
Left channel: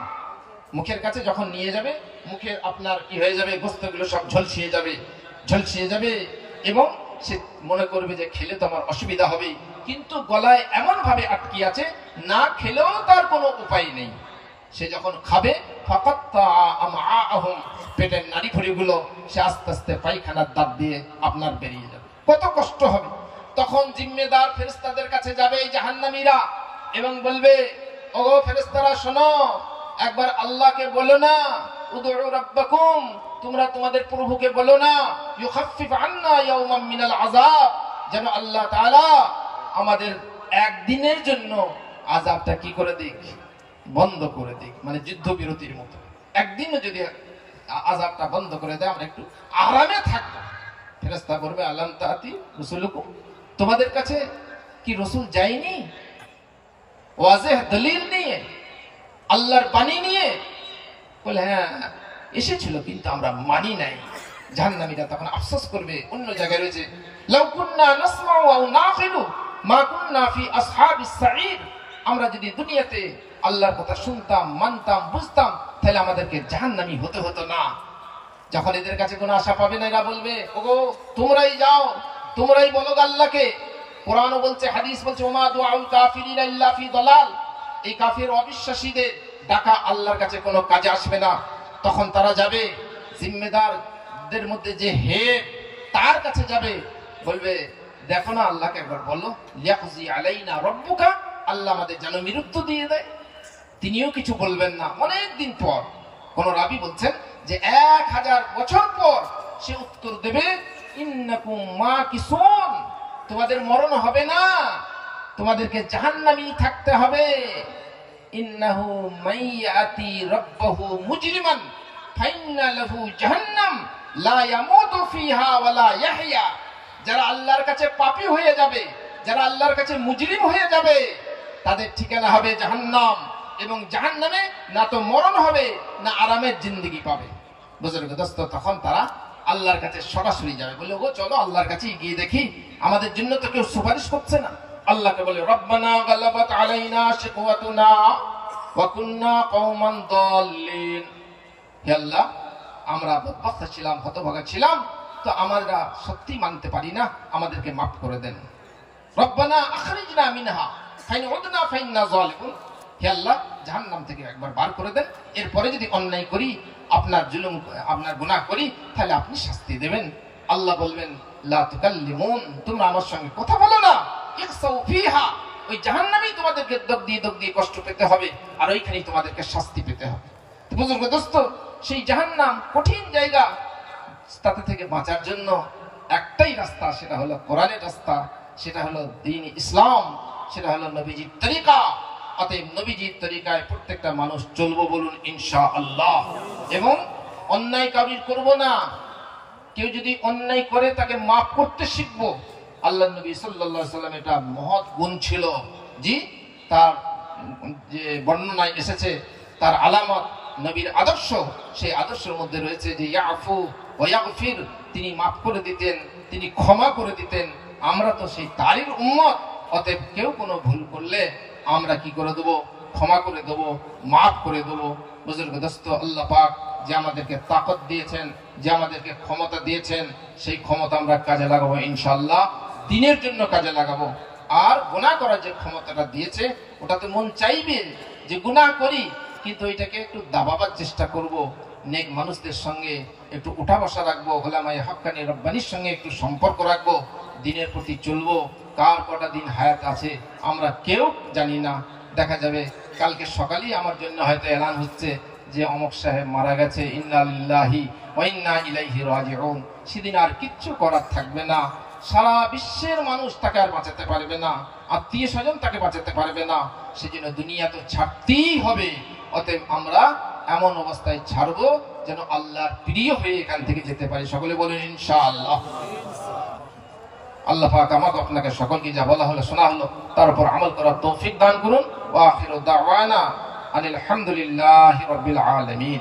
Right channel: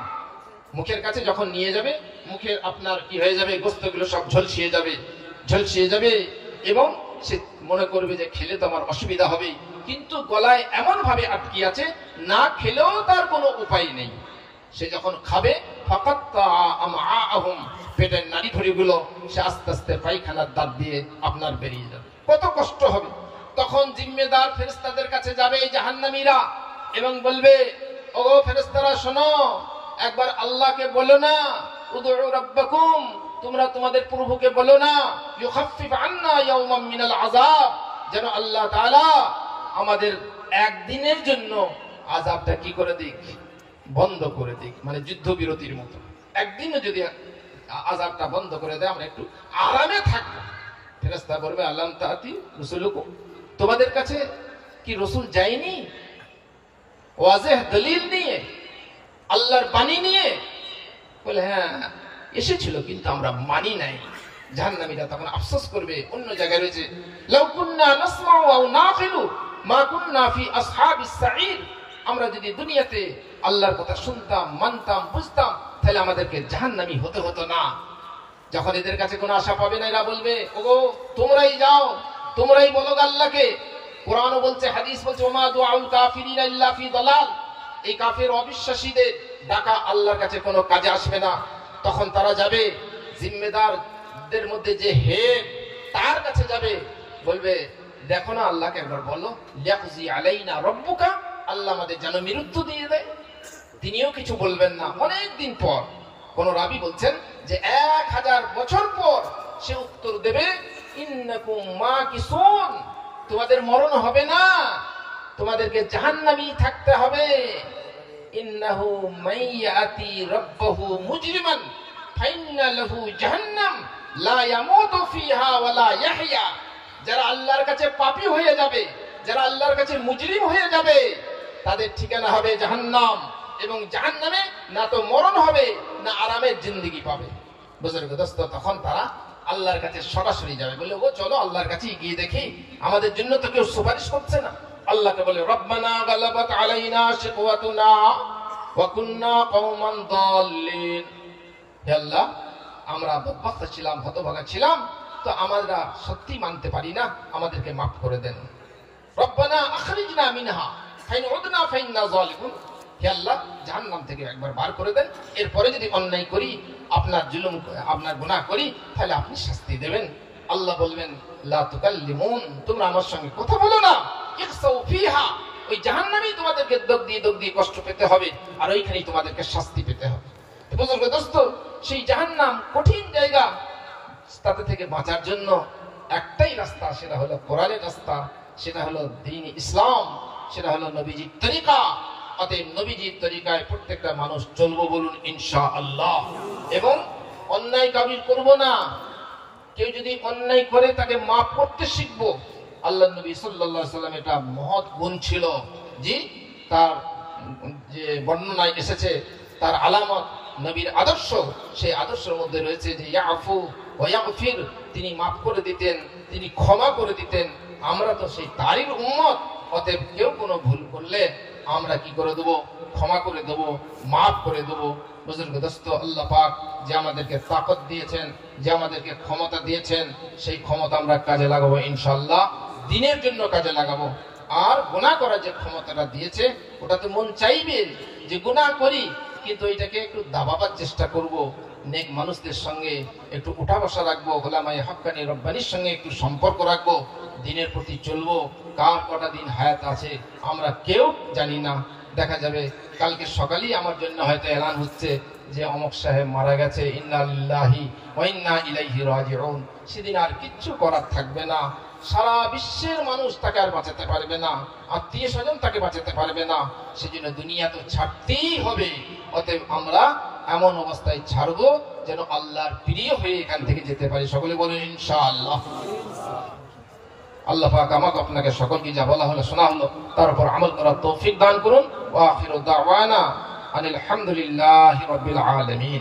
মুখের কাছে যখন নিয়ে যাবে মুখের আপনার কি হয়ে যাবে? গোশতগুলো সব ঝলসিয়ে যাবে এবং সে মনে করবে যে খেলে তো আমার অসুবিধা হবে, কিন্তু গলায় এমন ভাবে আটকে আছে না খেলেও তার কোনো উপায় নেই। সে যখন খাবে ফাকাত্তা আমাহুম, পেটের নাড়িভুড়িগুলো সে আস্তে আস্তে পায়খানার দাঁত দিয়ে আপনার বেরিয়ে যাবে। কত কষ্ট হবে। তখন জিম্মেদার ফেরেশতাদের কাছে যাবে জাহান্নামীরা এবং বলবে, ওগো ফেরেশতারা শোনো, একবার আল্লাহকে বলো না, উদউ রাব্বাকুম, তোমরা তোমাদের প্রভুকে বলো না, ইউখাফফিফ আন্না ইয়াওমান মিনাল আযাব, যেন আল্লাহ তাআলা আমাদের একদিনের জন্য আযাবটা কি করে দিক? বন্ধ করে দিক, মানে যুদ্ধবিরতির মতো একদিনও যদি আযাবটা বন্ধ করে দেয় আমরা একটু আরামে থাকবো। ফেরেশতা বলবে, আলাম তাআতি রাসূলুকুম, তোমাদের কাছে কি রাসূল যায়নি ওয়াজিহ দলিল নিয়ে, আল্লাহর বাণী নিয়ে? বলে হ্যাঁ এসেছিল, কিন্তু আমরা মানি নাই। জাহান্নামীরা তখন আফসোস করবে। অন্য জায়গায় রয়েছে, লাউ কুন্না নাসমাউ আও নাকিলু মা কুন্না ফি আসহাবিস সাঈদ, আমরা যদি দুনিয়াতে আল্লাহর কথা শুনতাম, মানতাম, বুঝতাম, তাহলে আমাদেরকে জাহান্নামী হতে হতো না। যখন এদের কাছে কোনো আশা পাবে না, এরা বলবে, ওগো তোমরাই যাও, তোমরাই বলো আল্লাহকে। কোরআন বলছে, হাদিস বলছে, ওমা দুআউল কাফিরিনা ইল্লা ফি দালাল, এই কাফির অবিশ্বাসীদের ডাকা আল্লাহর কাছে কোনো কাজে আসবে না। তখন তারা যাবে জিম্মেদারদের মধ্যে যে হেড, তার কাছে যাবে, বলবে, দেখো না আল্লাহকে একবার বলো, লিয়াকজি আলাইনা রাব্বুকা, আল্লাহ আমাদের যেন মৃত্যু দিয়ে দেয়। তিনিও কিছু বলবেন না। অনেক দিন পর কোন রাবী বলছেন যে 1000 বছর পর সে উত্তর দেবে, ইন্নাকুম মাকিসুন, তোমাদের মরণ হবে না, তোমাদেরকে জাহান্নামী থাকতে হবে। ইন্নাহু মাইয়াতি রাব্বাহু মুজরিমান ফাইন্না লাহু জাহান্নাম লা ইয়ামুতু ফিহা ওয়ালা ইয়াহইয়া। যারা আল্লাহর কাছে পাপী হয়ে যাবে, যারা আল্লাহর কাছে মুজরিম হয়ে যাবে, তাদের ঠিকানা হবে জাহান্নাম, এবং জাহান্নামে না তো মরণ হবে না আরামের জিন্দেগি পাবে। বুজুর্গ দোস্ত, তখন তারা আল্লাহর কাছে সরাসরি যাবে, বলে, ও চলো আল্লাহর কাছে গিয়ে দেখি, আমাদের জন্য তো কেউ সুপারিশ করছে না, আল্লাহকে বলে রব্বানা গালাবাত আলাইনা শিকওয়াতুনা ওয়া কুননা কওমান দাল্লিন। হে আল্লাহ, আমরা বদবখত ছিলাম, হতভাগা ছিলাম, তো আমরা সত্যি মানতে পারি না, আমাদেরকে মাফ করে দেন। রব্বানা আখরিজনা মিনহা ফাইন উদনা ফাইন্না যালিমুন। হে আল্লাহ, জাহান্নাম থেকে একবার বার করে দেন, এরপরে যদি অন্যায় করি, আপনার জুলুম, আপনার গুনাহ করি, তাহলে আপনি শাস্তি দেবেন। আল্লাহ বলবেন লা তুকাল্লিমুন, তোমরা আমার সঙ্গে কথা বলো না, ইখসাউ ফিহা, ওই জাহান্নামেই তোমাদেরকে দগ দিয়ে কষ্ট পেতে হবে, আর ওইখানেই তোমাদেরকে শাস্তি পেতে হবে। তো বুজুর্গ দোস্ত, সেই জাহান্নাম কঠিন জায়গা, তাতে থেকে বাঁচার জন্য একটাই রাস্তা, সেটা হলো কোরআনের রাস্তা, সেটা হলো দ্বীন ইসলাম, সেটা হলো নবীজির তরিকা। অতএব নবীজির তরিকায় প্রত্যেকটা মানুষ চলবো, বলুন ইনশাআল্লাহ। এবং অন্যায় কাবিল করব না, কেউ যদি অন্যায় করে তাকে মাফ করতে শিখবো। আল্লাহ নবী সাল্লাল্লাহু আলাইহি ওয়াসাল্লাম এটা মহৎ গুণ ছিল, জি, তার যে বর্ণনায় এসেছে, তার আলামত, নবীর আদর্শ, সেই আদর্শের মধ্যে রয়েছে যে ইয়াফু ওয়া ইয়াগফির, তিনি মাফ করে দিতেন, তিনি ক্ষমা করে দিতেন। আমরা তো সেই তারই উম্মত, অতএব কেউ কোনো ভুল করলে আমরা কি করে দেবো? ক্ষমা করে দেবো, মাফ করে দেবো। বুজুর্গ দোস্ত, আল্লাহ পাক যে আমাদেরকে তাকত দিয়েছেন, যে আমাদেরকে ক্ষমতা দিয়েছেন, সেই ক্ষমতা আমরা কাজে লাগাবো ইনশাআল্লাহ, দ্বীনের জন্য কাজে লাগাবো। আর গুনাহ করার যে ক্ষমতাটা দিয়েছে, ওটা তো মন চাইবে যে গুনাহ করি, কিন্তু এটাকে একটু দাবাবার চেষ্টা করব, নেক মানুষদের সঙ্গে একটু উঠা বসা রাখবো, ওলামায়ে হক্কানি রব্বানির সঙ্গে একটু সম্পর্ক রাখবো, দ্বীনের প্রতি চলবো। কার কটা দিন হায়াত আছে আমরা কেউ জানি না, দেখা যাবে কালকে সকালেই আমার জন্য হয়তো এলান হচ্ছে যে অমুক সাহেব মারা গেছে, ইন্না লিল্লাহি ওয়া ইন্না ইলাইহি রাজিউন। সেদিন আর কিচ্ছু করার থাকবে না, সারা বিশ্বের মানুষ তাকে আর বাঁচাতে পারবে না, আত্মীয় স্বজন তাকে বাঁচাতে পারবে না, সেজন্য দুনিয়া তো ছাড়তেই হবে। অতএব আমরা এমন অবস্থায় ছাড়বো যেন আল্লাহর প্রিয় হয়ে এখান থেকে যেতে পারি। সকলে বলুন ইনশাআল্লাহ। আল্লাহ পাক আমাকে আপনাকে সকলকে যা বলা হলো, শোনা হলো, তার উপর আমল করার তৌফিক দান করুন। ওয়া আখিরু দাওয়ানা আনিল হামদুলিল্লাহি রাব্বিল আলামিন।